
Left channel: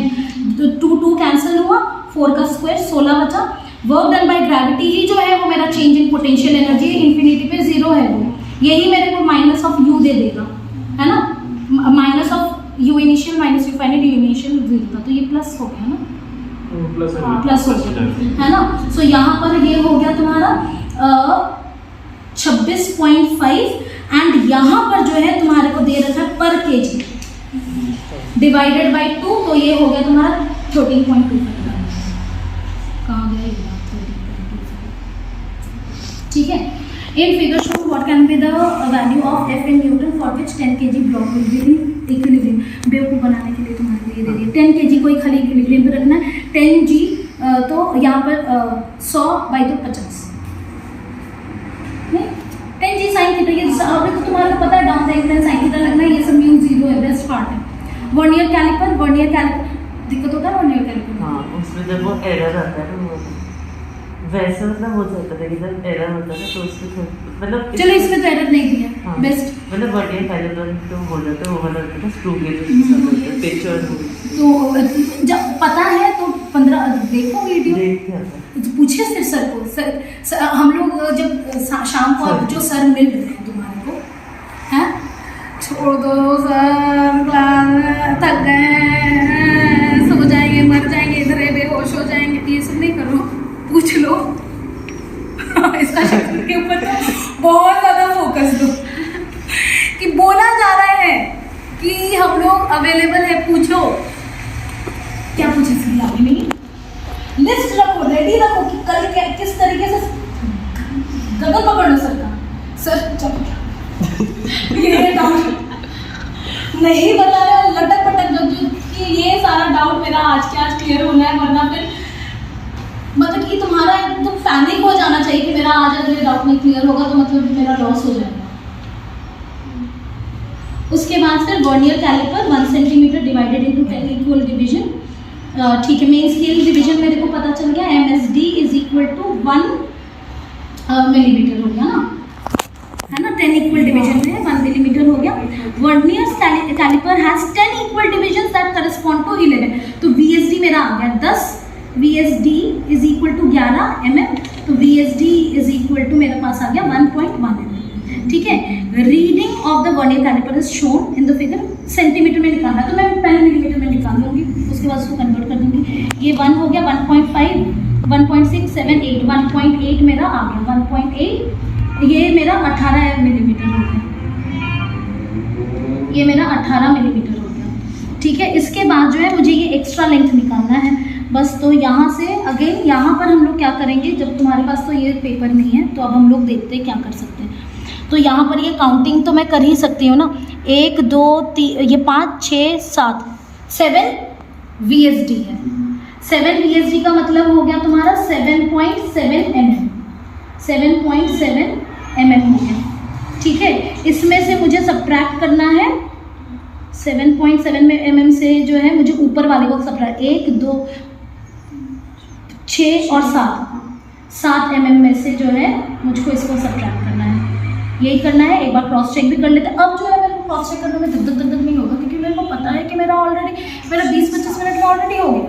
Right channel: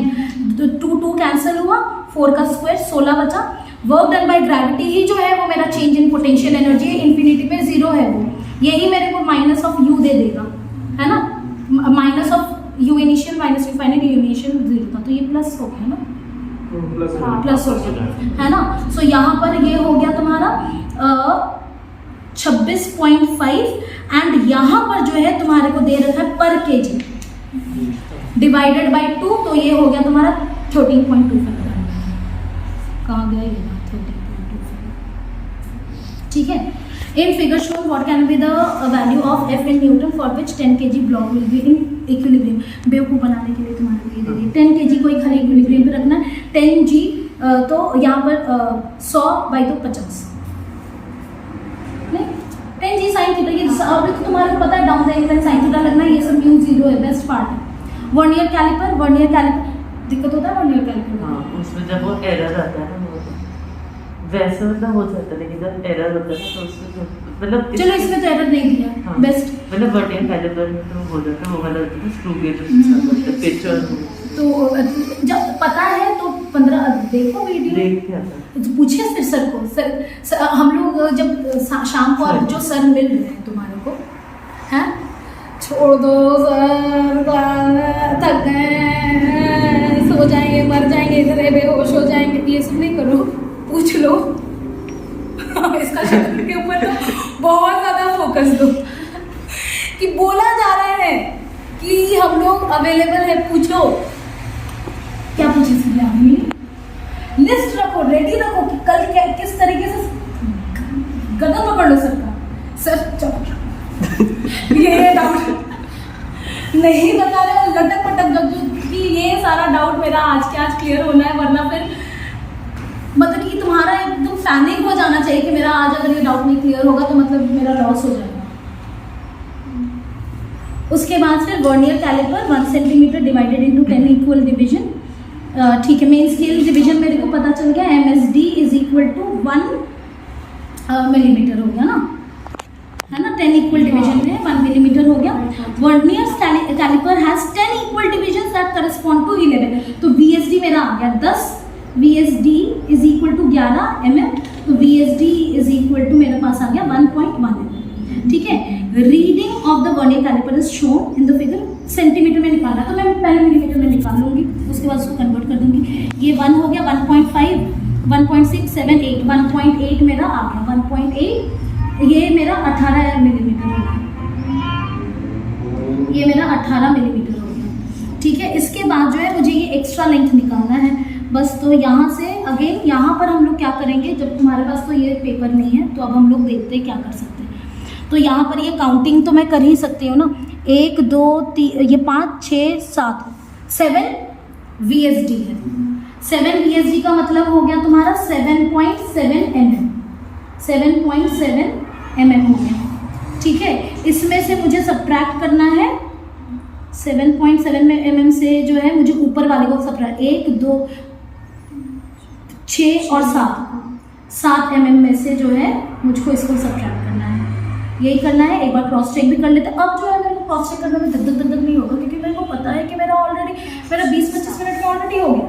2 cancel हुआ, 4 का स्क्वायर 16 बचा। वर्क डन बाय ग्रेविटी ही जो है वो मेरा चेंज इन पोटेंशियल एनर्जी है, इन्फिनिटी पे 0 है वो, यही मेरे को -u दे देगा, है ना। -u initial -u final, u initial 0 था, तो ये प्लस हो गया ना, प्लस हो गया, है ना। सो यहाँ पर ये हो गया तुम्हारा 26.5 एंड यहाँ पर जो है तुम्हारे को दे रखा है पर केजी डिवाइडेड बाय 2, तो ये हो गया तुम्हारा 13.25। कहाँ गया ये बात, 13.25, ठीक है। In figure show what can be the value of F in newton for which 10 kg block will be in equilibrium. बेवकूफ़ बनाने के लिए तुम्हारे लिए दे दिए 10 kg को ही खाली इक्विलिब्रियम पे रखना है। 10 g तो यहाँ पर 100 बाई तो 50 नहीं, 10 g साइन थीटा, ये अभी तो तुम्हारे को पता है down the angle sine theta लगना है, ये सब म्यू 0 है, बेस्ट पार्ट है। वर्नियर कैलिपर दिक्कत होता है वर्नियर कैलिपर में, हाँ, उसमें जब वो एरर आता है वो वैसे मतलब हो जाता है, लेकिन जब एरर होता है तो उसमें मतलब चलो इसमें तो एरर नहीं दिया, हाँ, बेस्ट। मतलब वर्नियर कैलिपर में तो हो जाता है, वो वाला होता है स्क्रू गेज पिक्चर, तो जब पता है तो 15 देखो वीडियो, देख के आता है। तो पूछिए फिर सर को, सर हम लोग जब शाम को अब जो सर मिल रहे हैं तुम्हारे को, हैं छोड़ दो सर, थक गए, सो जाएंगे, मर जाएंगे, इधर बेहोश हो जाएंगे, ये सब नहीं करो, पूछ लो। इसका शक्ल के ऊपर तो बहुत ज़्यादा फोकस दो कि बोला जा रहा है कि हम लोग अवेलेबल है, पूछो क्या पूछे इसलिए अभी नहीं, लिस्ट रखो, रेडी रखो कि कल किस तरीके से गगन पकड़ लो सर का, सर चलो ये डाउट नहीं बता रहे, लटक पटक जो कि ये सारा डाउट मेरा आज के आज क्लियर होना है, वरना फिर मतलब कि तुम्हारा एकदम पैनिक हो जाना चाहिए कि मेरा आज अगर ये डाउट नहीं क्लियर होगा तो मतलब मेरा लॉस हो जाएगा। उसके बाद फिर vernier caliper 1 centimetre divided into 10 equal division, ठीक है। मेन स्केल डिवीजन मेरे को पता चल गया, MSD is equal to 1 millimetre हो गया ना, है ना। 10 इक्वल डिवीजन में 1 मिलीमीटर हो गया। Vernier caliper has 10 equal division that correspond to 11, तो VSD मेरा आ गया 10, VSD is equal to 11 mm, तो VSD इज इक्वल टू मेरे पास आ गया 1.1 mm, ठीक है। Reading of the vernier caliper is shown in the figure, centimetre में निकालना तो मैं पहले मिलीमीटर में निकाल लूँगी, उसके बाद उसको कन्वर्ट कर दूँगी। ये 1 हो गया, 1.5, 1.6, 7, 8, 1.8 मेरा आ गया, 1.8, ये मेरा 18 मिलीमीटर हो गया, ये मेरा 18 मिलीमीटर हो गया, ठीक है। इसके बाद जो है मुझे ये एक्स्ट्रा लेंथ निकालना है बस। तो यहाँ से अगेन यहाँ पर हम लोग क्या करेंगे, जब तुम्हारे पास तो ये पेपर नहीं है तो अब हम लोग देखते हैं क्या कर सकते हैं। तो यहाँ पर ये काउंटिंग तो मैं कर ही सकती हूँ ना, 1 2 3, ये 5 6 7, 7 VSD है। 7 VSD का मतलब हो गया तुम्हारा 7.7 mm, 7.7 mm हो गया, ठीक है। इसमें से मुझे सब्ट्रैक्ट करना है 7.7 mm से जो है मुझे ऊपर वाले को सब्ट्रैक्ट 1 2 6 और 7 mm में से जो है मुझको इसको सब्ट्रैक्ट करना है, यही करना है। एक बार क्रॉस चेक भी कर लेते हैं। अब जो है मेरे को क्रॉस चेक करने में धक धक नहीं होगा, क्योंकि मेरे को पता है कि मेरा 20-25 मिनट में ऑलरेडी हो गया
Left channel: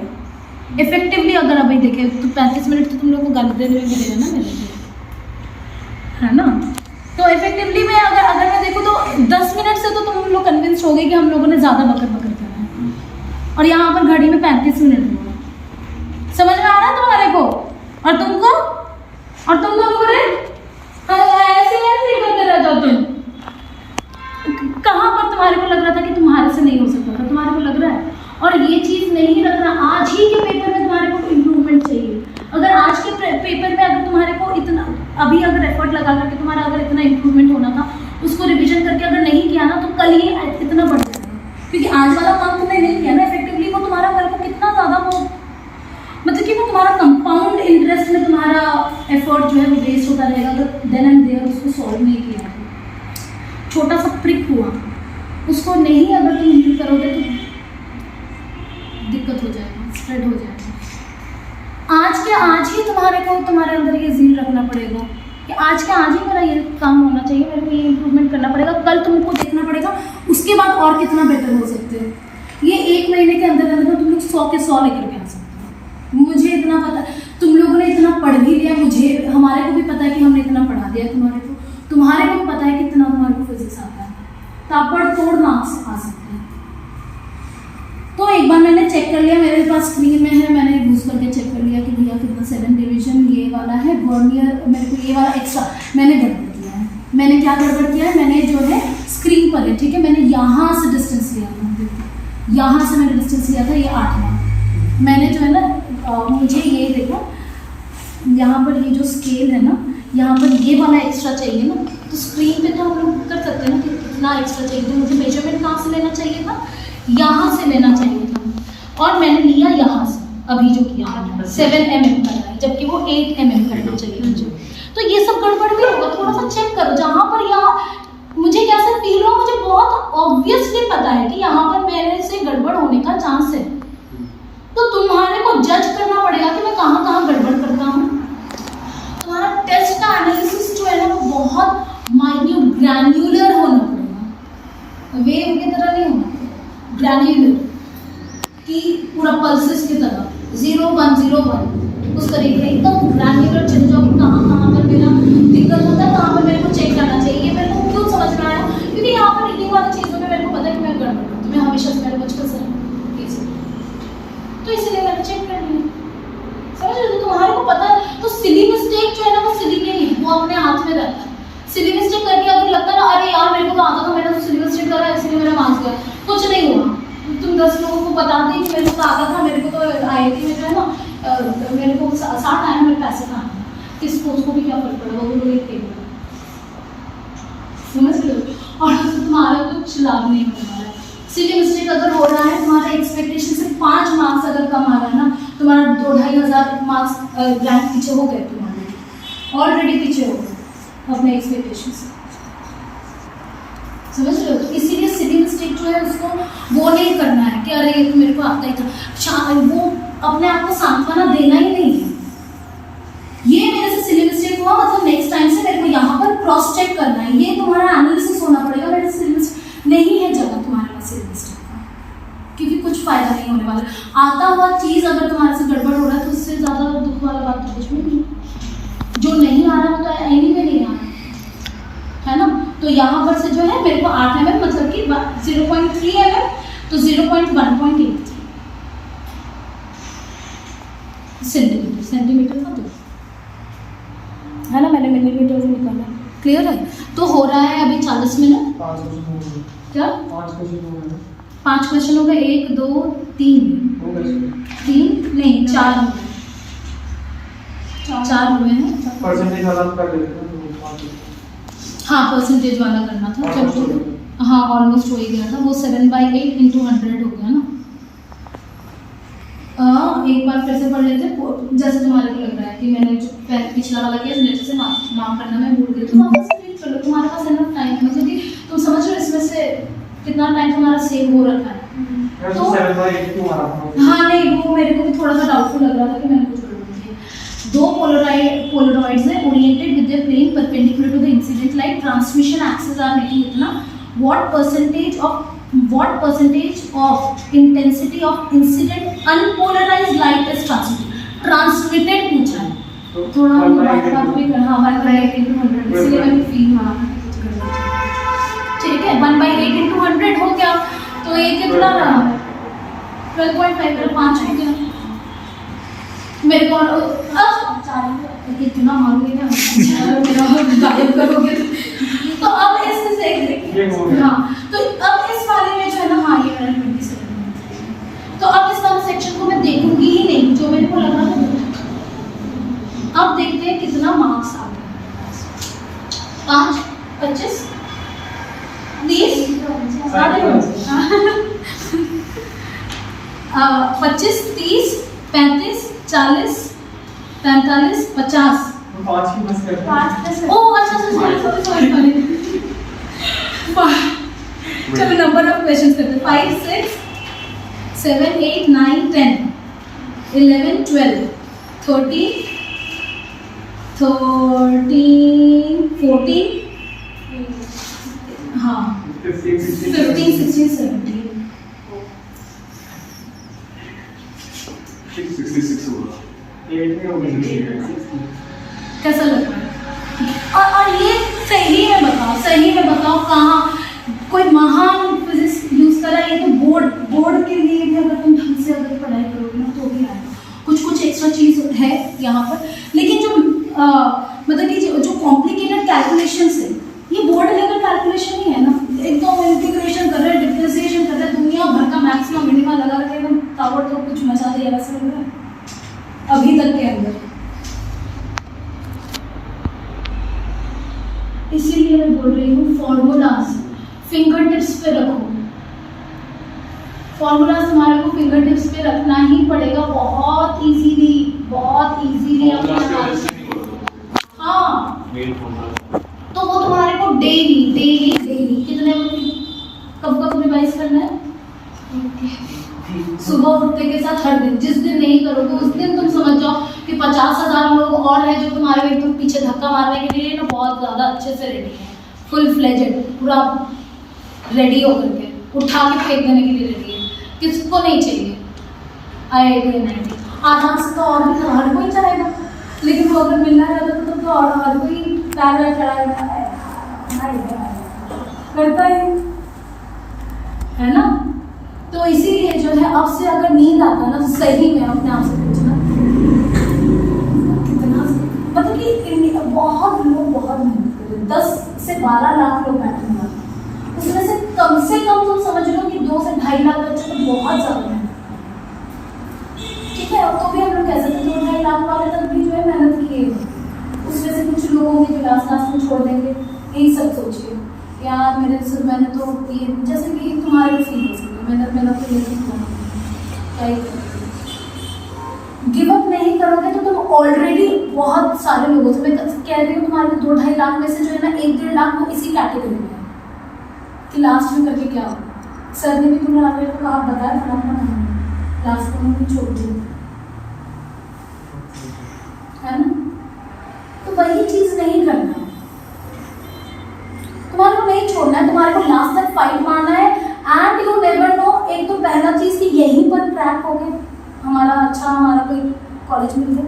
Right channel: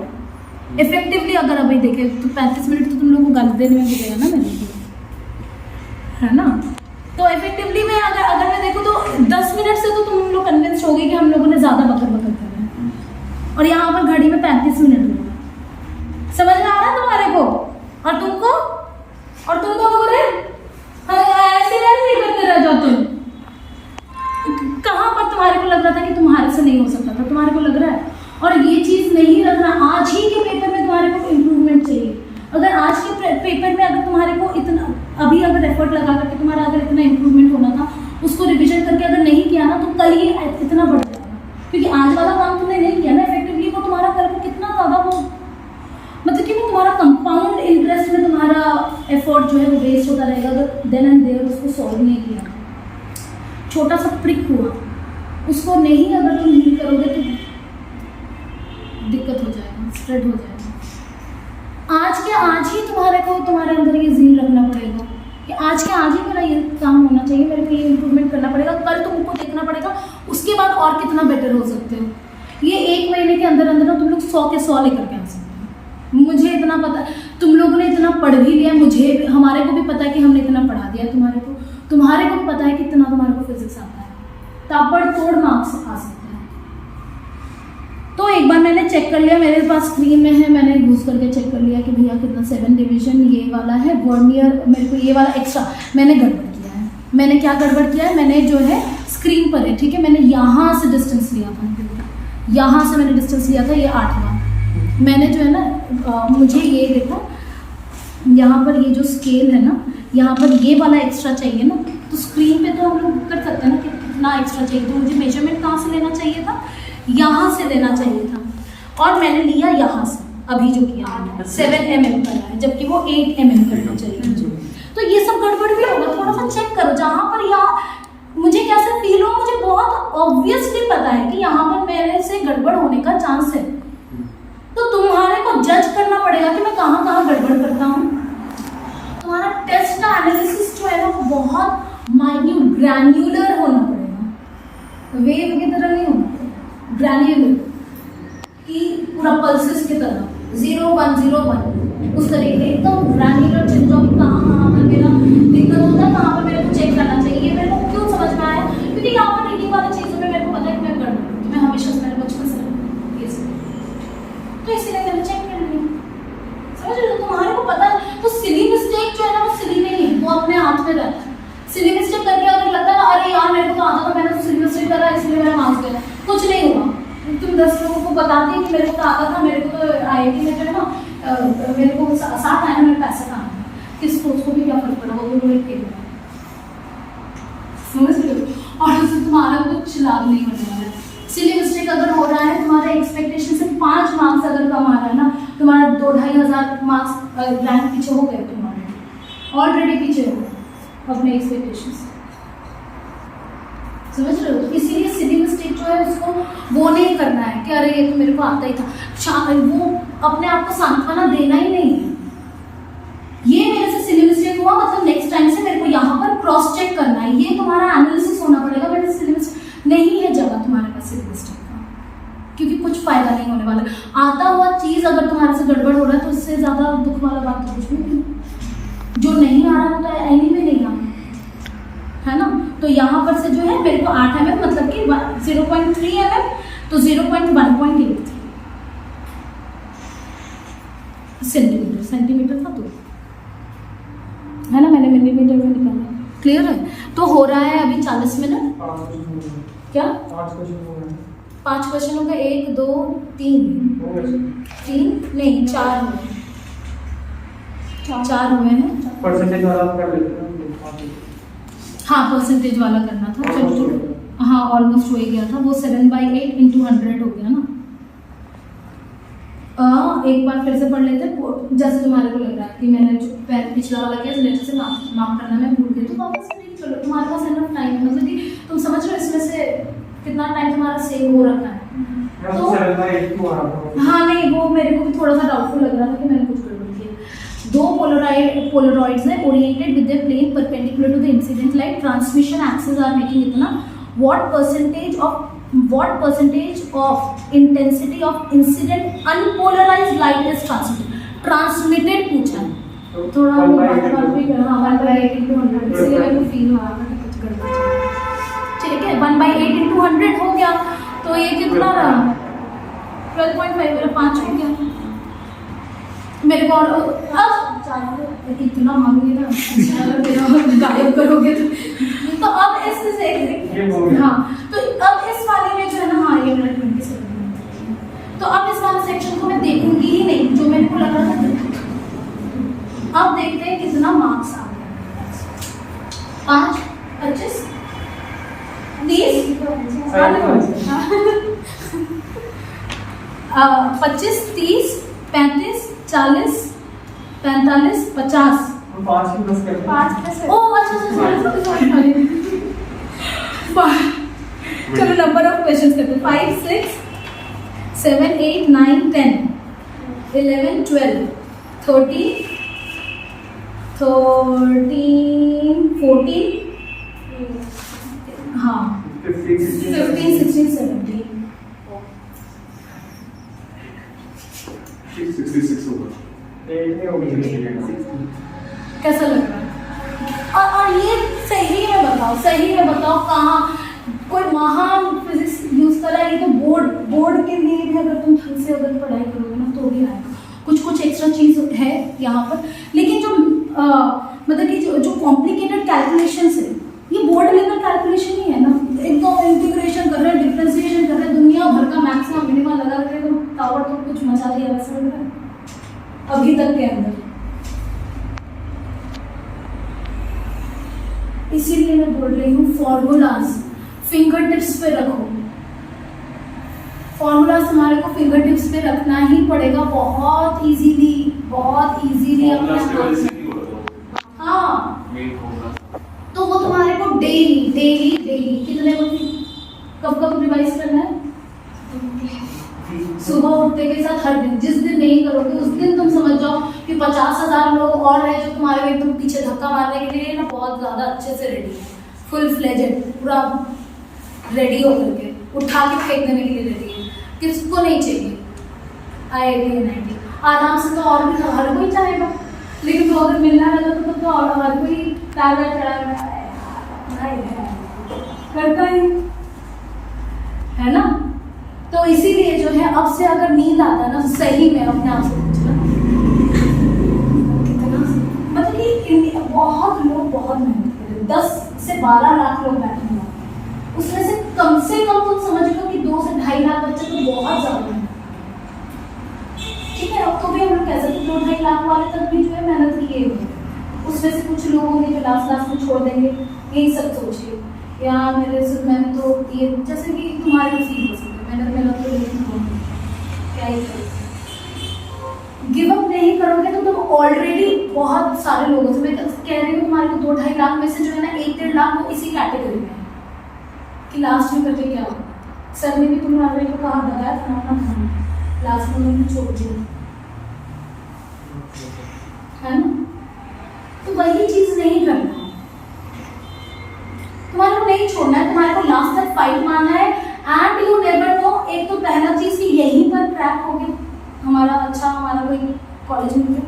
इफेक्टिवली। अगर अभी देखें तो 35 मिनट तो तुम लोग को गाली देने में भी देगा ना मेरे को, है ना। तो इफेक्टिवली मैं अगर मैं देखूँ तो 10 मिनट से तो तुम लोग कन्विंस हो गए कि हम लोगों ने ज़्यादा बकर करा है, और यहाँ पर घड़ी में 35 मिनट हुआ। समझ में आ रहा है तुम्हारे को? और तुमको? और तुम लोग ऐसे करते रह जाओ तुम। कहाँ पर तुम्हारे को लग रहा था कि तुम्हारे से नहीं हो सकता था, तुम्हारे को लग रहा है। और ये चीज़ नहीं रखना, आज ही के पेपर में तुम्हारे को इम्प्रूवमेंट चाहिए। अगर आज के पेपर में अगर तुम्हारे को इतना अभी अगर एफर्ट लगा करके तुम्हारा अगर इतना इम्प्रूवमेंट होना था, उसको रिविजन करके अगर नहीं किया ना तो कल ही इतना बढ़ जाएगा। क्योंकि आज वाला काम तुमने नहीं किया ना इफेक्टिवली, वो तुम्हारा कल को कितना ज़्यादा वो मतलब कि वो तुम्हारा कंपाउंड इंटरेस्ट में तुम्हारा एफर्ट जो है वो वेस्ट होता रहेगा अगर देन एंड देयर उसको सॉल्व नहीं किया तो। छोटा सा प्रिक हुआ, उसको नहीं अगर तुम हील करोगे तो दिक्कत हो जाएगा, स्प्रेड हो जाएगा। आज के आज ही तुम्हारे अंदर ये ज़ील रखना पड़ेगा कि आज के आज ही मेरा ये काम होना चाहिए, मेरे को ये इम्प्रूवमेंट करना पड़ेगा। कल तुमको देखना पड़ेगा उसके बाद और कितना बेटर हो सकते हो। ये 1 महीने के अंदर अंदर तुम लोग 100 के 100 लेकर के आ सकते हो। मुझे इतना पता, तुम लोगों ने इतना पढ़ भी लिया, हमारे को भी पता है कि हमने इतना पढ़ा दिया तुम्हारे को भी पता है कितना तुम्हारे को फिजिक्स आता है, ताबड़तोड़ मार्क्स आ सकते हैं। तो एक बार मैंने चेक कर लिया, मेरे पास स्क्रीन में है, मैंने घुस करके चेक कर लिया कि भैया कितना 7 डिवीजन ये वाला है वर्नियर, मेरे को ये वाला एक्स्ट्रा मैंने गड़बड़ किया है। मैंने क्या गड़बड़ किया है, मैंने जो है स्क्रीन पर है, ठीक है, मैंने यहाँ से डिस्टेंस लिया था, यहाँ से मैंने डिस्टेंस लिया था, ये 8वां मैंने जो है ना मुझे ये देखो यहाँ पर ये जो स्केल है ना, यहाँ पर ये वाला एक्स्ट्रा चाहिए ना, तो स्क्रीन पे तो हम लोग कर सकते हैं ना कि कितना एक्स्ट्रा चाहिए। तो मुझे मेजरमेंट कहाँ से लेना चाहिए था, यहाँ से लेना चाहिए था, और मैंने लिया यहाँ से, अभी जो किया है 7 mm का है, जबकि वो 8 mm करना चाहिए मुझे। तो ये सब गड़बड़ भी होगा, थोड़ा सा चेक करो। जहाँ पर यहाँ मुझे कैसे फील हो, मुझे बहुत ऑब्वियसली पता है कि यहाँ पर मेरे से गड़बड़ होने का चांस है, तो तुम्हारे को जज करना पड़ेगा कि मैं कहाँ कहाँ गड़बड़ करता हूँ। तुम्हारा टेस्ट का एनालिसिस जो है ना वो बहुत माइन्यूट ग्रैन्युलर होना पड़ेगा, वेव की तरह नहीं होना पड़ेगा, ग्रैन्युलर कि पूरा पल्सेस की तरह 0 1 0 1 उस तरीके एकदम ग्रैन्युलर चले जाओ कि कहाँ कहाँ पर मेरा दिक्कत होता है, कहाँ पर मेरे को चेक करना चाहिए। मेरे को क्यों समझ में आया, क्योंकि यहाँ पर रीडिंग वाली चीज़ों में मेरे को पता है कि मैं गड़बड़ करती हूँ, मैं हमेशा से मेरे बचपन से तो इसलिए मैंने चेक कर लिया। समझ रहे हो, तुम्हारे को पता है। तो सिली मिस्टेक जो है ना वो सिली नहीं है, वो अपने हाथ में रहता है। सिली मिस्टेक करके अगर लगता है ना अरे यार मेरे को तो आता था, मैंने तो सिली मिस्टेक करा इसलिए मेरा मार्क्स गया, कुछ नहीं हुआ। तुम 10 लोगों को बता दी कि मेरे को तो आता था, मेरे को तो IIT में जो है ना मेरे को 60 आया, मेरे पैसे कहाँ आए, किस को भी क्या फर्क पड़ा, वो भी लिख के दिया। समझ रहे हो, और तुम्हारा कुछ लाभ नहीं होने वाला है। सिली मिस्टेक अगर हो रहा है, तुम्हारे एक्सपेक्टेशन से 5 मार्क्स अगर कम आ रहा है ना, तुम्हारा 2-2,500 मार्क्स रैंक पीछे हो गए, तुम्हारे ऑलरेडी पीछे हो गए अपने एक्सपेक्टेशन से। समझ रहे हो, तो इसीलिए सिली मिस्टेक जो है उसको वो नहीं करना है कि अरे ये तो मेरे को आता ही था, वो अपने आप को सांत्वना देना ही नहीं है। ये मेरे से सिली मिस्टेक हुआ मतलब नेक्स्ट टाइम से मेरे को यहाँ पर क्रॉस चेक करना है, ये तुम्हारा एनालिसिस होना पड़ेगा। मेरे सिली मिस्टेक नहीं है जगह तुम्हारे पास सिली मिस्टेक का, क्योंकि कुछ फायदा नहीं होने वाला। आता हुआ चीज़ अगर तुम्हारे से गड़बड़ हो रहा है तो इससे ज़्यादा दुख वाला बात तो कुछ भी नहीं। जो नहीं आ रहा वो तो एनी में नहीं आ रहा है ना। तो यहाँ पर से जो है मेरे को 8 mm मतलब कि 0.3 mm, तो 0.1.8 सेंटीमीटर था, तो है ना, मैंने मिलीमीटर में निकाला। क्लियर है, तो हो रहा है अभी 40 मिनट। क्या 5 क्वेश्चन हो गए, 1 2 3 नहीं 4 हो गए, 4 हुए हैं। परसेंटेज वाला कर लेते हैं। हाँ परसेंटेज वाला करना था, चलो हाँ ऑलमोस्ट हो ही गया था। वो 7/8 × 100 हो गया ना। एक बार फिर से पढ़ लेते, जैसे तुम्हारे को लग रहा है कि मैंने जो पिछला वाला किया मेरे से माफ करना, मैं भूल गई, तो वापस से रीड कर लो, तुम्हारे पास इनफ टाइम, मतलब कि तुम समझ रहे हो इसमें से कितना टाइम तुम्हारा सेव हो रखा है। तो 7/8 क्यों आ रहा हाँ नहीं, वो मेरे को भी थोड़ा सा डाउटफुल लग रहा था कि मैंने कुछ गड़बड़ किया। दो पोलरॉइड्स है oriented with the plane perpendicular to the incident light, transmission axis are making इतना, what percentage of intensity of incident unpolarised light is transmitted पूछा है। थोड़ा हम बात भी करना, 1/8 into 100, इसलिए मेरे को फील हुआ था कि कुछ गड़बड़ चल रहा है। ठीक है, 1/8 into 100 हो गया, तो ये कितना रहा, 12.5, मेरा 5 हो गया। मेरे को इतना मांगी ना मेरा गायब करोगे तो अब इससे हाँ, तो अब इस वाले में जो है ना, हाँ ये मेरा 27, तो अब इस वाले सेक्शन को मैं देखूंगी ही नहीं, जो मेरे को लग रहा था। अब देखते हैं कितना मार्क्स आ गया, 5, 25, 30, 25, 30, 35, 40, 45, 50। 5 की बस कर। 5 ओह अच्छा, सॉरी। चलो नंबर ऑफ क्वेश्चंस करते हैं, 5, 6, 7, 8, 9, 10, 11, 12, 13, 14, हाँ 15, 15, 16, 17। 66 होगा। 8 में हो गई। कैसा लग रहा है? और ये सही में बताओ कहाँ कोई महान फिजिक्स यूज करा है? ये तो बोर्ड के लिए भी अगर तुम ढंग से अगर पढ़ाई करोगे ना तो भी आएगा। कुछ एक्स्ट्रा चीज है यहाँ पर, लेकिन जो मतलब कि जो कॉम्प्लिकेटेड कैलकुलेशंस है, ये बोर्ड लेवल कैलकुलेशन ही है ना, एकदम इंटीग्रेशन कर रहे हैं, डिफरेंशिएशन कर रहे हैं, दुनिया भर का मैक्सिमम मिनिमम लगा कर एकदम ताबड़तोड़ कुछ मचा दिया वैसे लग रहा है अभी तक के अंदर। इसीलिए मैं बोल रही हूँ फॉर्मूलाज फिंगर टिप्स पे रखो। फॉर्मूलाज तुम्हारे को फिंगर टिप्स पे रखना ही पड़ेगा, बहुत इजीली हाँ। तो वो तुम्हारे को डेली कितने कब रिवाइज करना है? सुबह उठते के साथ हर दिन। जिस दिन नहीं करोगे उस दिन तुम समझ जाओ कि 50,000 लोग और हैं जो तुम्हारे एकदम पीछे धक्का मारने के लिए ना बहुत ज़्यादा अच्छे से रेडी है, फुल फ्लेजेड, पूरा रेडी होकर के उठा के फेंक देने के लिए रेडी है। किसको नहीं चाहिए IIT NIT? आराम से तो और भी हर कोई चाहेगा, लेकिन वो अगर मिलना रहता तो और हर कोई पैदल चढ़ा करता ही है ना। तो इसीलिए जो है अब से अगर नींद आता है ना, सही में अपने आप से पूछना कितना, मतलब कि इंडिया बहुत लोग बहुत मेहनत कर रहे हैं, 10 से 12 लाख लोग बैठे हैं, उसमें से कम तुम समझ लो कि 2 से 2.5 लाख बच्चे तो बहुत ज़्यादा मेहनत। ठीक है, अब तो भी हम लोग कह सकते 2-2.5 लाख वाले तक भी जो है मेहनत किए हैं, उसमें से कुछ लोग होंगे जो लास्ट में छोड़ देंगे। यही सब सोचिए यार, मैंने तो ये जैसे कि तुम्हारे भी फील हो सकते, मैंने तो लेकिन क्या ही करोगे, गिव अप नहीं करोगे तो तुम ऑलरेडी बहुत सारे लोगों से, मैं कह रही हूँ तुम्हारे को 2-2.5 लाख में से जो है ना 1-1.5 लाख वो इसी कैटेगरी में है कि लास्ट में करके क्या हो। सर ने भी तुम्हारे को कहा बताया फलाना, लास्ट में उन्होंने छोड़ दिया है ना। तो वही चीज नहीं करना, तुम्हारे को नहीं छोड़ना है, तुम्हारे को लास्ट तक फाइट मारना है। एंड यू नेवर नो, एक तो पहला चीज कि यहीं पर क्रैक हो गए हमारा कोई कॉलेज मिल गया।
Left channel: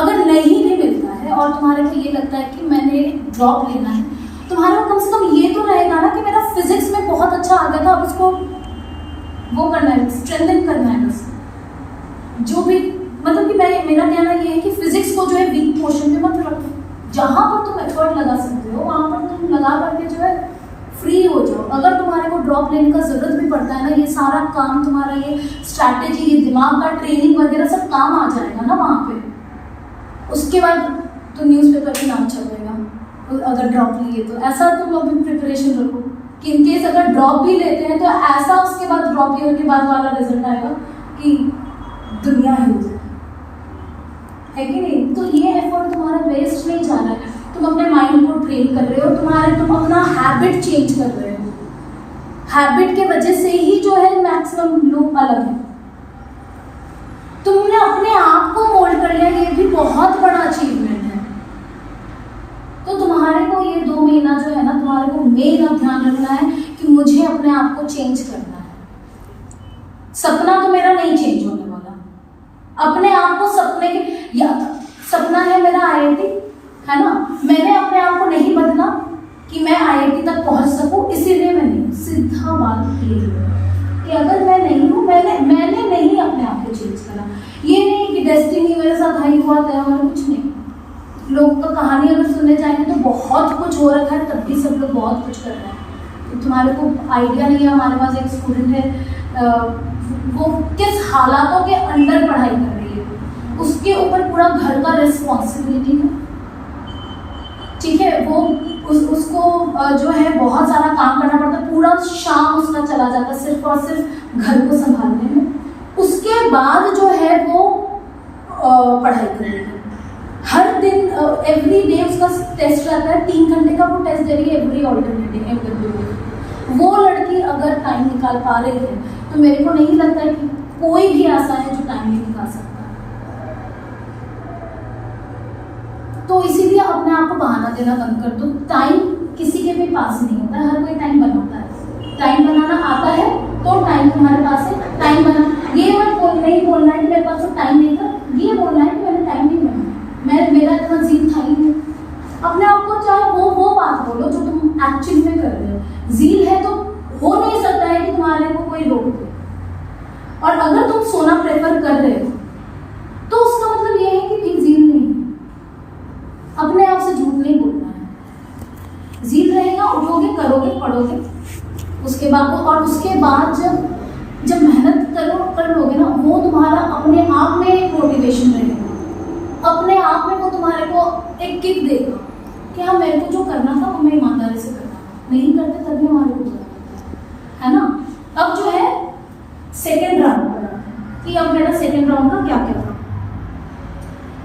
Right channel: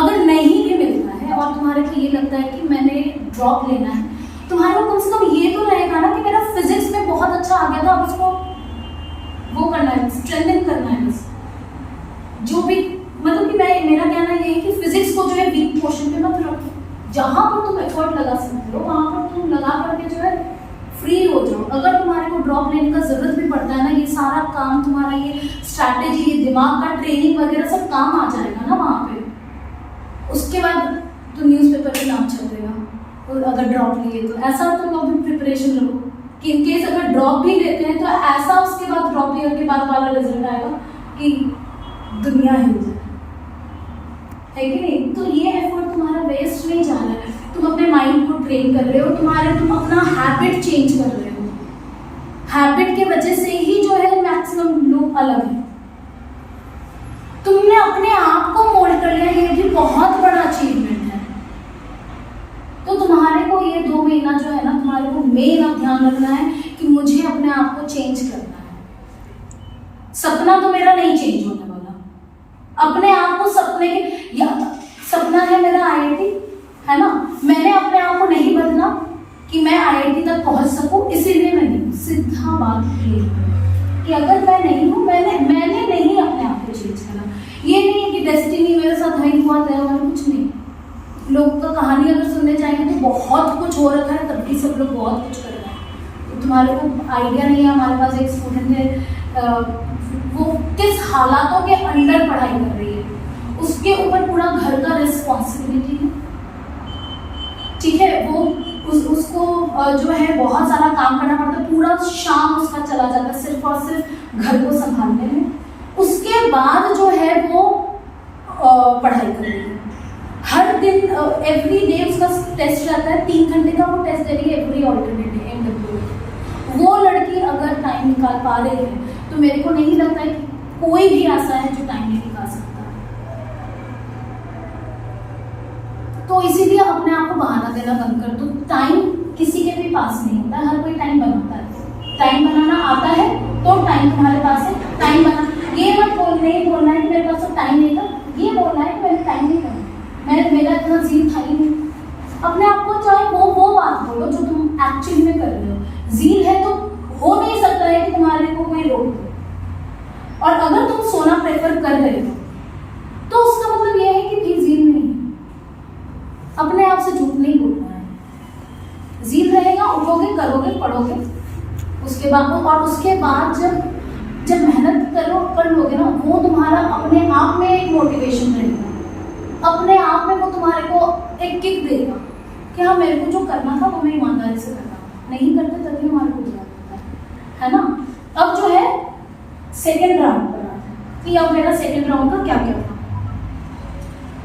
अगर नहीं भी मिलता है और तुम्हारे को ये लगता है कि मैंने ड्रॉप लेना है, तुम्हारे को कम से कम ये तो रहेगा ना कि मेरा फिजिक्स में बहुत अच्छा आ गया था, अब इसको वो करना है, स्ट्रेंथन करना है। बस जो भी मतलब कि मेरा कहना ये है कि फिजिक्स को जो है वीक पोर्शन पे मत रखो, जहाँ पर तुम एफर्ट लगा सकते हो वहाँ पर तुम लगा करके जो है फ्री हो जाओ। अगर तुम्हारे को ड्रॉप लेने का जरूरत भी पड़ता है ना, ये सारा काम तुम्हारा, ये स्ट्रैटेजी, ये दिमाग का ट्रेनिंग वगैरह सब काम आ जाएगा ना वहाँ पे। उसके बाद तो न्यूज़पेपर में नाम छपेगा अगर ड्रॉप लिए तो। ऐसा तुम अभी प्रिपरेशन रखो कि इनकेस अगर ड्रॉप भी लेते हैं तो ऐसा उसके बाद ड्रॉप ईयर के बाद वाला रिजल्ट आएगा कि दुनिया हिल जाए, है कि नहीं। तो ये एफर्ट तुम्हारा वेस्ट गेन कर रहे हो, तुम अपना हैबिट चेंज कर रहे हो। हैबिट के वजह से ही जो है मैक्सिमम लोग अलग हैं। तुमने अपने आप को मोल्ड कर लिया, ये भी बहुत बड़ा अचीवमेंट है। तो तुम्हारे को ये 2 महीना जो है ना, तुम्हारे को मेन अब ध्यान रखना है कि मुझे अपने आप को चेंज करना है। सपना तो मेरा नहीं चेंज होने वाला। अपने आप को सपने के, या सपना है मेरा IIT, है ना, मैंने अपने आप को नहीं बदला कि मैं IIT तक पहुंच सकूं, इसीलिए मैं नहीं हूं। सीधा बात क्लियर है कि अगर मैं नहीं हूं, मैंने नहीं अपने आप को चेंज करा। ये नहीं कि डेस्टिनी मेरे साथ हाई हुआ तय हुआ, कुछ नहीं। लोग का कहानी अगर सुनने जाएंगे तो बहुत कुछ हो रखा है, तब भी सब लोग बहुत कुछ कर रहे हैं। तो तुम्हारे को आइडिया नहीं है। हमारे पास एक स्टूडेंट है, वो किस हालातों के अंडर पढ़ाई कर रही है, उसके ऊपर पूरा घर का रिस्पॉन्सिबिलिटी है, ठीक है। वो उसको जो है बहुत सारा काम करना पड़ता है, पूरा शाम उसका चला जाता है सिर्फ और सिर्फ घर को संभालने में। उसके बाद जो है वो पढ़ाई कर रही है। हर दिन एवरी डे उसका टेस्ट रहता है, 3 घंटे का वो टेस्ट दे रही है एवरी ऑल्टरनेट डे, MW। वो लड़की अगर टाइम निकाल पा रही है तो मेरे को नहीं लगता है कि कोई भी ऐसा है जो टाइम नहीं निकाल सकता। तो इसीलिए अपने आप को बहाना देना बंद कर दो। टाइम किसी के भी पास नहीं होता है, हर कोई टाइम बनाता है। टाइम बनाना आता है तो टाइम तुम्हारे पास है। टाइम बना, ये मत नहीं बोलना है कि मेरे पास तो टाइम नहीं था, ये बोलना है कि मैंने टाइम नहीं बना, मेरा इतना ज़ील था ही नहीं। अपने आप को चाहे वो बात बोलो जो तुम एक्चुअली में कर रहे हो। ज़ील है तो हो नहीं सकता है कि तुम्हारे को कोई रोक दे। और अगर तुम सोना प्रेफर कर रहे हो तो उसका मतलब यह है कि ठीक ज़ील नहीं है। अपने आप से झूठ नहीं बोलना है। ज़ील रहेगा, उठोगे, करोगे, पढ़ोगे, उसके बाद और उसके बाद जब मेहनत कर लोगे ना, वो तुम्हारा अपने आप में एक मोटिवेशन रहेगा। अपने आप में वो तुम्हारे को एक किक देगा कि हाँ, मेरे को जो करना था वो मैं ईमानदारी से करना था। नहीं करते तभी हमारे को बुरा लगता है ना। अब जो है सेकेंड राउंड पर आता है कि अब मेरा सेकेंड राउंड का क्या क्या था,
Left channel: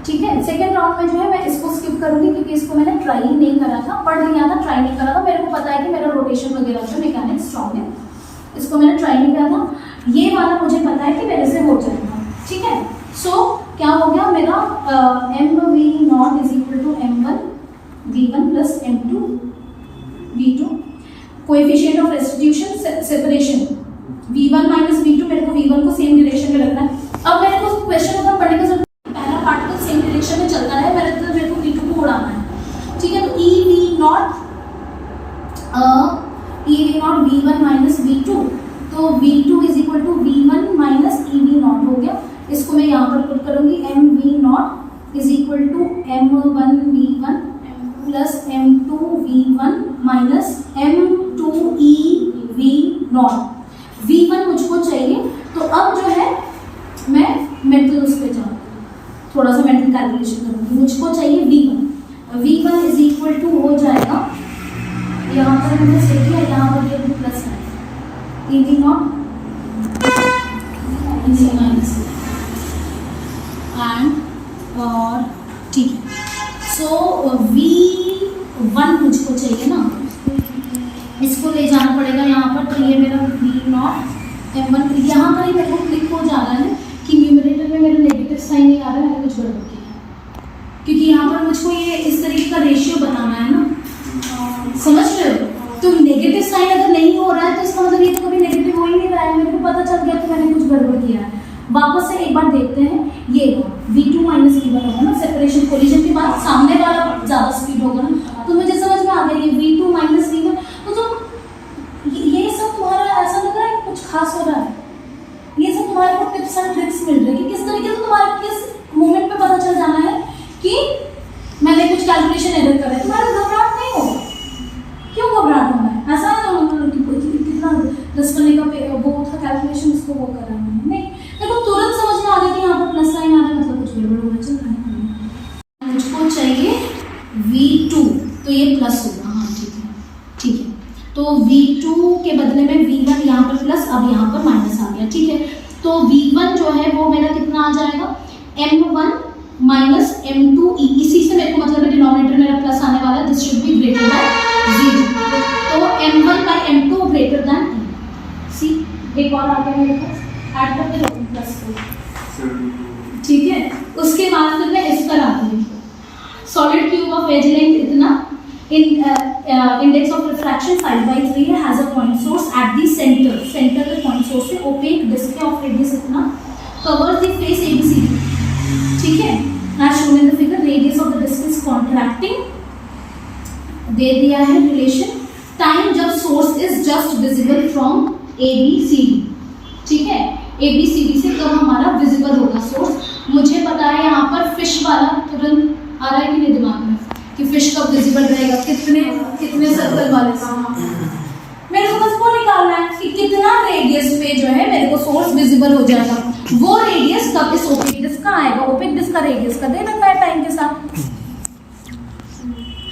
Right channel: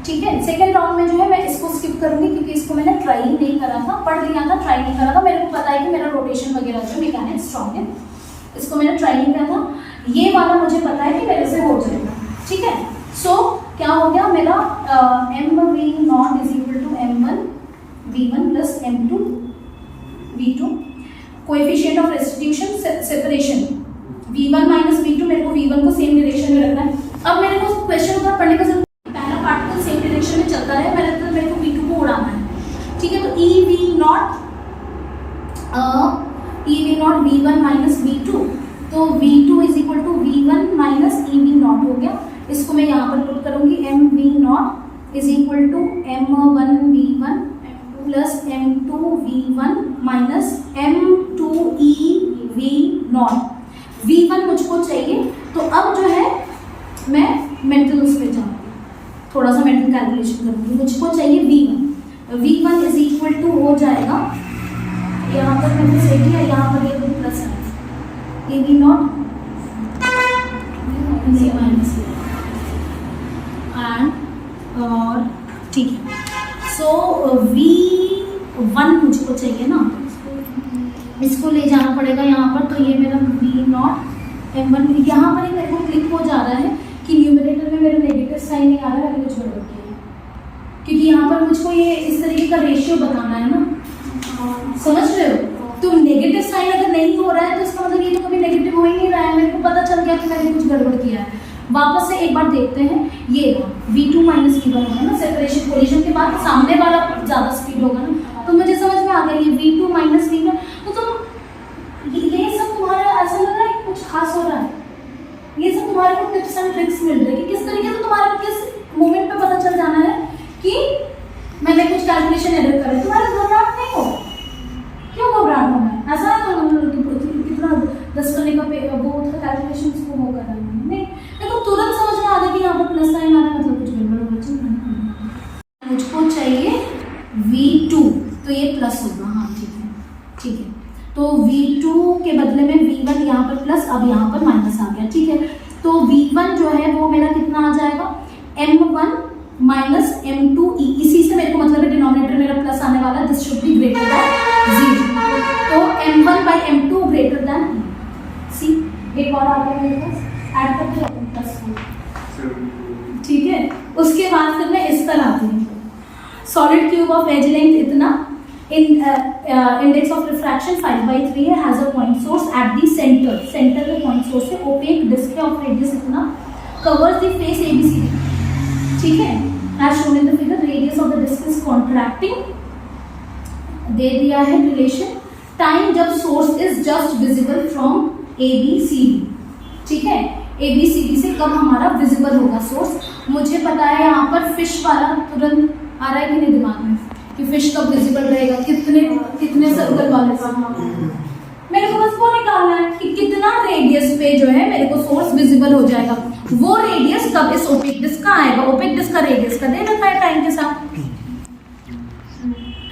ठीक है। सेकेंड राउंड में जो है मैं इसको स्किप करूंगी क्योंकि इसको मैंने ट्राई नहीं करा था, पढ़ लिया था, ट्राई नहीं करा था। मेरे को पता है कि मेरा रोटेशन वगैरह जो मैकेनिक्स स्ट्रॉन्ग है, इसको मैंने ट्राई नहीं किया था। ये वाला मुझे पता है कि मेरे से हो जाएगा, ठीक है। सो क्या हो गया मेरा MV0 is equal to M1 V1 plus M2 V2। Coefficient of restitution separation V1 minus V2, मेरे को V1 को सेम डायरेक्शन में रखना है। अब मेरे को क्वेश्चन का पढ़ने का जरूरत, पहला पार्ट तो सेम डायरेक्शन में चलता है, मेरे को V2 को उड़ाना है, ठीक है। तो EV0 V1 माइनस V2, तो V2 is equal to V1 minus EV0 हो गया। इसको मैं यहाँ पर पुट करूंगी, MV0 is equal to M1 V1 plus M2 V1 minus M2 EV0। V1 मुझको चाहिए, तो अब जो है मैं मेंटल उस पर जाऊँ, थोड़ा सा मेंटल कैलकुलेशन करूँगी। मुझको चाहिए V1 इज इक्वल टू हो जाएगा, यहाँ पर मैंने सेट किया, यहाँ पर ये प्लस है EV0 माइनस एंड और ठीक है। सो V1 मुझको चाहिए ना, इसको ले जाना पड़ेगा यहाँ पर। तो ये मेरा V0 M1, यहाँ पर ही मेरे को क्लिक हो जा रहा है कि न्यूमरेटर में मेरा नेगेटिव साइन नहीं आ रहा है, मैंने कुछ गड़बड़ किया है, क्योंकि यहाँ पर मुझको ये इस तरीके का रेशियो बनाना है ना, समझ रहे हो। तो नेगेटिव साइन अगर नहीं हो रहा है तो इसका मतलब ये तो कभी नेगेटिव हो ही नहीं रहा है। मेरे को पता चल गया कि मैंने कुछ गड़बड़ किया है। वापस से एक बार देखते हैं, ये V2 माइनस V1 होगा ना, सेपरेशन कोलिजन के बाद सामने वाला ज़्यादा स्पीड होगा ना, तो मुझे समझ में आ गया ये V2 माइनस V1। तो तुम ये सब तुम्हारा ऐसा लग रहा है कि कुछ खास हो रहा है, ये सब तुम्हारे को टिप्स एंड ट्रिक्स मिल रही है कि किस तरीके से तुम्हारे किस मोमेंट पे पता चल जाना है कि मैंने कुछ कैलकुलेशन एरर कर है। तुम्हारा घबराहट नहीं होगा, क्यों घबराहट होना है? ऐसा नहीं होना कितना 10 करने का वो था कैलकुलेशन, इसको वो कर रहा है नहीं, देखो तुरंत समझ में आ गया कि यहाँ पर प्लस साइन आ रहा है, मतलब कुछ गड़बड़ हो रहा है। मुझको चाहिए V2, तो ये प्लस होगा, हाँ ठीक है, ठीक है। तो V2 के बदले में V1 यहाँ पर प्लस, अब यहाँ पर माइनस आ गया, ठीक है। तो V1 जो है वो मेरा कितना आ जाएगा, M1 माइनस M2E। इसी से मेरे को मतलब है डिनोमिनेटर मेरा प्लस आने वाला है, दिस शुड बी ग्रेटर एक और आगे मेरे पास ऐड करते जाओ +4, ठीक है। उसके बाद फिर मैं इस पर आती हूँ, solid cube of edge length इतना, इंडेक्स ऑफ रिफ्रैक्शन 5/3 है, has a point source at the centre में पॉइंट सोर्स से, ओपेक डिस्क ऑफ रेडियस इतना, कवर्स द फेस ABCD, ठीक है, as shown in the figure, radius of the disc is contracting, दे दिया है रिलेशन, टाइम जब source is just visible from ABCD, ठीक है, ABCD से कब हमारा विजिबल होगा सोर्स, मुझे पता है यहाँ पर फिश वाला तुरंत आ रहा है कि नहीं दिमाग में कि फिश कब विजिबल रहेगा, कितने सर्कल वाले से, मेरे को बस वो निकालना है कि कितना रेडियस पे जो है मेरे को सोर्स विजिबल हो जाएगा, वो रेडियस कब इस ओपेक डिस्क का आएगा, ओपेक डिस्क का रेडियस का दे रखा है टाइम के साथ,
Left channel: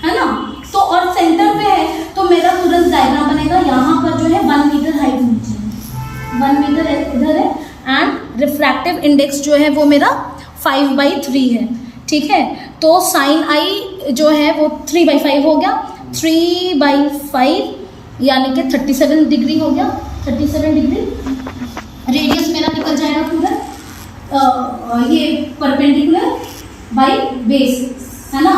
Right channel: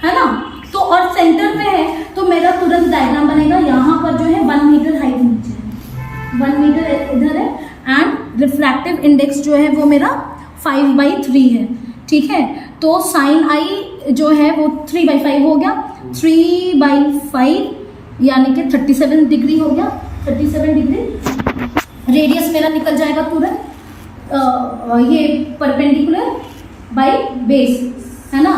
है ना। तो और सेंटर पे है तो मेरा तुरंत डायग्राम बनेगा, यहाँ पर जो है 1 मीटर हाइट नीचे है, 1 मीटर इधर है, एंड रिफ्रैक्टिव इंडेक्स जो है वो मेरा 5/3 है, ठीक है। तो साइन आई जो है वो 3/5 हो गया, 3/5 यानी कि 37 डिग्री हो गया, 37 डिग्री। रेडियस मेरा निकल जाएगा तुरंत, ये परपेंडिकुलर बाय बेस है ना,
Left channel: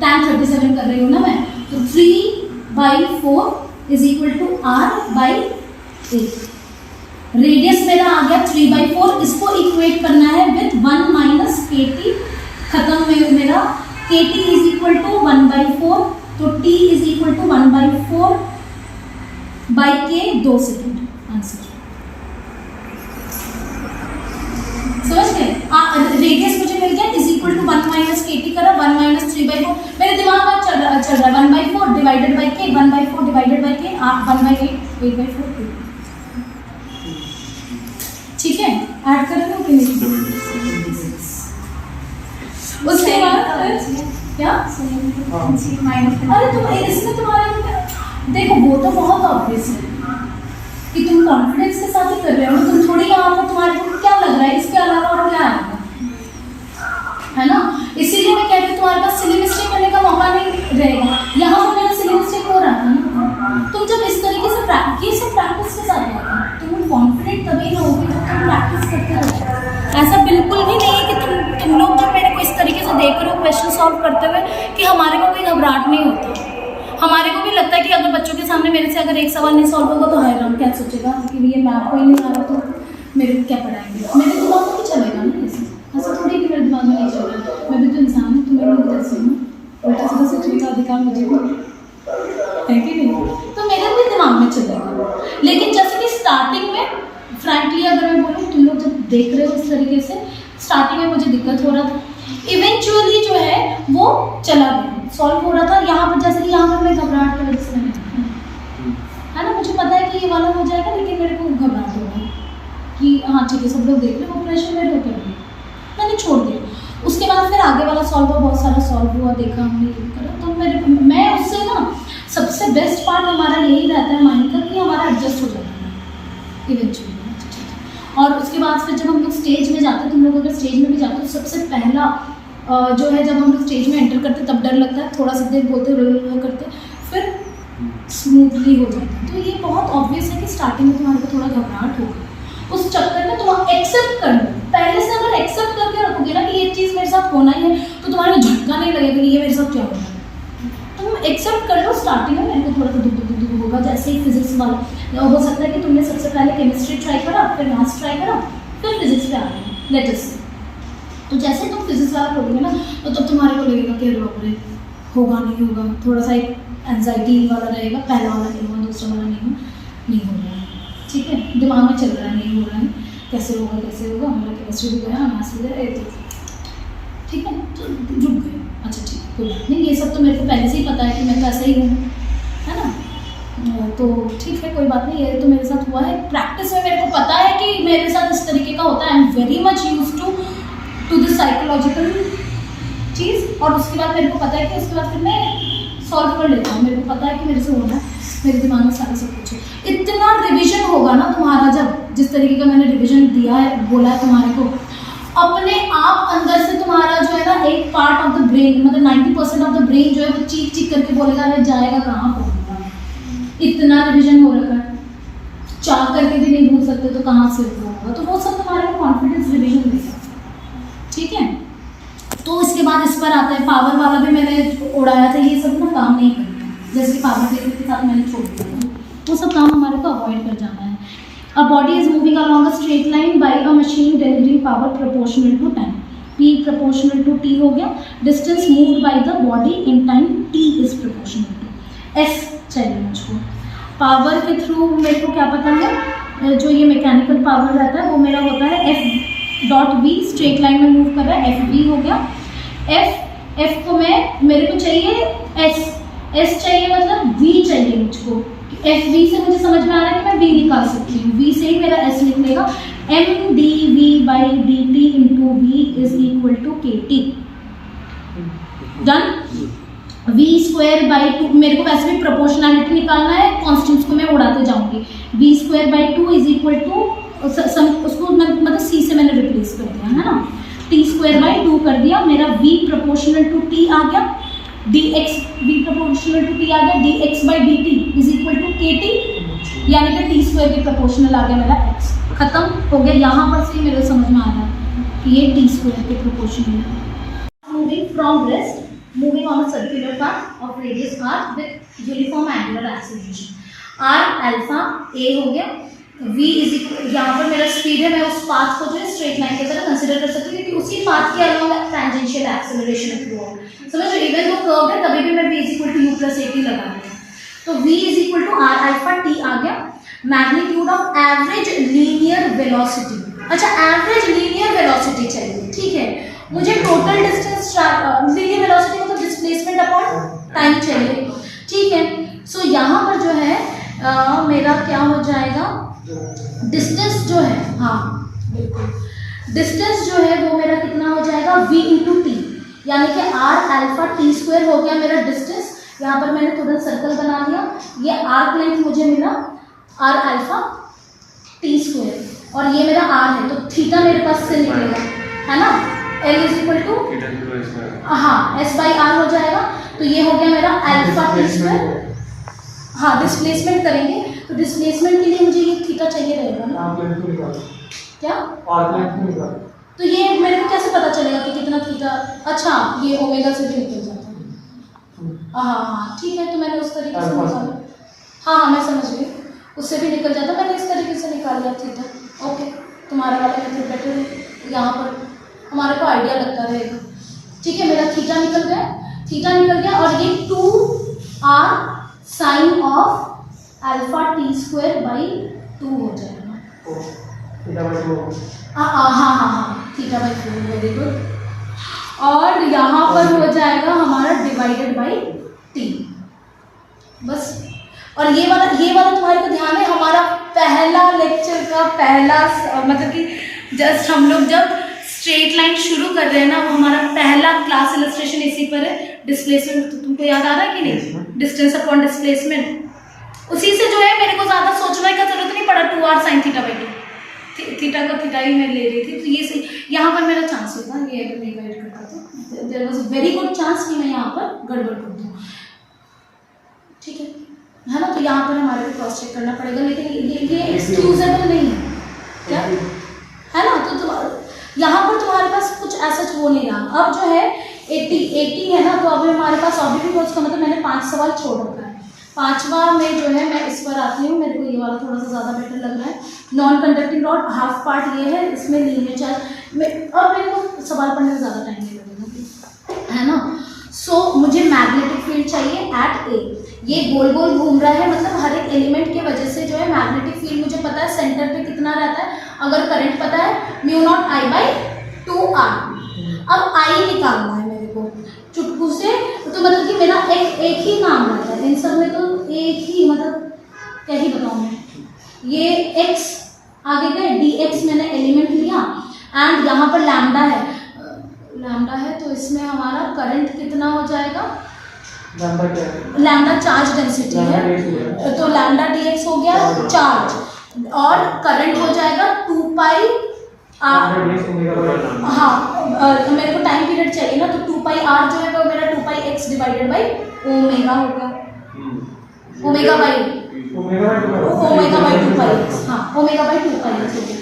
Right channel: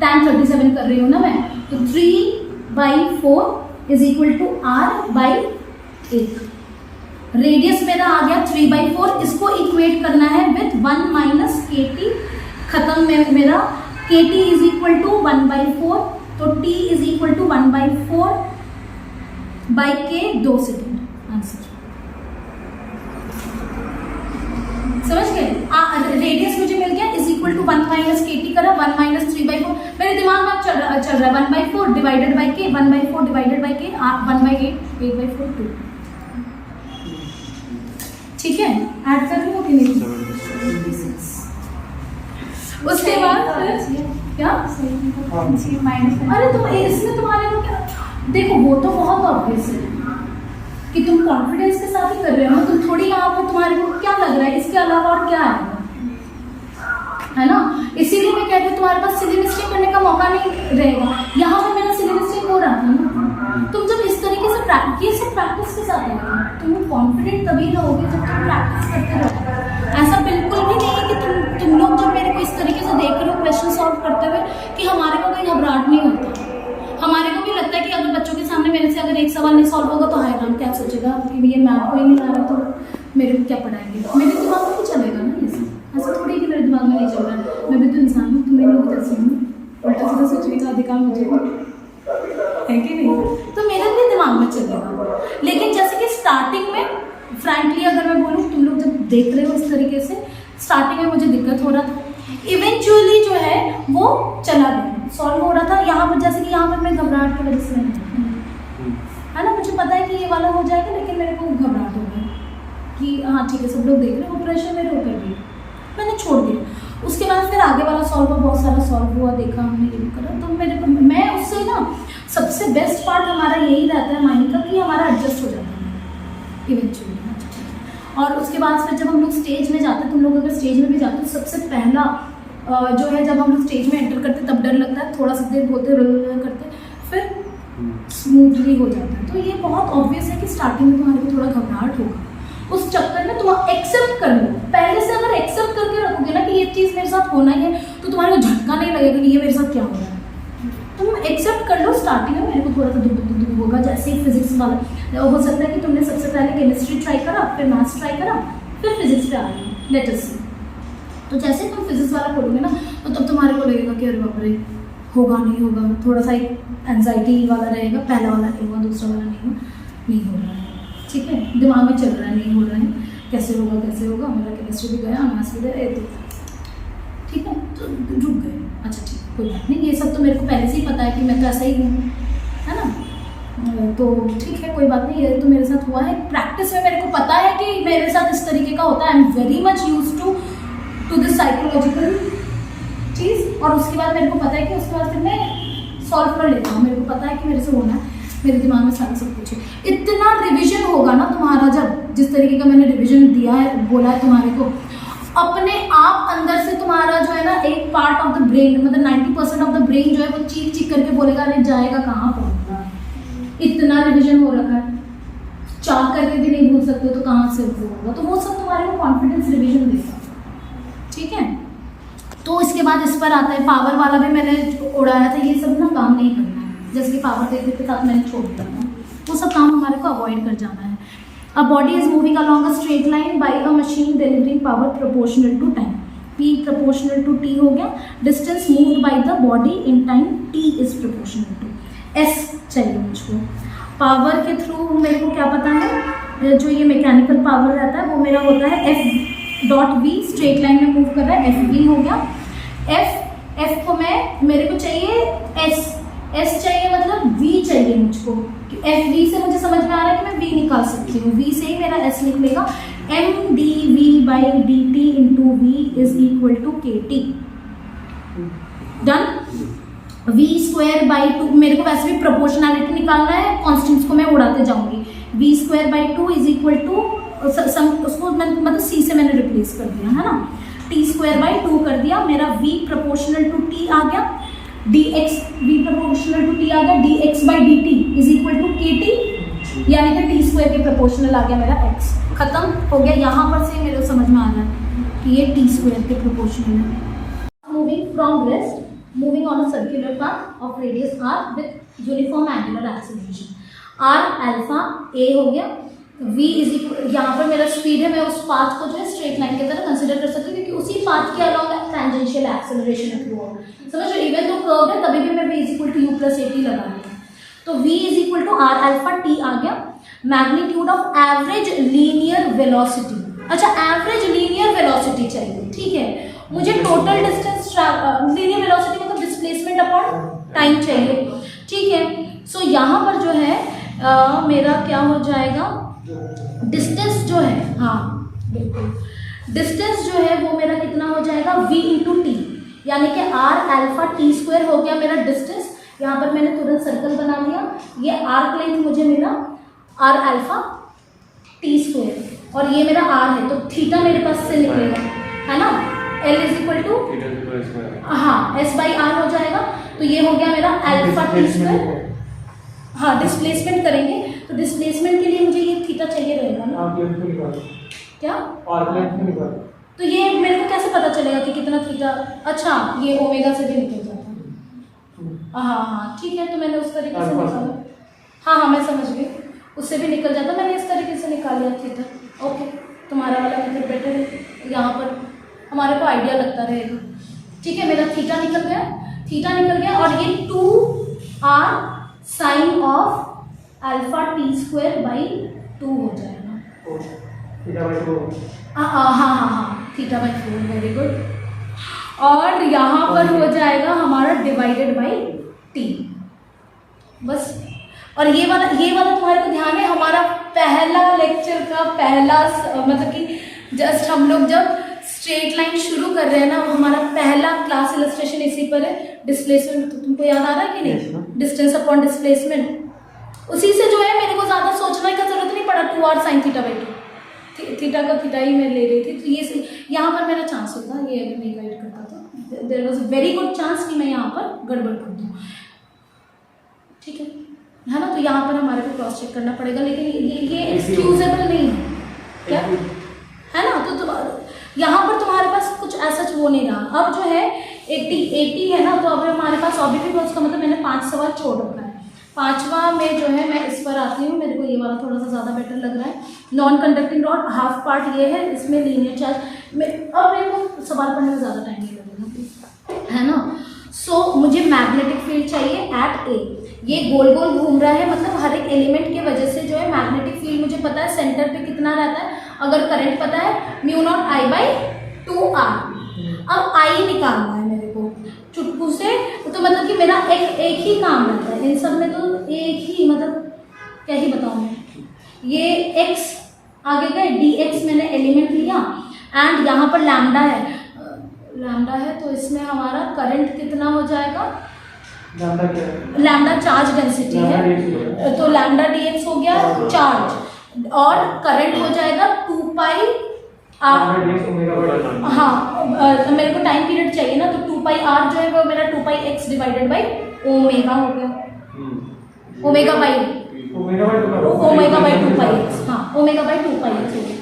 tan 37 कर रही हूँ ना मैं, तो 3/4 is equal to R/8। Radius मेरा आ गया 3/4, इसको इक्वेट करना है विथ 1 माइनस KT, खत्म में मेरा KT इज इक्वल टू 1/4, तो T is equal to 1/4 by K, 2 second, answer समझ गए। रेडियस मुझे मिल गया is equal to 1 minus KT करा, 1 माइनस 3/4, मेरे दिमाग में चल रहा है 1/4 divided by K, 1/4 divided by K, 1/8, 8/4 2, ठीक है। ऐड कर लो कि नहीं, उसके बाद क्या, अरे तुम इसमें तुम्हारे को क्या, देखो वो तो बहुत ऑब्वियस है कि तुम कॉन्फिडेंस के साथ ही कर रहे हो, तुम थोड़ी यहाँ पर तुम्हारे को क्या लग रहा है इसके अलावा और क्या आएगा, है ना। इसीलिए मैं कहती हूँ तुम्हारे पास सिली मिस्टेक करने का मौका नहीं रहेगा, यहाँ पर मेरा सिली मिस्टेक हो रहा था ना। तुम जब इस तरीके से प्रैक्टिस के साथ आएगा, तुम कॉन्फिडेंट तभी रहोगे जब तुम प्रैक्टिस करते रहो। ऐसा बिल्कुल भी नहीं है कि तुम लोग जब मेरे को इस तरीके से देख रहे हो क्वेश्चन सॉल्व करते हुए कि हमारे को कोई घबराहट नहीं होता। हमारे को भी लगता है कि अगर बच्चों के सामने मेरे से अगर एक सवाल नहीं सॉल्व होगा तो हाय राम क्या सोचेगा कि ये मैथ को ही नहीं आ रहा तो मेरे को क्या पढ़ाएंगे, मेरे दिमाग में भी चलेगा ना ये, ऐसा थोड़ी कि मेरे दिमाग में नहीं चल रहा है, मैं भी तो इंसान हूँ, तुम्हें भी जैसे हूँ, उल्टा सीधा सोचने का अधिकार मुझे है कि नहीं, तो मेरे भी दिमाग में चलेगा। लेकिन जैसे कि स्टार्टिंग में फ्रैंकली अगर मैं बोलूँ, तुम लोग जब देख रहे हो इस तरीके से, स्टार्टिंग में मुझे दिक्कत हो रहा था, इवेंचुअली जो है वो चला गया, सॉल्व हो रहा था। यहाँ पर जैसे कि यहाँ पर मैं घबराहट की वजह से नहीं, है ना, मुझे पता है कि ये वाला हो जाएगा, लेकिन मेरे को घबराहट हो रहा है कि हाँ ठीक है सब लोग देख रहे हैं, वो प्रेशर मेरे ऊपर भी, मैंने छोड़ दिया। उसके बाद फिर आगे वाला सॉल्व हुआ, बहुत सारा सॉल्व हुआ, देखा हमने ये करा, तो मैं उससे ना सबसे बेस्ट पार्ट हमारा यही रहता है माइंड का कि हमारा एडजस्ट हो जाता है इवेंचुअली। और उसके बाद फिर जब हम लोग स्टेज में जाते हैं, तुम लोग अगर स्टेज में भी जाते हो तो सबसे पहला जो है जब हम लोग स्टेज में एंटर करते तब डर लगता है, थोड़ा सा देर बोलते करते फिर स्मूथली हो जाता है। तो ये बहुत ऑब्वियस है कि स्टार्टिंग में तुम्हारे को थोड़ा घबराहट होगा, उस चक्कर में तुम एक्सेप्ट कर लो। पहले से अगर एक्सेप्ट करके रखोगे ना कि ये चीज़ मेरे साथ होना ही है, तो तुम्हारे झटका नहीं लगेगा कि ये मेरे साथ क्या हो रहा है। तुम एक्सेप्ट कर लो। स्टार्टिंग में मेरे को थोड़ा सा दुख होगा, जैसे ही फिजिक्स वाला हो सकता है कि तुमने सबसे पहले केमिस्ट्री ट्राई करा, फिर मैथ्स ट्राई करा, फिर फिजिक्स पे आ गए, लेट अस से। तो जैसे तुम फिजिक्स वाला पढ़ोगे ना, तो तब तुम्हारे को लगेगा कि अरे बाप रे होगा नहीं होगा, थोड़ा सा एक एंजाइटी वाला रहेगा, पहला वाला नहीं हुआ, दूसरा वाला नहीं हो रहा है, ठीक है, दिमाग में चल रहा है नहीं हो रहा है, कैसे होगा मेरा केमिस्ट्री भी गया, मैथ्स भी गया, तो ठीक है, तो रुक गए, अच्छा ठीक है कोई बात नहीं, ये सब तो मेरे को पहले से ही पता है कि मैं तो ऐसा ही हूँ, है ना, तो ठीक है कोई बात नहीं, ये तो मेरे साथ हुआ है। प्रैक्टिस में मेरे को पता है कि मेरे साथ इस तरीके का होता है, I am very much use to this psychological चीज़। और उसके बाद मेरे को पता है कि उसके बाद फिर मैं सॉल्व कर लेता हूँ, मेरे को पता है कि मेरे से होना है, मेरे दिमाग में सारा सब कुछ है। इतना रिविजन होगा ना तुम्हारा, जब जिस तरीके का मैंने रिविजन दिया है, बोला है तुम्हारे को, अपने आप अंदर से तुम्हारा जो है ना एक पार्ट ऑफ द ब्रेन, मतलब 90% ऑफ द ब्रेन जो है वो चीख चीख करके बोलेगा अरे जाएगा कहाँ पहुँचेगा, इतना रिविजन हो रखा है। चाह करके भी नहीं भूल सकते तो कहाँ से वो होगा, तो वो सब तुम्हारे को कॉन्फिडेंस रिवीजन देगा, ठीक है। तो इसके बाद इस पर आता है पावर वाला भी मैंने उड़ाया था, ये सब ना काम नहीं करना है, जैसे कि पावर पेपर के साथ मैंने छोड़ दिया था, वो सब काम हमारे को अवॉइड कर जाना है। A body is moving along a straight line by a machine delivering power proportional to time, P proportional to T हो गया, distance moved by the body in time T is proportional to S चाहिए मुझको। पावर के थ्रू मेरे को क्या पता है, जो ये मैकेनिकल पावर रहता है वो मेरा होता है F.V, स्ट्रेट लाइन में मूव कर रहा है, FV हो गया। F को मेरे को चाहिए S चाहिए, मतलब V चाहिए मुझको, FV से मुझे समझ में आ रहा है कि मैं V निकाल सकती हूँ, V से ही मेरा S निकलेगा। mdV/dt into V is equal to KT, done. V²/2 मेरे को वैसे भी प्रोपोर्शनैलिटी निकालना है, कॉन्स्टेंट्स को मैं उड़ाते जाऊंगी। V²/2 इज इक्वल टू उसको मतलब C से मैंने रिप्लेस कर दिया है ना, T²/2 कर दिया, मेरा V प्रोपोर्शनल टू T आ गया, V प्रोपोर्शनल टू T आ गया, dx/dt is equal to KT, यानी कि T² के प्रोपोर्शनल आ गया मेरा x, खत्म हो गया। यहाँ पर से मेरे समझ में आ रहा है कि ये T² के प्रोपोर्शनल है। Moving from rest, moving on a circular path of radius r with uniform angular acceleration, r alpha a हो गया, v इज इक्वल, यहाँ पर मेरा स्पीड है, मैं उस पाथ को जो है स्ट्रेट लाइन की तरह कंसिडर कर सकती हूँ, क्योंकि उसी पाथ के अलॉन्ग टेंजेंशियल एक्सेलरेशन अप्रूव होगा, समझ रहे, इवन दो कर्व है तभी भी मैं v is equal to u plus at लगा रही हूँ, तो v is equal to r alpha t आ गया। Magnitude of average linear velocity, अच्छा एवरेज लीनियर वेलोसिटी चाहिए, ठीक है, मुझे टोटल डिस्टेंस लीनियर वेलोसिटी मतलब डिस्प्लेसमेंट अपॉन टाइम चाहिए, ठीक है। सो यहाँ पर जो है मेरा क्या हो जाएगा, डिस्टेंस जो है, हाँ बिल्कुल, डिस्टेंस जो है वो मेरा कितना हो जाएगा v इंटू टी, यानी कि r अल्फा T² हो गया मेरा डिस्टेंस। यहाँ पर मैंने तुरंत सर्कल बना लिया, ये आर्क लेंथ मुझे मिला r अल्फा T², और ये मेरा r है, तो थीटा मेरे पास से निकलेगा, है ना, L इज इक्वल टू, हाँ S/r हो जाएगा, तो ये हो गया मेरा अल्फा T²। हाँ डिस्प्लेसमेंट करेंगे, तो डिस्प्लेसमेंट के लिए मुझे ये थीटा चाहिए रहेगा ना, क्या तो ये मेरे को कैसे पता चलेगा कि कितना थीटा, अच्छा ये ओमेगा से भी निकल जाता है, हाँ ठीक है, तो मैंने उस तरीके से निकाला, हाँ मैं समझ गई, उससे भी निकल जाता, मैंने इस तरीके से निकाल लिया थीटा, ओके, तुम्हारा वाला मेथड बेटर है, यहाँ पर हमारे को आइडिया लगता रहेगा, ठीक है। मेरा थीटा निकल गया, और ये 2r sign of alpha T²/2 हो जाएगा, हाँ θ/4, वेरी गुड, और यहाँ पर हो जाएगा हमारा डिवाइडेड बाई t, बस। और ये वाला तुम्हारे को ध्यान है, हमारा पहला लेक्चर का पहला मतलब कि जस्ट हम लोग जब स्ट्रेट लाइन शुरू कर रहे हैं ना, वो हमारा पहला क्लास इलस्ट्रेशन इसी पर है, डिस्प्लेसमेंट, तो तुमको याद आ रहा है कि नहीं, डिस्टेंस अपॉन डिस्प्लेसमेंट, उसी से जो है मेरे को ज़्यादा सोचने का जरूरत नहीं पड़ा, 2r साइन θ/2, थीटा का थीटा ही मैं ले रही थी, तो ये यहाँ पर मेरा चांस होगा, ये अगर मैं गाइड करता तो there was very good chance कि मैं यहाँ पर गड़बड़ कर दूँ, ठीक है ना, तो यहाँ पर हमारे को क्रॉस चेक करना पड़ेगा, लेकिन ये एक्सक्यूजेबल नहीं है, क्या है ना, तो यहाँ पर तुम्हारे पास कुछ ऐसा वो नहीं रहा। अब जो है 80 है ना, तो अभी हमारे पास ऑब्जेक्टिव का मतलब मैंने 5 सवाल छोड़ रखा है, 5वां में जो है मैं इस पर आती हूँ, मेरे को ये वाला थोड़ा सा ज़्यादा बेटर लग रहा है। Non conducting rod half part ये है, इसमें लीनियर चार्ज में, अब मेरे को सवाल पढ़ने में ज़्यादा टाइम नहीं लगेगा, है ना। सो मुझे मैग्नेटिक फील्ड चाहिए एट ए, ये गोल गोल घूम रहा है, मतलब हर एक एलिमेंट की वजह से जो है मैग्नेटिक फील्ड मुझे पता है सेंटर पे कितना रहता है, अगर करंट पता है μ0I/2r। अब I निकालना है मेरे को चुटकू से, तो मतलब कि मेरा एक ही काम रहता है इन सब में, तो एक ही मतलब क्या ही बताऊँ मैं, ये x आगे गए, dx मैंने एलिमेंट लिया, एंड यहाँ पर लैम्डा है, तो इसमें हमारा करंट कितना हो जाएगा, लैम्डा चार्ज डेंसिटी है, तो लैम्डा dx हो गया चार्ज, और करंट हो जाएगा 2πr, हाँ मेरे को टाइम पीरियड चाहिए ना, तो 2πr जो है वो मेरा 2πx डिवाइडेड बाई ओमेगा हो गया, omega by omega by 2 omega by 2 pi x, हाँ ओमेगा बाई 2 पाई एक्स हो गया।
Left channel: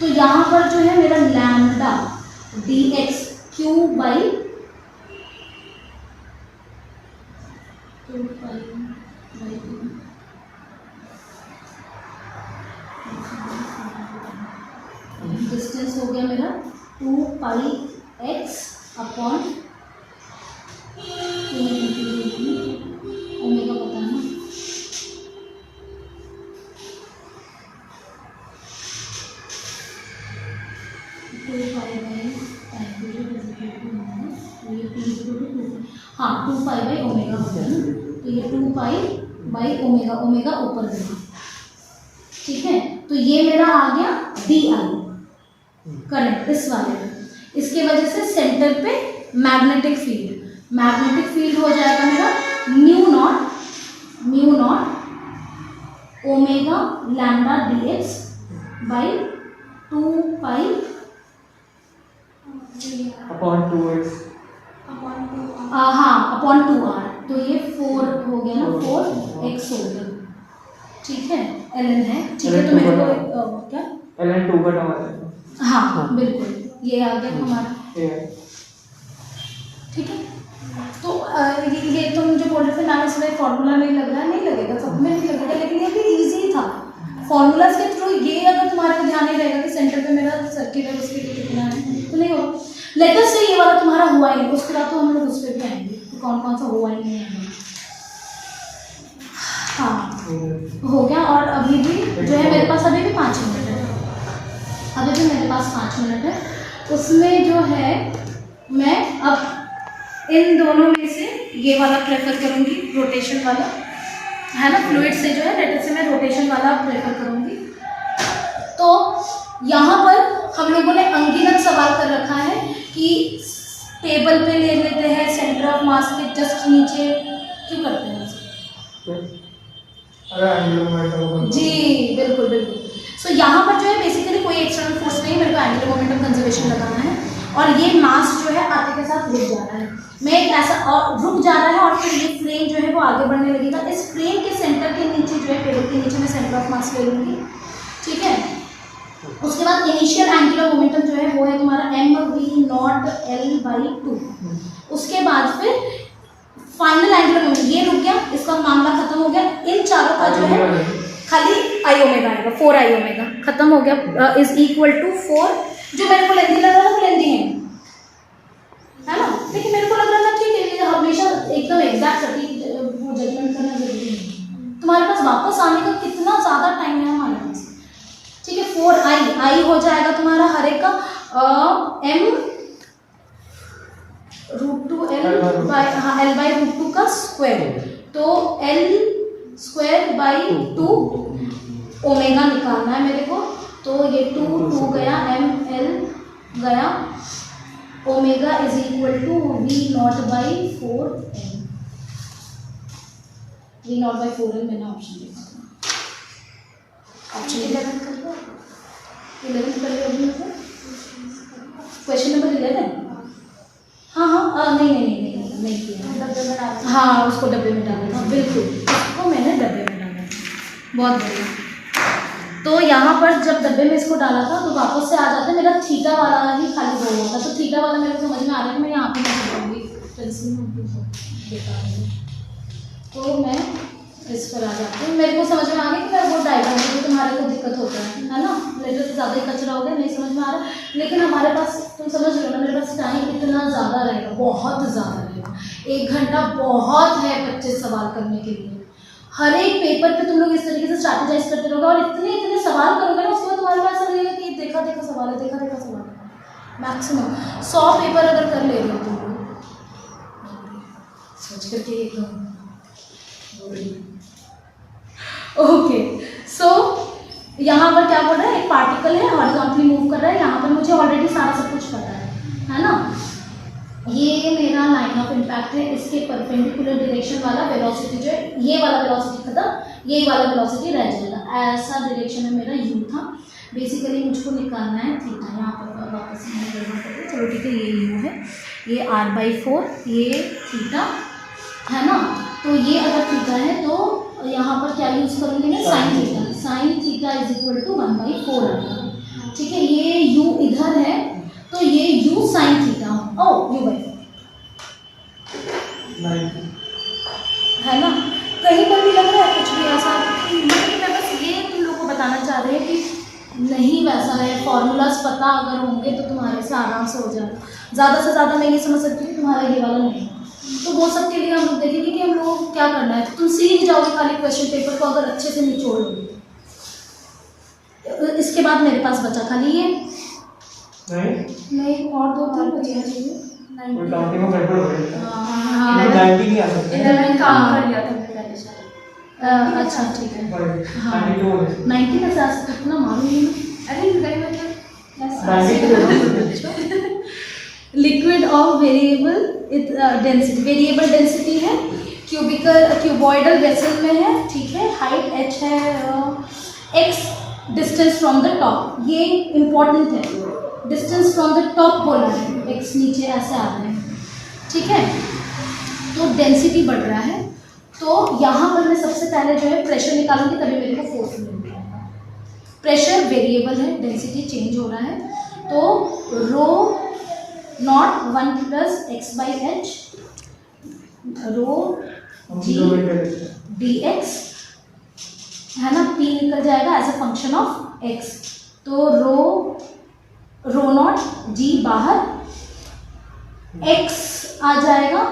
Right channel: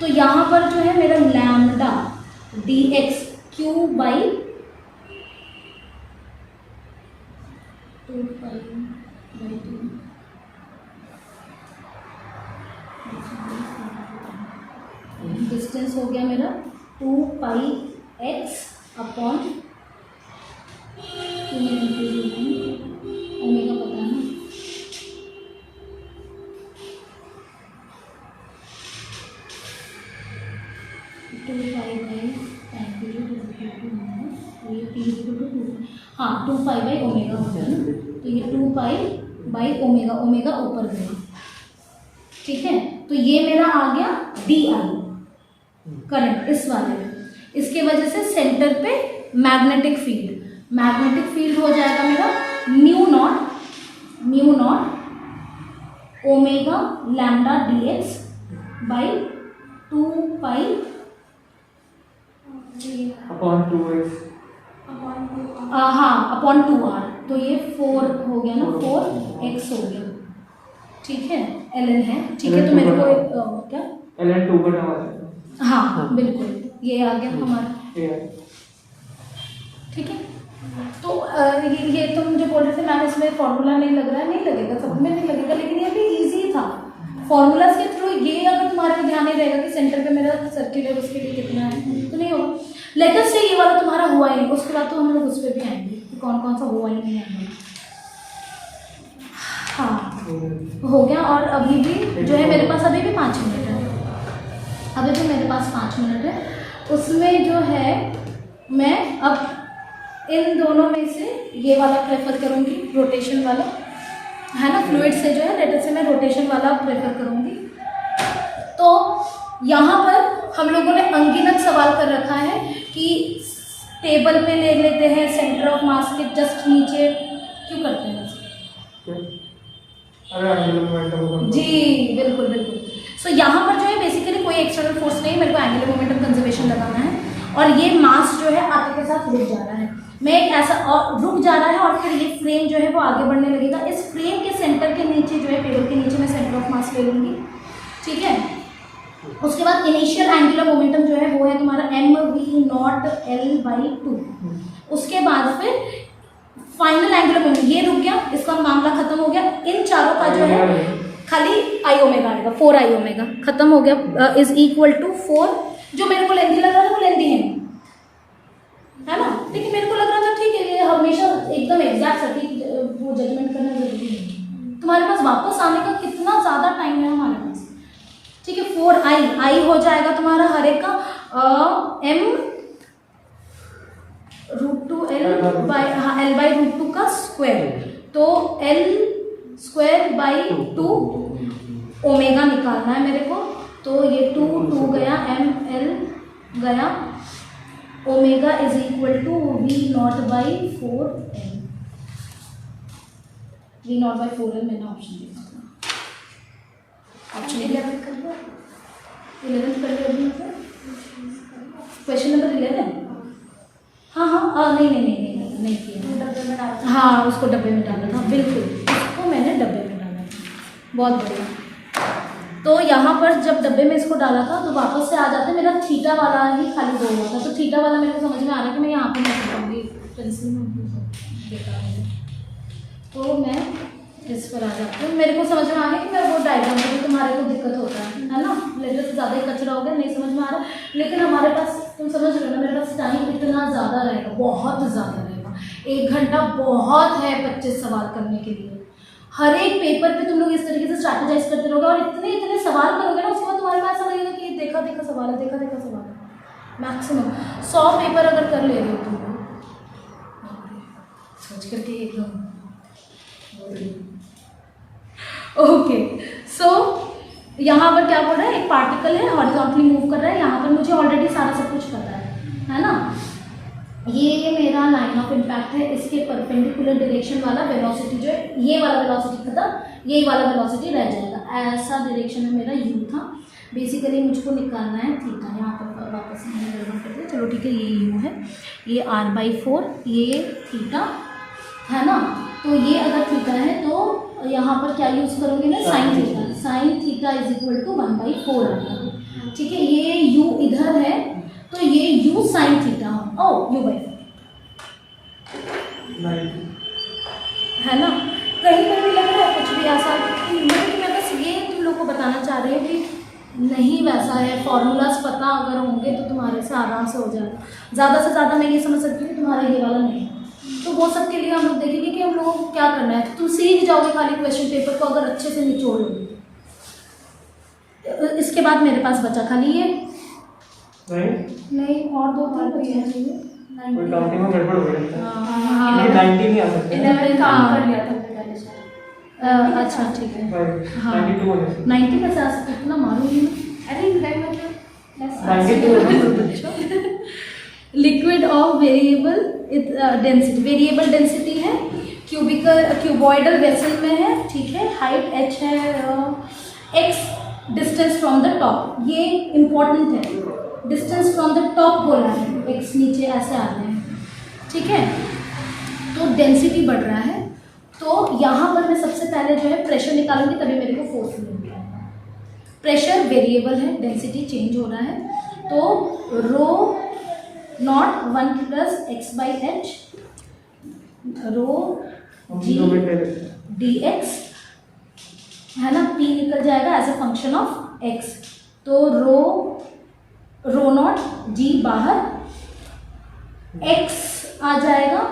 तो यहाँ पर जो है मेरा lambda D x Q by 2 pi by 2 distance हो गया मेरा 2 पाई एक्स अपॉन ओमेगा पता है ना, हाँ 2 पाई बाई ओमेगा हो गया ना, तो ये 2 पाई बाई ओमेगा, ओमेगा ऊपर गया, ठीक है। तो ये मेरा आ गया डी आई करंट इस वाले में, इसके वजह से सेंटर पे मैग्नेटिक फील्ड हो जाएगा मेरा mu naught omega lambda D x by 2 pi upon 2x हाँ अपॉन 2r, तो ये 4 हो गया ना, 4x हो गया, ठीक है ln है, ठीक है। तो मेरे को क्या ln 2 का टर्म आ जाएगा। हाँ बिल्कुल ये आ गया हमारा, ठीक है। तो ये तुम जो बोल रहे थे मैम इसमें फॉर्मूला नहीं लग रहा है, नहीं लगेगा, सब में नहीं लगेगा, लेकिन ये भी इजी था फॉर्मूलाज के थ्रू। ये अगर तुम्हारे ध्यान नहीं रहेगा कि सेंटर पे मेरा सर्किल है उसके लिए कितना है तो नहीं होगा। लेटेस्ट से ये वाला तुम्हारा हुआ ही नहीं, उसके बाद तो हम लोग उस पर भी आएंगे कि कौन कौन सा हुआ ही नहीं है। हाँ हो गया। और अभी भी जो है मेरे पास अभी भी 5 मिनट है, अभी भी मेरे पास 5 मिनट है। उसमें जो है मैं अब इन दोनों में से ये वाला प्रेफर करूँगी, रोटेशन वाला है ना, फ्लूइड से जो है लेटर से मैं रोटेशन वाला प्रेफर करूँगी। तो यहाँ पर हम लोगों ने अनगिनत सवाल कर रखा है कि टेबल पे ले लेते हैं सेंटर ऑफ मास के जस्ट नीचे, क्यों करते हैं जी बिल्कुल बिल्कुल। सो यहाँ पर जो है बेसिकली कोई एक्सटर्नल फोर्स नहीं, मेरे को एंगुलर मोमेंटम कंजर्वेशन लगाना है और ये मास जो है आपके के साथ रुक जा रहा है, मैं एक ऐसा और रुक जा रहा है और फिर ये फ्रेम जो है वो आगे बढ़ने लगेगा। इस फ्रेम के सेंटर के नीचे जो है टेबल के नीचे मैं सेंटर ऑफ मास ले लूँगी, ठीक है। उसके बाद इनिशियल एंगुलर मोमेंटम जो है वो है तुम्हारा mv0l/2। उसके बाद फिर फाइनल एंगुलर मोमेंटम ये रुक गया, इसका मामला खत्म हो गया। इन चारों का जो है खाली आई ओमेगा आएगा, 4 आई ओमेगा खत्म हो गया, इज इक्वल टू 4। जो मेरे को लेंथी लग रहा था वो लेंथी है ना, लेकिन मेरे को लग रहा था ठीक है, ये हमेशा एकदम एग्जैक्ट सटीक वो जजमेंट करना जरूरी है। तुम्हारे पास वापस आने का कितना ज़्यादा टाइम है हमारे पास, ठीक है। 4 आई हो जाएगा तुम्हारा हर एक का m√2l बाई l/√2 का स्क्वायर, तो l²/2 ओमेगा निकालना है मेरे को। तो ये 2 गया, ml गया, omega is equal to v0/4l। v0/4l मैंने ऑप्शन देखा था, ऑप्शन 11 कर लिया, 11 कर लिया अभी मतलब क्वेश्चन नंबर 11। हाँ नहीं किया, हाँ उसको डब्बे में डाला था, बिल्कुल उसको मैंने डब्बे में डाला था, बहुत बढ़िया। तो यहाँ पर जब डब्बे में इसको डाला था तो वापस से आ जाता है, मेरा थीटा वाला ही खाली दो हुआ था, तो थीटा वाला मेरे को समझ में आ रहा है कि मैं यहाँ पर नहीं पाऊँगी, पेंसिल में बेकार है, तो मैं इस पर आ जाती हूँ। मेरे को समझ में आ गया कि मैं वो डायग्राम में तुम्हारे को दिक्कत होता है ना, लेटर से ज़्यादा ही कचरा हो गया, नहीं समझ में आ रहा, लेकिन हमारे पास तुम समझ रहे हो ना, मेरे पास टाइम इतना ज़्यादा रहेगा, बहुत ज़्यादा रहेगा, 1 घंटा बहुत है 25 सवाल करने के लिए। हर एक पेपर पे तुम लोग इस तरीके से स्ट्रैटेजाइज करते रहोगे और इतने सवाल करोगे ना, उसके बाद तुम्हारे पास ऐसा लगेगा कि देखा सवाल है, देखा सवाल है। मैक्सिमम 100 पेपर अगर कर ले रहे हो तुम लोग, सोच करके एकदम ओके। सो यहाँ पर क्या बोल रहा है, एक पार्टिकल है हॉरिजॉन्टली मूव कर रहा है, यहाँ पर मुझे ऑलरेडी सारा सब कुछ पता है ना। ये मेरा लाइन ऑफ इम्पैक्ट है, इसके परपेंडिकुलर डायरेक्शन वाला वेलोसिटी जो है, ये वाला वेलोसिटी खत्म, ये वाला वेलोसिटी रह जाएगा, ऐसा डायरेक्शन में मेरा यू था। बेसिकली मुझको निकालना है थीटा, यहाँ पर वापस मैंने गणना कर दिया, चलो ठीक है, ये यू है, ये r/4, ये थीटा है ना। तो ये अगर थीटा है तो यहाँ पर क्या यूज़ करूँगी मैं, sine theta. Sine theta is equal to 1/4 आएगा। ठीक है, ये u इधर है तो ये u साइन थीटा हो, u/4 है ना। कहीं पर भी लग रहा है कुछ भी ऐसा, लेकिन मैं बस ये तुम लोग को बताना चाह रही हूँ कि नहीं वैसा है। फॉर्मूलाज पता अगर होंगे तो तुम्हारे से आराम से हो जाएगा। ज़्यादा से ज़्यादा मैं ये समझ सकती हूँ कि तुम्हारा ये वाला नहीं है, तो वो सब के लिए हम लोग देखेंगे कि हम लोगों को क्या करना है। तुम सीख जाओगे खाली क्वेश्चन पेपर को अगर अच्छे से निचोड़ लोगे। इसके बाद मेरे पास बचा खाली ये नहीं और दो तीन बचे चाहिए। कोई काउंटिंग में गड़बड़ हो गई। हाँ, 90 नहीं आ सकते। 11 काम कर लिया था पहले से। अच्छा ठीक है। हाँ 92 हो गए। 90 में से आज कितना मारूंगी मैं। अरे इधर मतलब 92 लिक्विड ऑफ वेरिएबल डेंसिटी है, क्यूबॉइडल वेसल में है। ठीक है, हाइट h है, x distance from the top, ये इम्पोर्टेंट है। डिस्टेंस फ्रॉम द टॉप बोला है, x नीचे ऐसे आ रहे हैं। ठीक है, तो डेंसिटी बढ़ रहा है, तो यहाँ पर मैं सबसे पहले जो है प्रेशर निकालूंगी, तभी मेरे को फोर्स मिलेगा। प्रेशर वेरिएबल है, डेंसिटी चेंज हो रहा है, तो rho naught 1 + x/h rho g dx है ना, p निकल जाएगा as a function of x। तो रो नॉट g बाहर, x आ जाएगा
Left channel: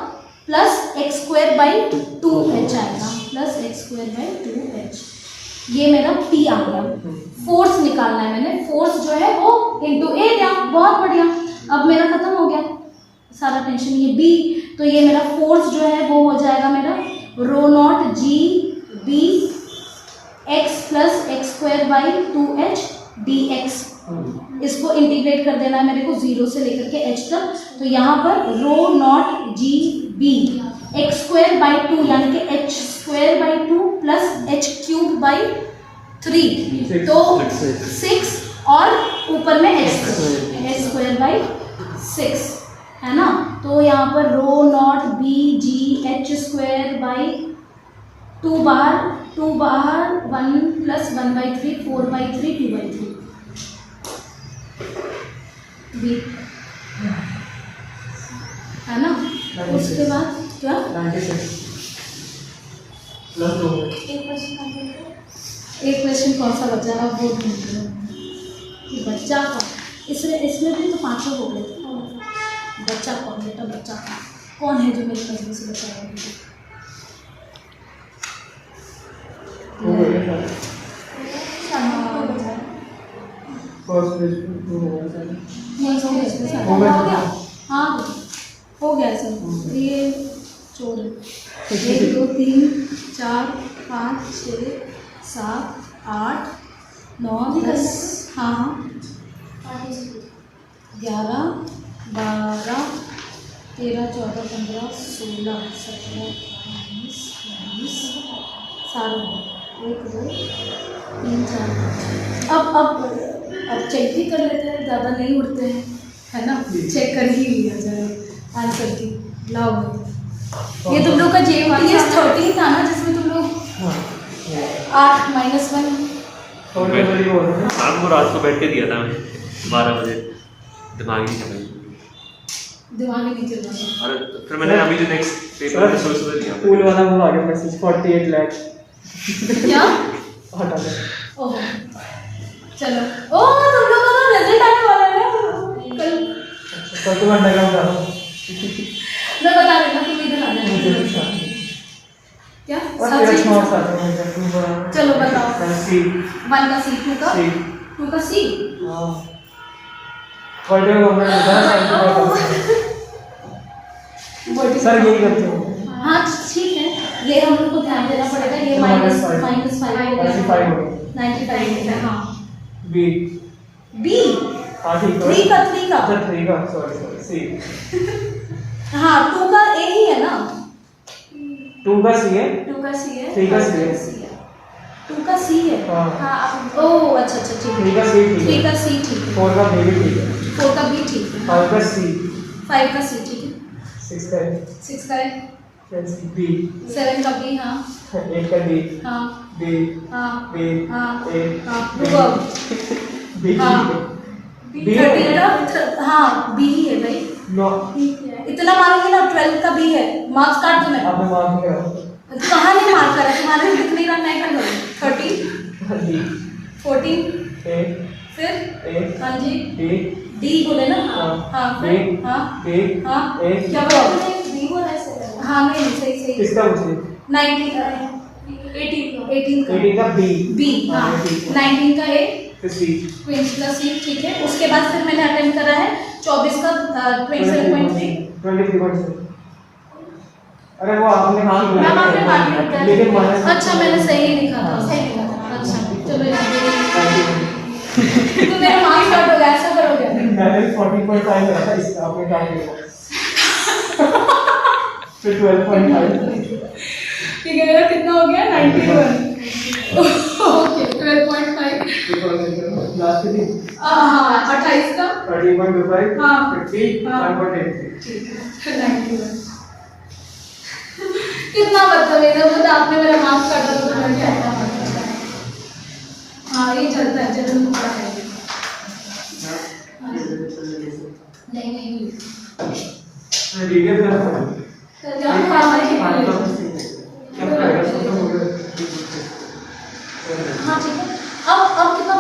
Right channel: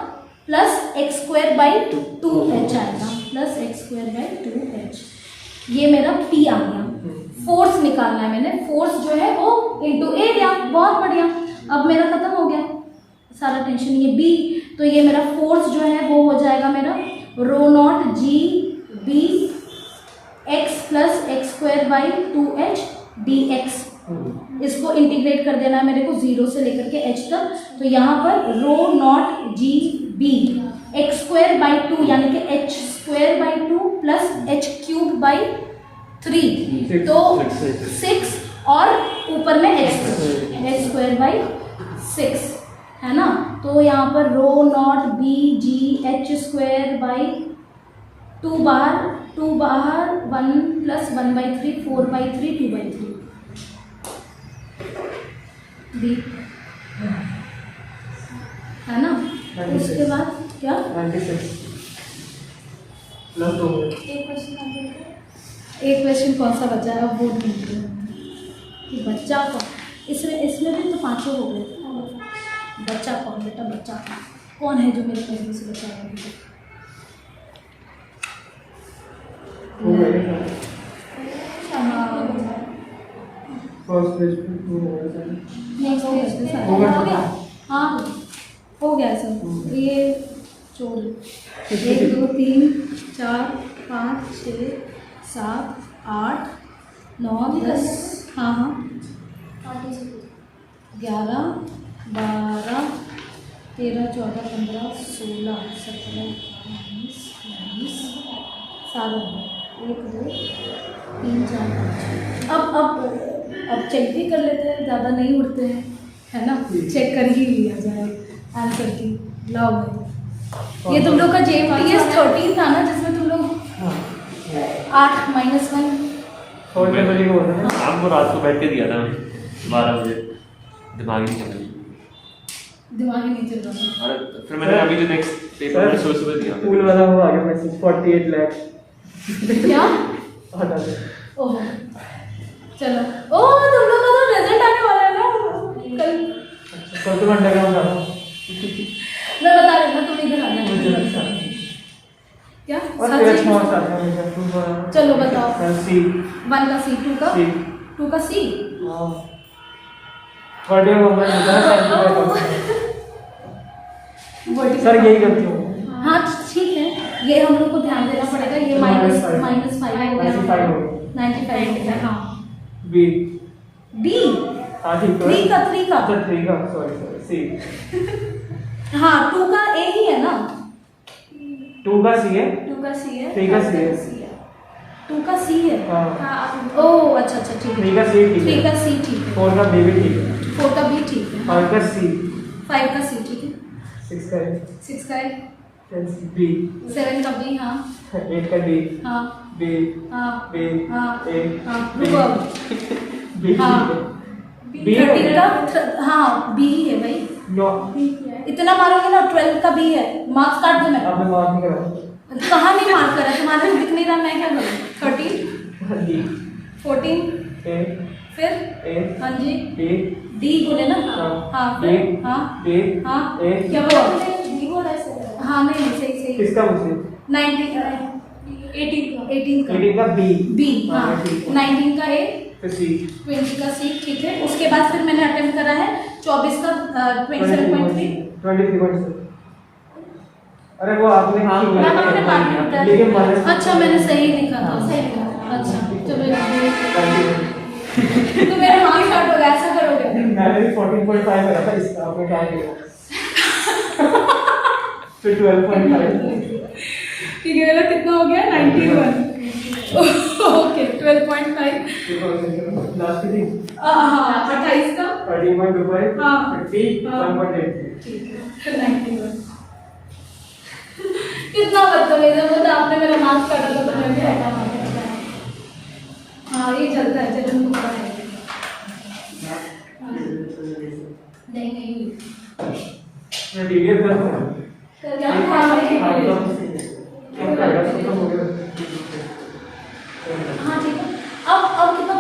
प्लस x²/2h आएगा, प्लस x²/2h। ये मेरा p आ गया। फोर्स निकालना है मैंने, फोर्स जो है वो इंटू एरिया। बहुत बढ़िया, अब मेरा खत्म हो गया सारा टेंशन। ये b, तो ये मेरा फोर्स जो है वो हो जाएगा मेरा rho naught g b x + x²/2h dx। इसको इंटीग्रेट कर देना है मेरे को 0 से लेकर के h तक। तो यहाँ पर रो नॉट g b x²/2 यानी कि h²/2 + h³ तो 6 और ऊपर में h²/6 है ना। तो यहाँ पर रो नॉट b g h²/2 बाहर, 2 बाहर, 1 + 1/3 4/3 2/3 b है ना। उसके बाद क्या 96 +2 एक क्वेश्चन कौन सा बचा है, अब वो ढूंढ रहे हैं कि बच्चा का। इसमें भी तो 5 हो गए थे। बच्चा कौन बेटा, बच्चा कौन है जो मेरे कस्बे से बचा है अभी तक? हो गए फर्स्ट पेज पे हो गया। नहीं हो गया इसमें सारा। हो गया। हाँ हो गया सर। ये चोर 1 2 3 4 5 6 7 8 9 10 हाँ हाँ 11 12 13 14 15 16 17 19 20 सारे 1 2 3 4 5। अब चेक भी कर लेते हैं, ज़्यादा नहीं उड़ते हैं है ना। चेक कर ही लिया जाए आंसर की। लाओ भाई, ये तुम लोग का JPS 13 था ना, जिसमें तुम लोग 8 -1 थोड़ी बड़ी हो रहा है। शाम को रात को बैठ के दिया था 12 बजे, दिमाग ही नहीं चल रही। दिमाग ही नहीं चल रहा। अरे फिर मैंने अभी जो नेक्स्ट पेपर है सुबह दिया स्कूल वाला वो आ गया मैसेज 48 लाख क्या हटा दे। ओह चलो, ओह तुम लोग का तो रिजल्ट आने वाला है ना कल। फोटो घंटा का बता मैं बता देना, तुम इधर आ जाना। क्या और तेरा छोड़ सा है। चलो बताओ। सी 1 का C, 2 का सी 2 का C। हां वर्ड में मैं बता सर यही करते हो। हाँ ठीक है, ये हम लोग को ध्यान देना पड़ेगा। ये -5 हो गया, 95 हो गया। 95 हो गया। हाँ बी B हां ठीक है। 3 का अच्छा 3 का सॉरी सी। हाँ 2 का A ही है ना। 2 का सी है 2 का C है, 3 का सी है। 2 का C है। हां हाँ आप ओह अच्छा अच्छा ठीक 3 है। का सी ठीक 3 है। का C ठीक है। 4 का बी भी ठीक है। 4 का B ठीक है। 5 का सी 5 का C ठीक है। 6 का है। 6 का है। बी 7 का बी, हाँ 8 का डी हाँ बी हाँ बी हाँ ए हाँ verb, बी हाँ बी 13 का हाँ बी है भाई, नो इतना मारोगे ना 12 का बी है, मार्क्स काट दो मैं। आपने मार्क नहीं करा कहाँ नहीं मार्क करा, तुम्हारे दिख नहीं रहा, मैं क्या करूँ? 30 डी 14 ए फिर ए हाँ जी बी डी बोले ना, हाँ हाँ बी फिर हाँ बी हाँ ए क्या बोला? बी बोला ऐसे हाँ नहीं सही सही किसका मुझे 19 का 18 का 18 का बी बी, हाँ 19 का ए, फिर सी 20 का सी, ठीक है। उसके बाद फिर मैंने अटेंड करा है 24 का 27.3। 23.7 अरे वो आपने हाँ, ठीक मैम, आपने लिखा मार्क है, लिखा है। लेकिन माइनस अच्छा मैंने सही लिखा था, हाँ। सही लिखा था। अच्छा चलो ये 91 तो मेरा मार्क्स काट होगा, ऐसा करोगे? मैंने 14.5 लगा था, इसका आपने कहा किया फिर 12.5 ठीक है, मेरा कितना हो गया? 91 ओके 12.5 लास्ट की हाँ 28 का 30.25 हाँ। 50 हाँ। 1.83 ठीक है 91 कितना बदतमीज है वो, तो आपने मेरा मार्क्स काटा तो मैं भी ऐसा मार्क्स काटा। हाँ ये चलता है, चलो मुझे है नहीं नहीं मैं डीएफ कर रहा हूं क्या हाँ ठीक है हाँ ठीक है। अब कितना